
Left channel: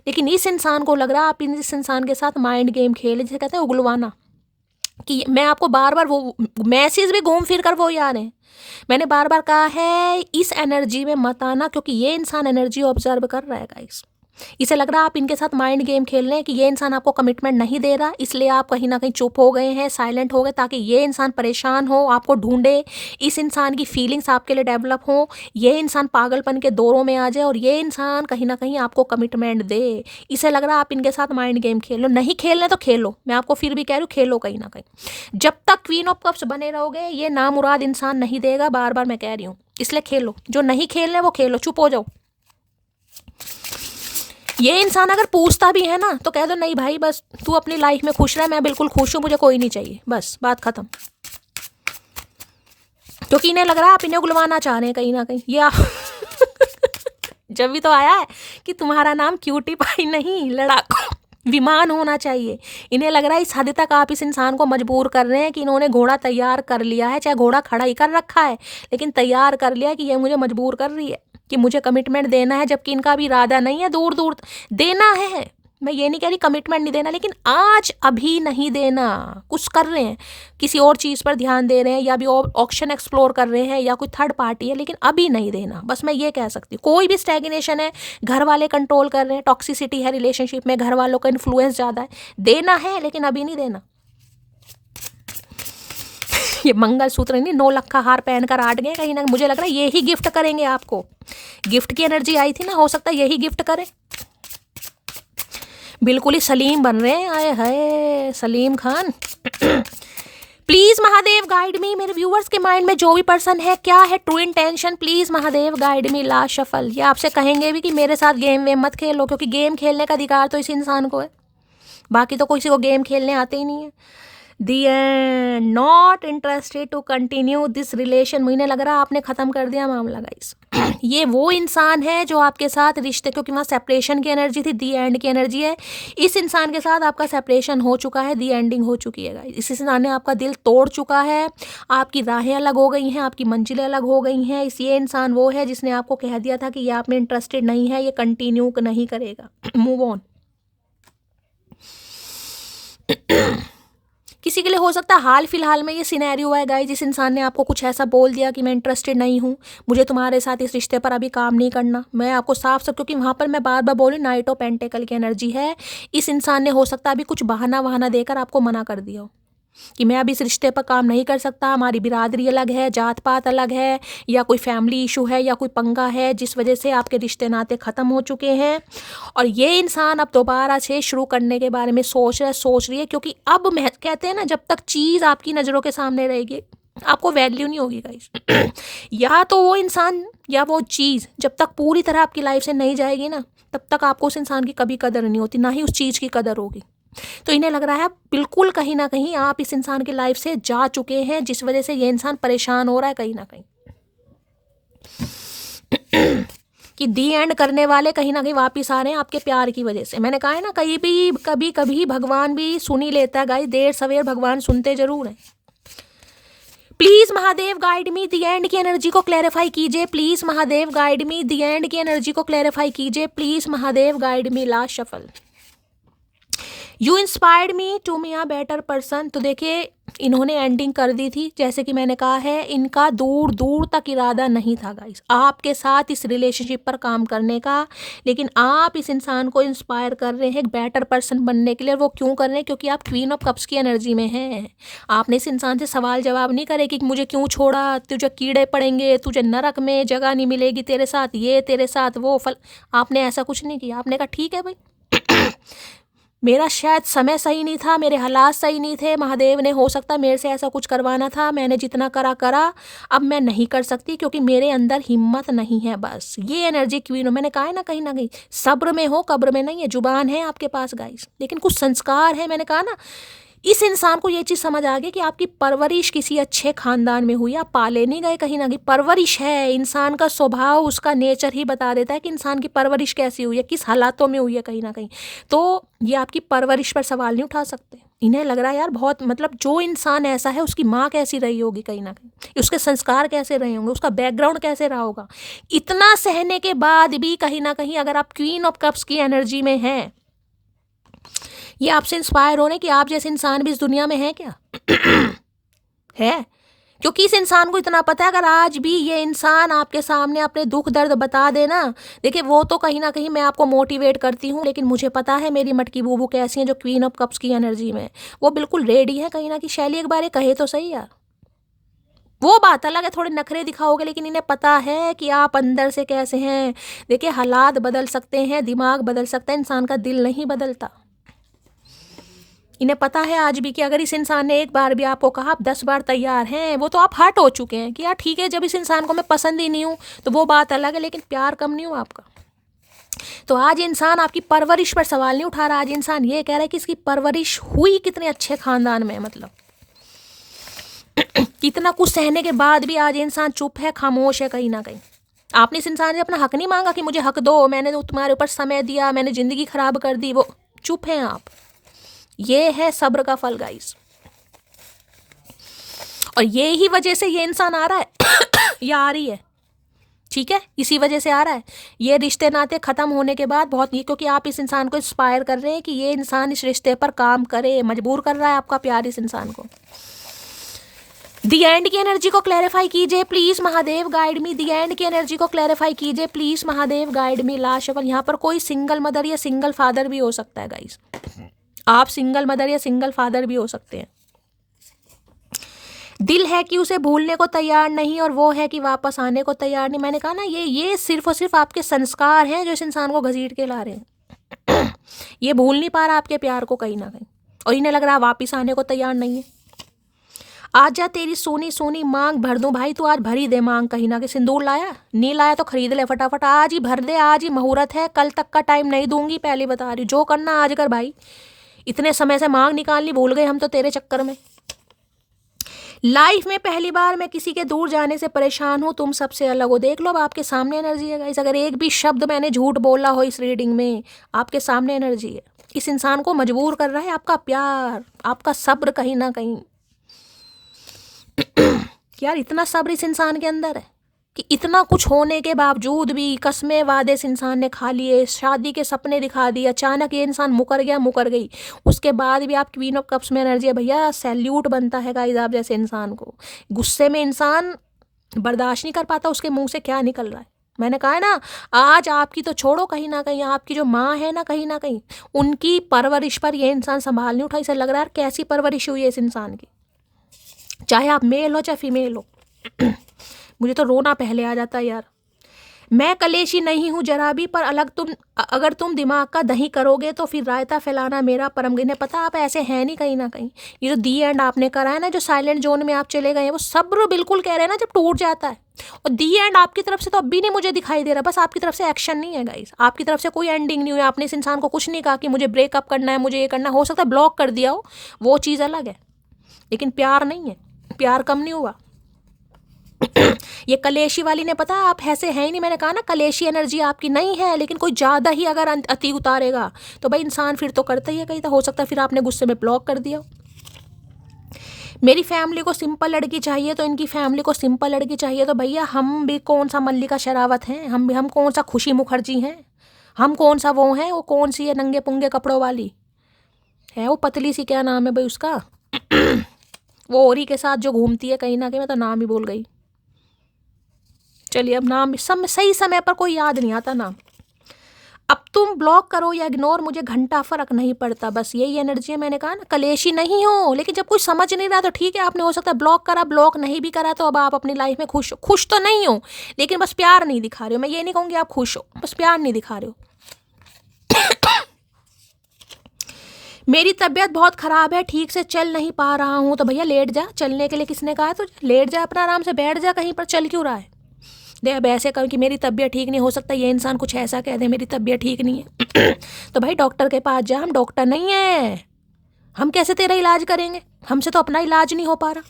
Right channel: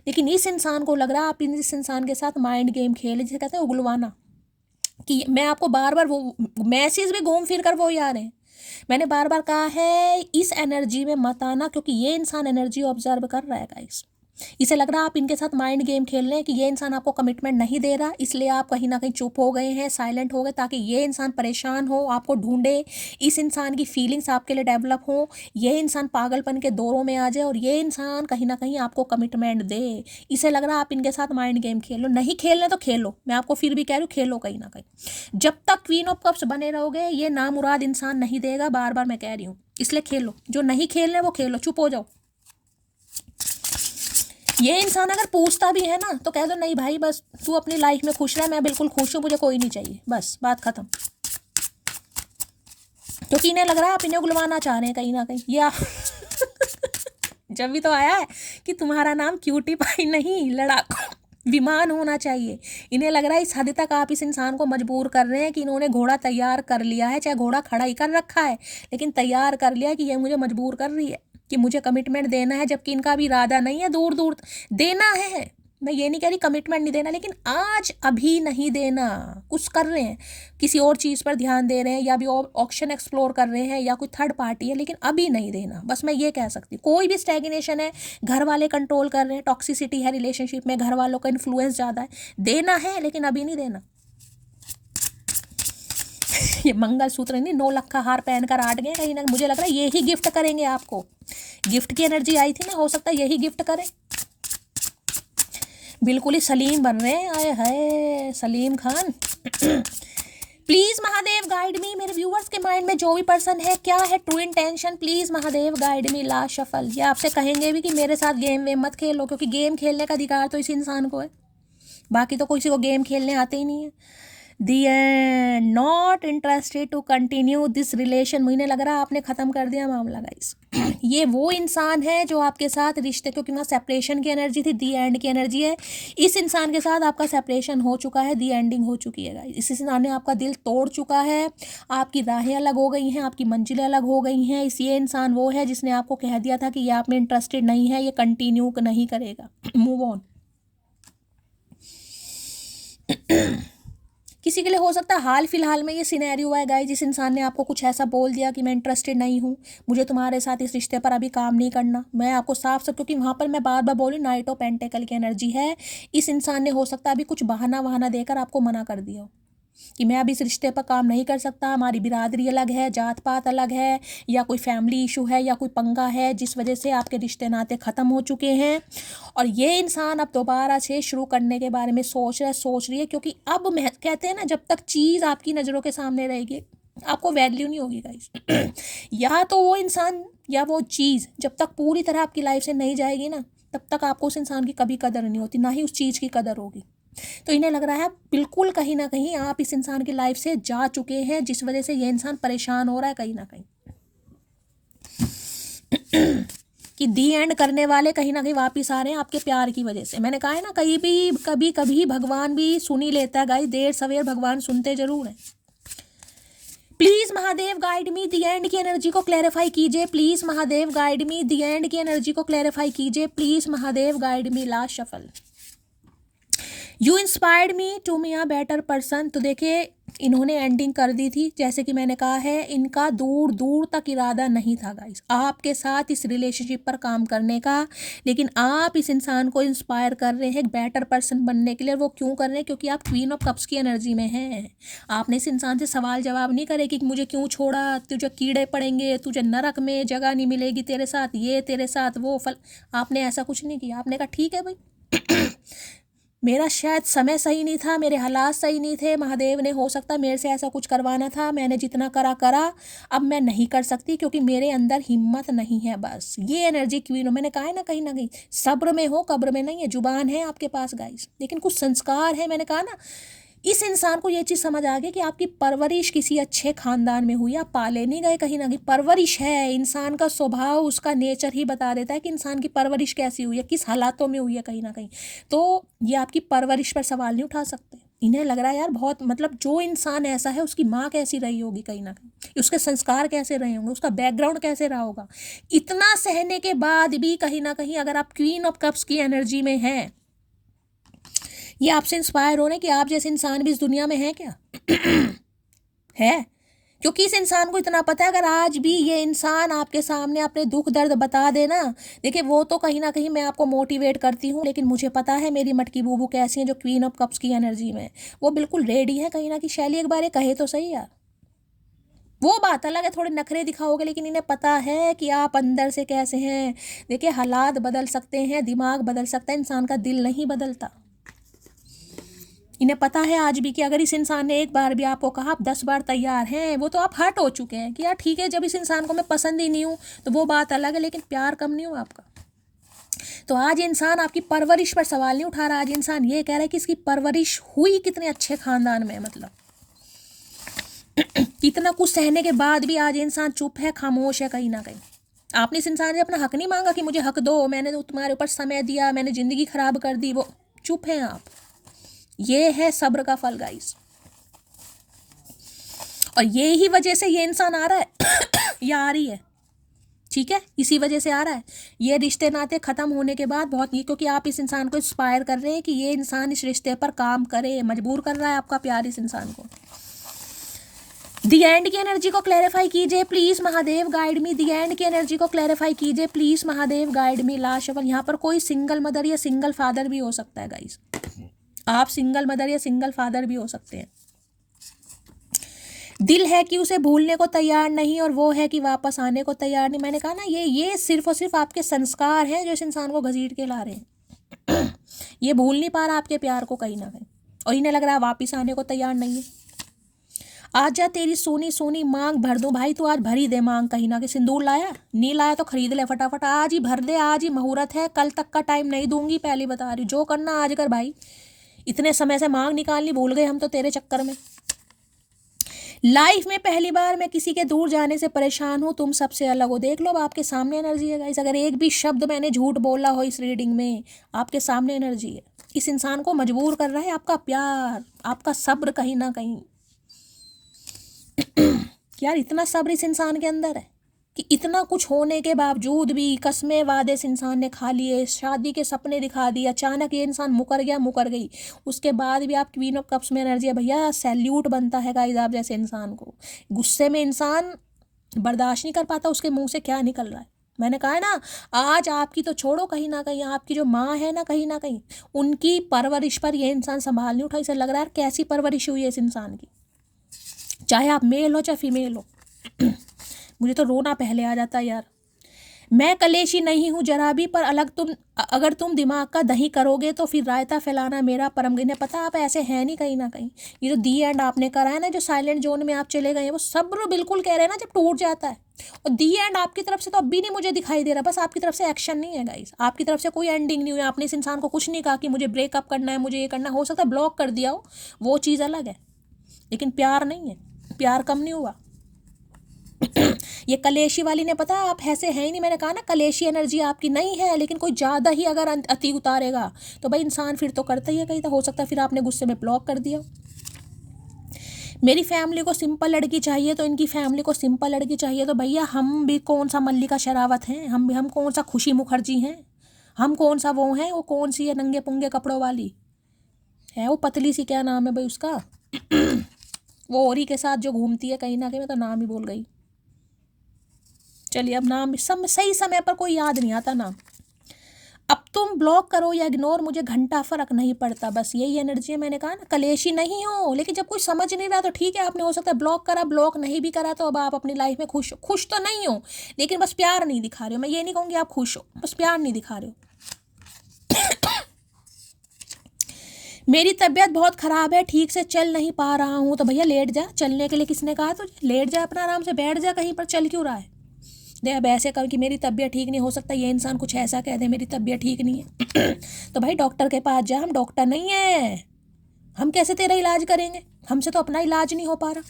लेकिन इस इंसान को लग रहा है आप इस इंसान के साथ माइंड गेम खेले, जिसे कहते हैं उगलवाना। कि मैं आपको बार बार वो मैसेज भी घूम फिर कर वो ही आ रहे हैं। मैंने बार बार कहा है इस एनर्जी में मत आना, क्योंकि ये इंसान एनर्जी ऑब्जर्व कर रहा है गाइस। इसे लग रहा है आप इनके साथ माइंड गेम खेल रहे हैं कि ये इंसान आपको कमिटमेंट नहीं दे रहा, इसलिए आप कहीं ना कहीं चुप हो गए हैं, साइलेंट हो गए, ताकि ये इंसान परेशान हो, आपको ढूंढे, इस इंसान की फीलिंग्स आपके लिए डेवलप हो, ये इंसान पागलपन के दौरों में आ जाए और ये इंसान कहीं ना कहीं आपको कमिटमेंट दे। इसे लग रहा है आप इनके साथ माइंड गेम खेल लो। नहीं खेलने तो खेलो, मैं आपको फिर भी कह रही हूँ खेलो कहीं ना कहीं। जब तक क्वीन ऑफ कप्स बने रहोगे ये नामुराद इंसान नहीं देगा, बार बार मैं कह रही हूँ, इसलिए खेलो। जो नहीं खेलना वो खेलो, चुप हो जाओ। ये इंसान अगर पूछता भी है ना तो कह दो नहीं भाई बस तू अपनी लाइफ में खुश रह, मैं बिल्कुल खुश हूँ, मुझे कोई नहीं चाहिए, बस बात खत्म। क्योंकि इन्हें लग रहा है आप इन्हें उगलवाना चाह रहे हैं कहीं ना कहीं। ये जब भी तो आया है कि तुम्हारा नाम क्यूटी पाई नहीं लड़ाकू विमान होना चाहिए। इन्हें लग रहा है इस हद तक आप इस इंसान को मजबूर कर रहे हैं कि इन्होंने घोड़ा तैयार कर लिया है, चाहे घोड़ा खड़ा ही कर रखा है, लेकिन तैयार कर लिया है कि ये मुझे मजबूर कर रही है कि मुझे कमिटमेंट देना है, जबकि इनका भी इरादा नहीं है दूर दूर देना है। मैं ये नहीं कह रही कमिटमेंट नहीं देना, लेकिन आज अभी नहीं देना। कुछ कर रहे हैं, किसी और चीज़ पर ध्यान दे रहे हैं, या भी ऑप्शन एक्सप्लोर कर रहे हैं, या कोई थर्ड पार्टी है, लेकिन अभी नहीं देना। बस मैं ये कह सकती हूँ। कोई भी स्टैग्नेशन है, घर वाले कंट्रोल कर रहे हैं, टॉक्सिसिटी है रिलेशनशिप में, घर वालों का इन्फ्लुएंस ज़्यादा है, देना है लेकिन अभी नहीं देना। ये मंगलसूत्र नहीं, 9 लाख का हार पहनकर आट गए कहीं ना, मुझे लग रहा है ये ही गिफ्ट करेंगे आपको। गिफ्ट की एनर्जी आई थी ना, हो सकता है यही गिफ्ट करें। बिल्कुल ही सलीम बन रहे हैं, आए hi Salim Khan. Please Mahadev guide me, मेरे व्यूअर्स के माइंड में जो भी पर्सन है, क्या है true intention, please Mahadev guide me. Last shuffle. ये आपसे कहेंगे भी कि मेरे साथ गेम वेम मत खेलो, क्योंकि गेम खेलने का अधिकार तो इस इंसान को है, बाकी तो किसी को गेम खेलने आते ही नहीं है। The end, not interested to continue this relation. मुझे लग रहा है आपने ख़त्म कर दिया मामला गाइस। ये वो इंसान है जो आपके साथ रिश्ते, क्योंकि वहाँ सेपरेशन की एनर्जी थी, दी एंड की एनर्जी है। इस इंसान के साथ आपका सेपरेशन हो चुका है, दी एंडिंग हो चुकी है गाइस। इस इंसान ने आपका दिल तोड़ चुका है, आपकी राहें अलग हो गई हैं, आपकी मंजिलें अलग हो गई हैं। ये इंसान वो है जिसने आपको कह दिया था कि ये आप में इंटरेस्टेड नहीं है, ये कंटिन्यू नहीं करेगा, मूव ऑन। किसी के लिए हो सकता है हाल फिलहाल में ये सिनेरियो है गाइस, जिस इंसान ने आपको कुछ ऐसा बोल दिया कि मैं इंटरेस्टेड नहीं हूँ, मुझे तुम्हारे साथ इस रिश्ते पर अभी काम नहीं करना। मैं आपको साफ साफ, क्योंकि वहाँ पर मैं बार बार बोली नाइट ऑफ पेंटेकल की एनर्जी है। इस इंसान ने हो सकता है अभी कुछ बहाना वहाना देकर आपको मना कर दिया हो कि मैं अब इस रिश्ते पर काम नहीं कर सकता, हमारी बिरादरी अलग है, जात पात अलग है, या कोई फैमिली इशू है, या कोई पंगा है जिस वजह से आपके रिश्ते नाते ख़त्म हो चुके हैं। और ये इंसान अब दोबारा से शुरू करने के बारे में सोच रही है, क्योंकि अब मैं कहते हैं ना, जब तक चीज़ आपकी नज़रों के सामने रहेगी आपको वैल्यू नहीं होगी गाइस। या तो वो इंसान या वो चीज़ जब तक पूरी तरह आपकी लाइफ से नहीं जाएगी ना, तब तक आपको उस इंसान की कभी कदर नहीं होती, ना ही उस चीज़ की कदर होगी। तो इन्हें लग रहा है बिल्कुल कहीं ना कहीं आप इस इंसान की लाइफ से जा चुके हैं, जिस वजह से ये इंसान परेशान हो रहा है कहीं ना कहीं। कि दी एंड करने वाले कहीं ना कहीं वापिस आ रहे हैं आपके प्यार की वजह से। मैंने कहा है ना, कभी कभी भगवान भी सुन ही लेता है गाइस, देर सवेर भगवान सुनते जरूर हैं। Please Mahadev guide me, the end की एनर्जी को क्लैरिफाई कीजिए। Please Mahadev guide me, the end की एनर्जी को क्लैरिफाई कीजिए। Please Mahadev guide me. Last shuffle. You inspired me to me a better person. तो देखिए इन्होंने एंडिंग कर दी थी, जैसे कि मैंने कहा है, इनका दूर दूर तक इरादा नहीं था गाइस आपके साथ इस रिलेशनशिप पर काम करने का, लेकिन आप इस इंसान को इंस्पायर कर रहे हैं एक बेटर पर्सन बनने के लिए। वो क्यों कर रहे हैं? क्योंकि आप क्वीन ऑफ कप्स की एनर्जी में हैं। आपने इस इंसान से सवाल जवाब नहीं करे कि मुझे क्यों छोड़ा, तुझे कीड़े पड़ेंगे, तुझे नरक में जगह नहीं मिलेगी तेरे साथ, ये तेरे साथ वो फल। आपने ऐसा कुछ नहीं किया। आपने कहा ठीक है भाई, मेरा शायद समय सही नहीं था, मेरे हालात सही नहीं थे, महादेव ने हो सकता मेरे से ऐसा कुछ करवाना था, मैंने जितना करा, अब मैं नहीं कर सकती क्योंकि मेरे अंदर हिम्मत नहीं है। बस ये एनर्जी क्वीन हो। मैंने कहा है ना, कहीं ना कहीं सब्र में हो, कब्र में नहीं है। जुबान है आपके पास गाइस, लेकिन कुछ संस्कार है। मैंने कहा ना, इस इंसान को ये चीज़ समझ आ गई कि आपकी परवरिश किसी अच्छे खानदान में हुई, आप पाले नहीं गए कहीं ना कहीं। परवरिश है, इंसान का स्वभाव, उसका नेचर ही बता देता है कि इंसान की परवरिश कैसी हुई है, किस हालातों में हुई है कहीं ना कहीं। तो ये आपकी परवरिश पर सवाल नहीं उठा सकते। इन्हें लग रहा है यार बहुत, मतलब जो इंसान ऐसा है उसकी माँ कैसी रही होगी कहीं ना कहीं, उसके संस्कार कैसे रहे होंगे, उसका बैकग्राउंड कैसे रहा होगा। इतना सहने के बाद भी कहीं ना कहीं अगर आप क्वीन ऑफ कप्स की एनर्जी में हैं, ये आपसे इंस्पायर हो रहे कि आप जैसे इंसान भी इस दुनिया में है क्या? है, क्योंकि इस इंसान को इतना पता है अगर आज भी ये इंसान आपके सामने अपने दुख दर्द बता देना, देखिए वो तो कहीं ना कहीं मैं आपको मोटिवेट करती हूँ, लेकिन मुझे पता है मेरी मटकी बूबू कैसी है जो क्वीन ऑफ कप्स की एनर्जी में, वो बिल्कुल रेडी है कहीं ना कहीं। शैली एक बार ये कहे तो सही यार, वो बात अलग है, थोड़े नखरे दिखाओगे, लेकिन इन्हें पता है कि आप अंदर से कैसे हैं। देखिए हालात बदल सकते हैं, दिमाग बदल सकता है, इंसान का दिल नहीं बदलता। इन्हें पता है आज भी कि अगर इस इंसान ने एक बार भी आपको कहा आप 10 बार तैयार हैं, वो तो आप हर्ट हो चुके हैं कि यार ठीक है, जब इस इंसान को मैं पसंद ही नहीं हूँ तो वो बात अलग है, लेकिन प्यार कम नहीं हुआ आपका। तो आज इंसान आपकी परवरिश पर सवाल नहीं उठा रहा, आज इंसान ये कह रहा है कि इसकी परवरिश हुई कितने अच्छे खानदान में, मतलब कितना कुछ सहने के बाद भी आज इंसान चुप है, खामोश है कहीं ना कहीं। आपने इस इंसान से अपना हक नहीं मांगा कि मुझे हक दो, मैंने तुम्हारे ऊपर समय दिया, मैंने जिंदगी खराब कर दी, वो चुप है आप। ये है सब्र का फल गाइस, और ये ही वजह से ये इंसान आ रहा है या आ रही है, ठीक है, इसी वजह से आ रहा है। ये रिश्ते नाते खत्म होने के बाद बहुत, ये क्योंकि आप इस इंसान को इंस्पायर कर रहे हैं कि ये इंसान इस रिश्ते पर काम करे, मजबूर कर रहा है आपका प्यार इस इंसान को। दी एंड की एनर्जी को क्लैरिफाई कीजिए please Mahadev guide me. The end की एनर्जी को क्लैरिफाई कीजिए please Mahadev guide me. Last shuffle. यहाँ पर कोई सिंगल मदर या सिंगल फादर भी हो सकता है गाइस, आप सिंगल मदर या सिंगल फादर भी हो सकते हैं। दिल है कि उसे भूलने को तैयार नहीं और वो है कि वापस आने को तैयार नहीं। मैंने कहा ना, ये सिर्फ और सिर्फ आपके संस्कार हैं जो इस इंसान को घसीट के ला रहे हैं। ये भूल नहीं पा रहा आपके प्यार को कहीं ना कहीं, और इन्हें लग रहा वापिस आने को तैयार नहीं है। आजा तेरी सोनी सोनी मांग भर दूं भाई, तू आज भर ही दे मांग कहीं ना कहीं। सिंदूर लाया नहीं लाया तो खरीद ले फटाफट, आज ही भर दे, आज ही मुहूर्त है, कल तक का टाइम नहीं दूंगी, पहले बता रही हूँ। जो करना आज कर भाई, इतने समय से मांग निकालनी भूल गए हम तो तेरे चक्कर में। लाइफ में पहली बार मैं किसी के दूर जाने से परेशान हूँ, तुम सबसे अलग हो। देख लो अब आपके सामने एनर्जी है गाइस। अगर एक भी शब्द मैंने झूठ बोला हो इस रीडिंग में, आपके सामने एनर्जी है। इस इंसान को मजबूर कर रहा है आपका प्यार, आपका सब्र कहीं ना कहीं। यार इतना सब्र इस इंसान के अंदर है कि इतना कुछ होने के बावजूद भी कस्में वादे इस इंसान ने खा लिए, शादी के सपने दिखा दिए, अचानक ये इंसान मुकर गया, मुकर गई, उसके बाद भी आप क्वीन ऑफ कप्स में एनर्जी है भैया। सैल्यूट बनता है गाइस आप जैसे इंसान को। गुस्से में इंसान बर्दाश्त नहीं कर पाता उसके मुंह से क्या निकल रहा है। मैंने कहा है ना, आज आपकी तो छोड़ो, कहीं ना कहीं आपकी जो माँ है ना, कहीं ना कहीं उनकी परवरिश पर ये इंसान संभाल नहीं उठा। इसे लग रहा है कैसी परवरिश हुई है इस इंसान की, चाहे आप मेल हो चाहे फीमेल हो। मुझे तो रोना पहले आ जाता है यार। मैं कलेशी नहीं हूँ जरा भी, पर अगर तुम दिमाग का दही करोगे तो फिर रायता फैलाना मेरा परम। इन्हें पता आप ऐसे हैं नहीं कहीं ना कहीं। ये जो दी एंड आपने करा है ना, जो साइलेंट जोन में आप चले गए हैं, वो सब्र बिल्कुल कह रहे हैं ना जब टूट जाता है। और दी एंड आपकी तरफ से तो अब भी नहीं मुझे दिखाई दे रहा, बस आपकी तरफ से एक्शन नहीं है गाइस, आपकी तरफ से कोई एंडिंग नहीं हुई। आपने इस इंसान को कुछ नहीं कहा कि मुझे ब्रेकअप करना है, मुझे ये करना। हो सकता है ब्लॉक कर दिया हो, वो चीज़ अलग है, लेकिन प्यार नहीं है, प्यार कम नहीं हुआ। ये कलेशी वाली ने पता आप ऐसे हैं ही नहीं। मैंने कहा ना कलेशी एनर्जी आपकी नहीं है, लेकिन कोई ज़्यादा ही अगर अति उतारेगा तो भाई इंसान फिर तो करता ही है कहीं। तो हो सकता है फिर आपने गुस्से में ब्लॉक कर दिया। मेरी फैमिली को सिंपल लड़की चाहिए तो इनकी फैमिली को सिंपल लड़की चाहिए। तो भैया हम भी कौन सा मल्लिका शेरावत हैं, हम कौन सा खुशी मुखर्जी हैं, हम कौन सा वो हैं, वो कौन सी है नंगे पुंगे कपड़ों वाली है, वो पतली सी क्या नाम है भाई उसका, वो औरी के साथ जो घूमती है कहीं ना कहीं। मैं तो नाम ही भूल गई। चलिए अब नाम सही समय पर कोई याद नहीं आता नाम। अब तुम ब्लॉक करो या इग्नोर, मुझे घंटा फर्क नहीं पड़ता, बस यही एनर्जी है। मैंने कहा ना कलेशी नहीं हो, लेकिन जब कोई समझ नहीं रहा तो ठीक है, आपने हो सकता है ब्लॉक करा, ब्लॉक नहीं भी करा तो अब आप अपनी लाइफ में खुश तो नहीं हो, लेकिन बस प्यार नहीं दिखा रहे हो। मैं ये नहीं कहूँगी आप खुश हो, बस प्यार नहीं दिखा रहे हो। मेरी तबीयत बहुत ख़राब है, ठीक से चल नहीं पा रहा हूँ। तो भैया लेट जा, चलने के लिए किसने कहा है तो लेट जा, अपना आराम से बैठ जा कहीं पर, चल क्यों रहा है। दे अब ऐसे कहो कि मेरी तबीयत ठीक नहीं, हो सकता ये इंसान कुछ ऐसा कह दे मेरी तबीयत ठीक नहीं है। तो भाई डॉक्टर के पास जा, हम डॉक्टर नहीं है, हम कैसे तेरा इलाज करेंगे, हमसे तो अपना इलाज नहीं हो पा रहा।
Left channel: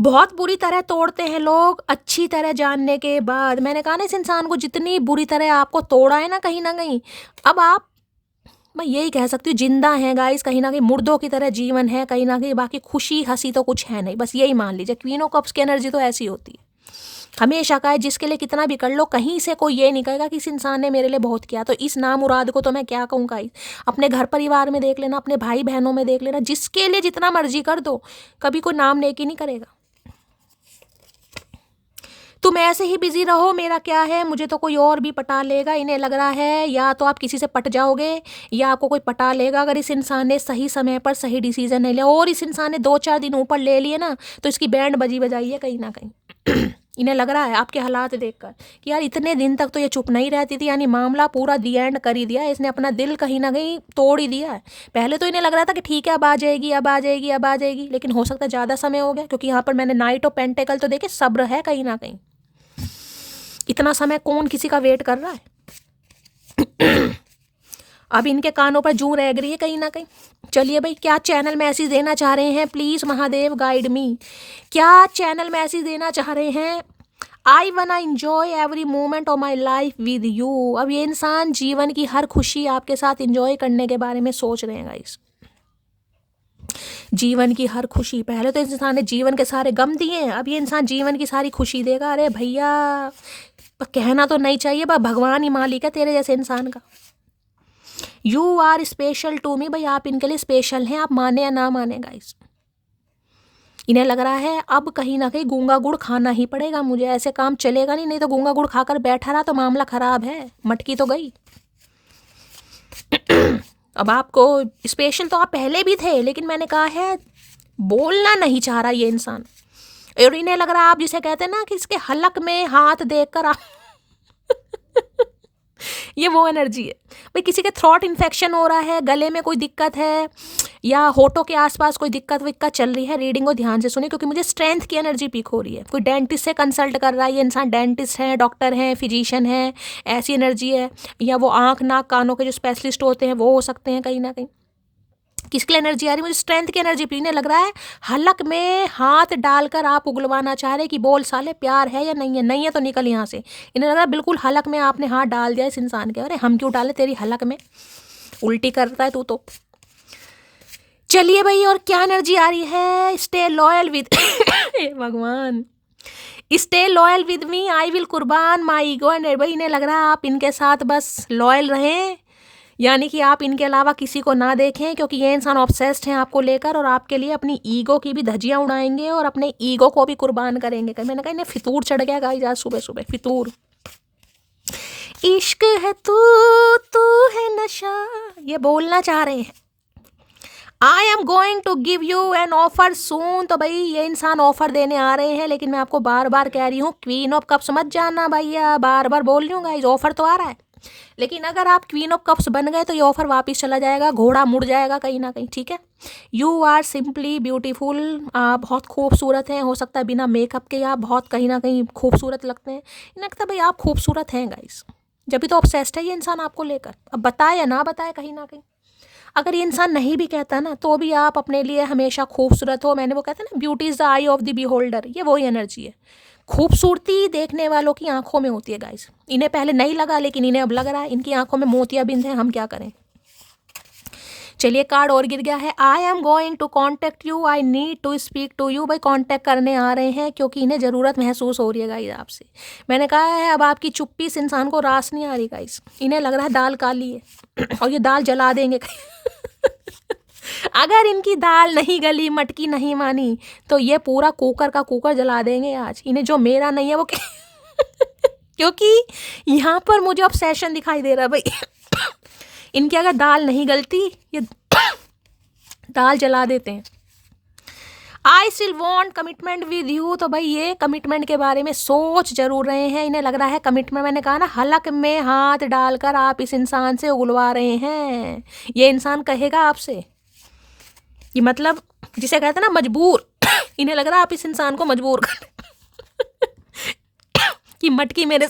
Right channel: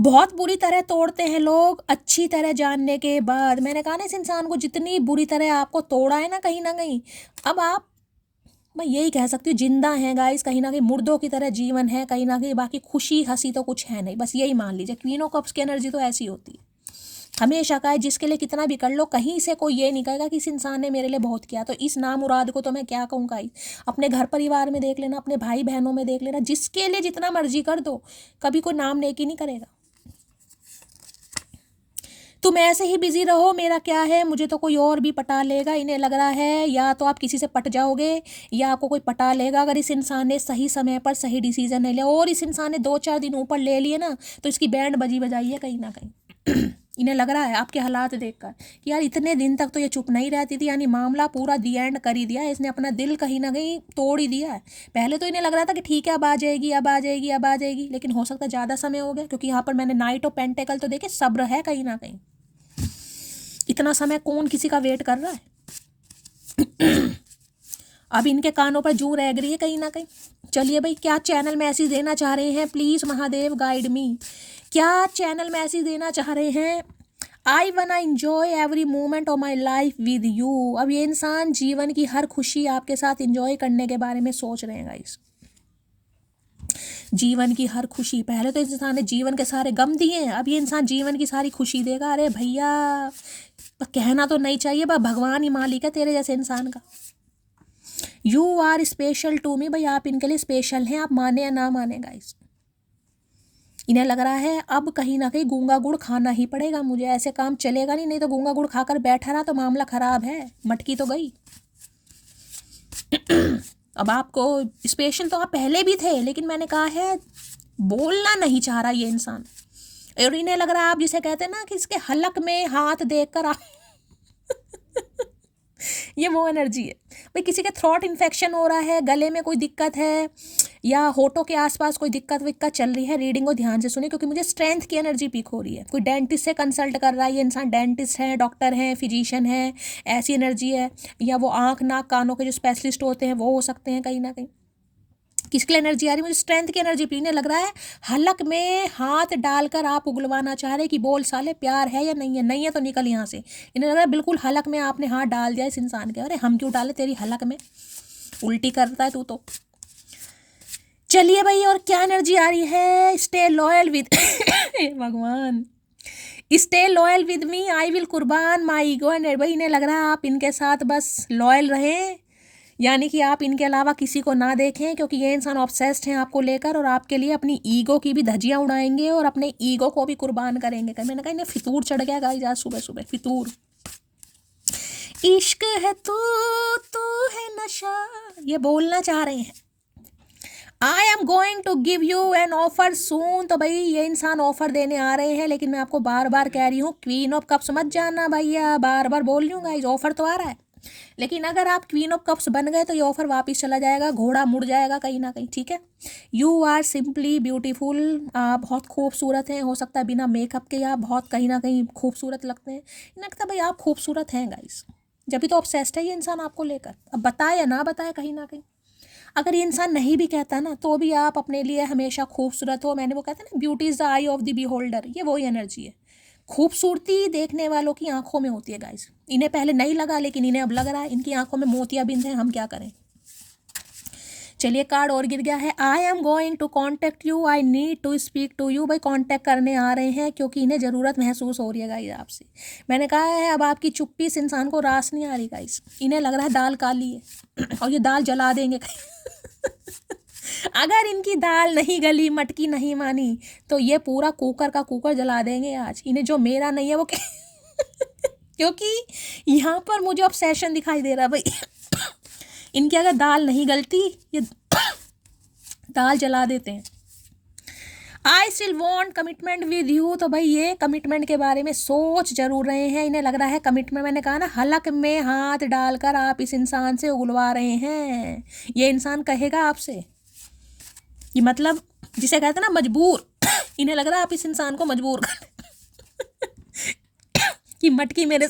बहुत बुरी तरह तोड़ते हैं लोग अच्छी तरह जानने के बाद। मैंने कहा ना इस इंसान को जितनी बुरी तरह आपको तोड़ा है ना कहीं, अब आप, मैं यही कह सकती हूँ जिंदा हैं गाइस कहीं ना कहीं, मुर्दों की तरह जीवन है कहीं ना कहीं, बाकी खुशी हंसी तो कुछ है नहीं, बस यही मान लीजिए। क्वीन ऑफ कप्स की एनर्जी तो ऐसी होती है हमेशा का है, जिसके लिए कितना भी कर लो कहीं से कोई ये नहीं कहेगा कि इस इंसान ने मेरे लिए बहुत किया। तो इस नामुराद को तो मैं क्या कहूँ गाइस, अपने घर परिवार में देख लेना, अपने भाई बहनों में देख लेना, जिसके लिए जितना मर्जी कर दो कभी कोई नाम नेकी नहीं करेगा। तुम ऐसे ही बिजी रहो, मेरा क्या है, मुझे तो कोई और भी पटा लेगा। इन्हें लग रहा है या तो आप किसी से पट जाओगे या आपको कोई पटा लेगा, अगर इस इंसान ने सही समय पर सही डिसीजन नहीं लिया। और इस इंसान ने 2-4 दिन ऊपर ले लिए ना तो इसकी बैंड बजाई है कहीं ना कहीं। इन्हें लग रहा है आपके हालात देखकर कि यार इतने दिन तक तो ये चुप नहीं रहती थी, यानी मामला पूरा दी एंड कर ही दिया, इसने अपना दिल कहीं ना कहीं तोड़ ही दिया है। पहले तो इन्हें लग रहा था कि ठीक है अब आ जाएगी, अब आ जाएगी, अब आ जाएगी, लेकिन हो सकता है ज़्यादा समय हो गया, क्योंकि यहाँ पर मैंने नाइट ऑफ पेंटेकल तो देखे सब्र है कहीं ना कहीं। इतना समय कौन किसी का वेट कर रहा है। अब इनके कानों पर जूं रह गई है कहीं ना कहीं। चलिए भाई क्या चैनल मैसेज देना चाह रहे हैं, प्लीज़ महादेव गाइड मी, क्या चैनल मैसेज देना चाह रहे हैं। आई वना enjoy every moment of my life with you. अब ये इंसान जीवन की हर खुशी आपके साथ इंजॉय करने के बारे में सोच रहे हैं गाइस। जीवन की हर खुशी, पहले तो इस इंसान ने जीवन के सारे गम दिए हैं, अब ये इंसान जीवन की सारी खुशी देगा। अरे भैया कहना तो नहीं चाहिए, पर भगवान ही मालिक है तेरे जैसे इंसान का। You are special to me, भाई आप इनके लिए स्पेशल हैं, आप माने या ना माने गाइस। इन्हें लग रहा है अब कहीं ना कहीं गूंगा गुड़ खाना ही पड़ेगा मुझे, ऐसे काम चलेगा नहीं तो गूंगा गुड़ खाकर बैठा रहा तो मामला खराब है, मटकी तो गई। अब आपको स्पेशल तो आप पहले भी थे, लेकिन मैंने कहा है बोलना नहीं चाह रहा ये इंसान, और इन्हें लग रहा है आप जिसे कहते हैं ना कि इसके हलक में हाथ देखकर आप ये वो एनर्जी है भाई। किसी के थ्रोट इन्फेक्शन हो रहा है, गले में कोई दिक्कत है या होठों के आसपास कोई दिक्कत विक्कत चल रही है, रीडिंग को ध्यान से सुने क्योंकि मुझे स्ट्रेंथ की एनर्जी पीक हो रही है। कोई डेंटिस्ट से कंसल्ट कर रहा है, ये इंसान डेंटिस्ट है, डॉक्टर है, फिजिशियन है, ऐसी एनर्जी है। या वो आँख नाक कानों के जो स्पेशलिस्ट होते हैं वो हो सकते हैं कहीं ना कहीं। किसकी एनर्जी आ रही है? मुझे स्ट्रेंथ की एनर्जी पीने लग रहा है। हलक में हाथ डालकर आप उगलवाना चाह रहे कि बोल साले प्यार है या नहीं है, नहीं है तो निकल यहाँ से। इन्हें लग रहा है बिल्कुल हलक में आपने हाथ डाल दिया इस इंसान के। अरे हम क्यों डाले तेरी हलक में, उल्टी करता है तू तो। चलिए भाई, और क्या एनर्जी आ रही है? स्टे लॉयल विद भगवान, stay loyal with me, I will कुर्बान माई ईगो एंड। भाई इन्हें लग रहा है आप इनके साथ बस लॉयल रहें, यानी कि आप इनके अलावा किसी को ना देखें, क्योंकि ये इंसान ऑब्सेस्ड हैं आपको लेकर और आपके लिए अपनी ईगो की भी धज्जियां उड़ाएंगे और अपने ईगो को भी कुर्बान करेंगे। मैंने कहा इन्हें फितूर चढ़ गया गाइस आज सुबह सुबह, फितूर। इश्क है तू, तू है नशा, ये बोलना चाह रहे हैं। I am going to give you an offer soon. तो भाई ये इंसान ऑफर देने आ रहे हैं, लेकिन मैं आपको बार बार कह रही हूँ क्वीन ऑफ कप्स मत जाना भैया, बार बार बोल रही हूँ गाइस, ऑफर तो आ रहा है। लेकिन अगर आप क्वीन ऑफ कप्स बन गए तो ये ऑफर वापस चला जाएगा, घोड़ा मुड़ जाएगा कहीं ना कहीं, ठीक है। यू आर सिंपली ब्यूटीफुल, आप बहुत खूबसूरत हैं। हो सकता है बिना मेकअप के आप बहुत कहीं ना कहीं खूबसूरत लगते हैं। इन्हें लगता है भाई आप खूबसूरत हैं गाइस, जब भी तो ऑब्सेस्ड है ये इंसान आपको लेकर। अब बताए या ना बताए कहीं ना कहीं, अगर ये इंसान नहीं भी कहता ना तो भी आप अपने लिए हमेशा खूबसूरत हो। मैंने वो कहता ना, beauty is the I of the beholder, ये वही एनर्जी है। खूबसूरती देखने वालों की आंखों में होती है गाइस। इन्हें पहले नहीं लगा लेकिन इन्हें अब लग रहा है, इनकी आंखों में मोतियाबिंद है, हम क्या करें। चलिए कार्ड और गिर गया है। I am going to contact you, I need to speak to you. भाई कॉन्टेक्ट करने आ रहे हैं क्योंकि इन्हें ज़रूरत महसूस हो रही है गाइस आपसे। मैंने कहा है अब आपकी चुप्पी इस इंसान को रास नहीं आ रही गाइस। इन्हें लग रहा है दाल काली है और ये दाल जला देंगे अगर इनकी दाल नहीं गली, मटकी नहीं मानी तो ये पूरा कुकर का कुकर जला देंगे आज। इन्हें जो मेरा नहीं है वो क्योंकि यहाँ पर मुझे ऑब्सेशन दिखाई दे रहा है भाई इनकी अगर दाल नहीं गलती ये दाल जला देते हैं। I still want commitment with you. तो भाई ये कमिटमेंट के बारे में सोच जरूर रहे हैं। इन्हें लग रहा है कमिटमेंट, मैंने कहा ना हलक में हाथ डालकर आप इस इंसान से उगलवा रहे हैं। ये इंसान कहेगा आपसे, ये मतलब जिसे कहते हैं ना मजबूर इन्हें लग रहा है आप इस इंसान को मजबूर कर कि मटकी मेरे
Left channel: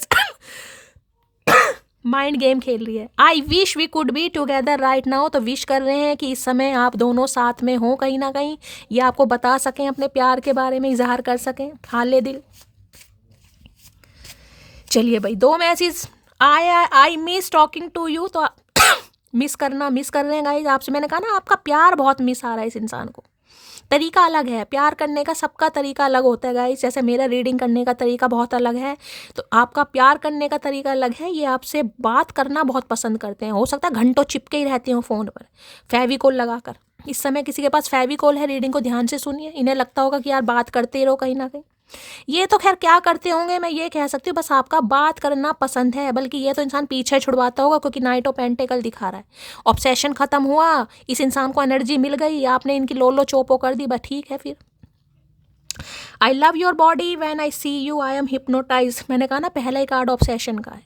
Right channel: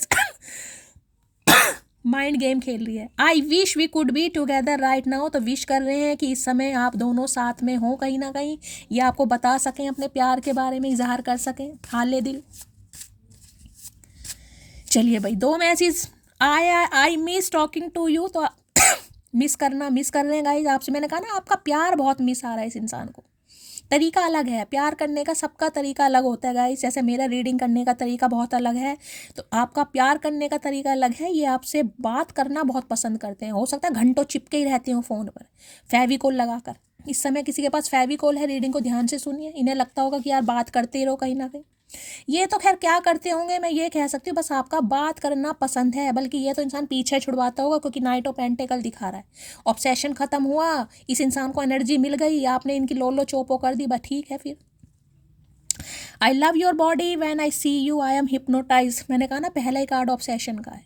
माइंड गेम खेल रही है। I wish we could be together right now. तो विश कर रहे हैं कि इस समय आप दोनों साथ में हों कहीं ना कहीं, ये आपको बता सकें अपने प्यार के बारे में, इजहार कर सकें हाले दिल। चलिए भाई, दो message I miss talking to you. तो मिस कर रहे हैं गाइस आपसे। मैंने कहा ना आपका प्यार बहुत मिस आ रहा है इस इंसान को। तरीका अलग है प्यार करने का, सबका तरीका अलग होता है गाइस। जैसे मेरा रीडिंग करने का तरीका बहुत अलग है, तो आपका प्यार करने का तरीका अलग है। ये आपसे बात करना बहुत पसंद करते हैं। हो सकता है घंटों चिपके ही रहते हो फ़ोन पर फेविकोल लगाकर। इस समय किसी के पास फेविकोल है, रीडिंग को ध्यान से सुनिए। इन्हें लगता होगा कि यार बात करते ही रहो कहीं ना कहीं। ये तो खैर क्या करते होंगे मैं ये कह सकती हूँ, बस आपका बात करना पसंद है। बल्कि ये तो इंसान पीछे छुड़वाता होगा क्योंकि नाइट ऑफ पेंटिकल दिखा रहा है। ऑब्सेशन खत्म हुआ, इस इंसान को एनर्जी मिल गई, आपने इनकी लोलो चोपो कर दी, बस ठीक है फिर। I love your body when I see you, I am hypnotize. मैंने कहा ना पहला ही कार्ड ऑब्सेशन का है।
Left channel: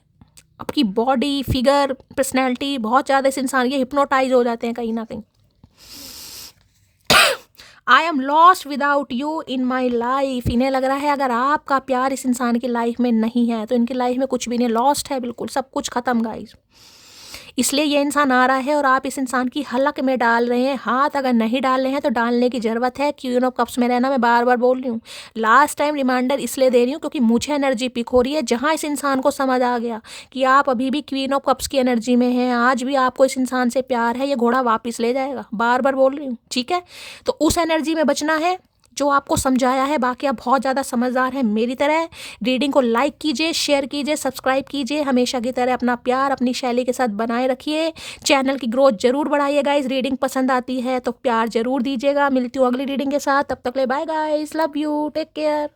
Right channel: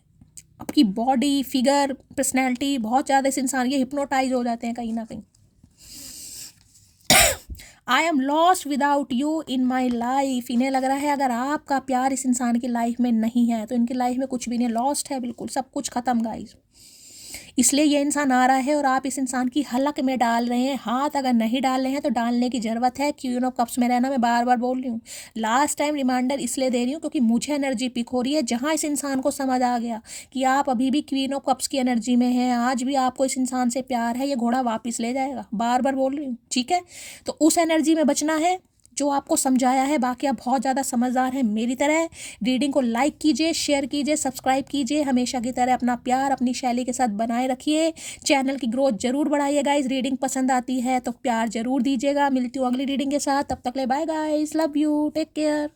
आपकी बॉडी, फिगर, पर्सनैलिटी बहुत ज़्यादा इस इंसान ये हिप्नोटाइज हो जाते हैं कहीं ना कहीं। I am lost without you in my life. इन्हें लग रहा है अगर आपका प्यार इस इंसान की लाइफ में नहीं है तो इनकी लाइफ में कुछ भी नहीं, लॉस्ट है बिल्कुल, सब कुछ खत्म गाइस। इसलिए ये इंसान आ रहा है और आप इस इंसान की हलक में डाल रहे हैं हाथ। अगर नहीं डाल रहे हैं तो डालने की ज़रूरत है। क्वीन ऑफ कप्स में रहना, मैं बार बार बोल रही हूँ, लास्ट टाइम रिमाइंडर इसलिए दे रही हूँ क्योंकि मुझे एनर्जी पिक हो रही है। जहाँ इस इंसान को समझ आ गया कि आप अभी भी क्वीन ऑफ कप्स की एनर्जी में हैं, आज भी आपको इस इंसान से प्यार है, ये घोड़ा वापस ले जाएगा। बार बार बोल रही हूँ, ठीक है। तो उस एनर्जी में बचना है जो आपको समझाया है। बाकी आप बहुत ज़्यादा समझदार हैं मेरी तरह। रीडिंग को लाइक कीजिए, शेयर कीजिए, सब्सक्राइब कीजिए। हमेशा की तरह अपना प्यार अपनी शैली के साथ बनाए रखिए। चैनल की ग्रोथ जरूर बढ़ाइएगा। इस रीडिंग पसंद आती है तो प्यार जरूर दीजिएगा। मिलती हूँ अगली रीडिंग के साथ, तब तक ले bye guys, love you, take care.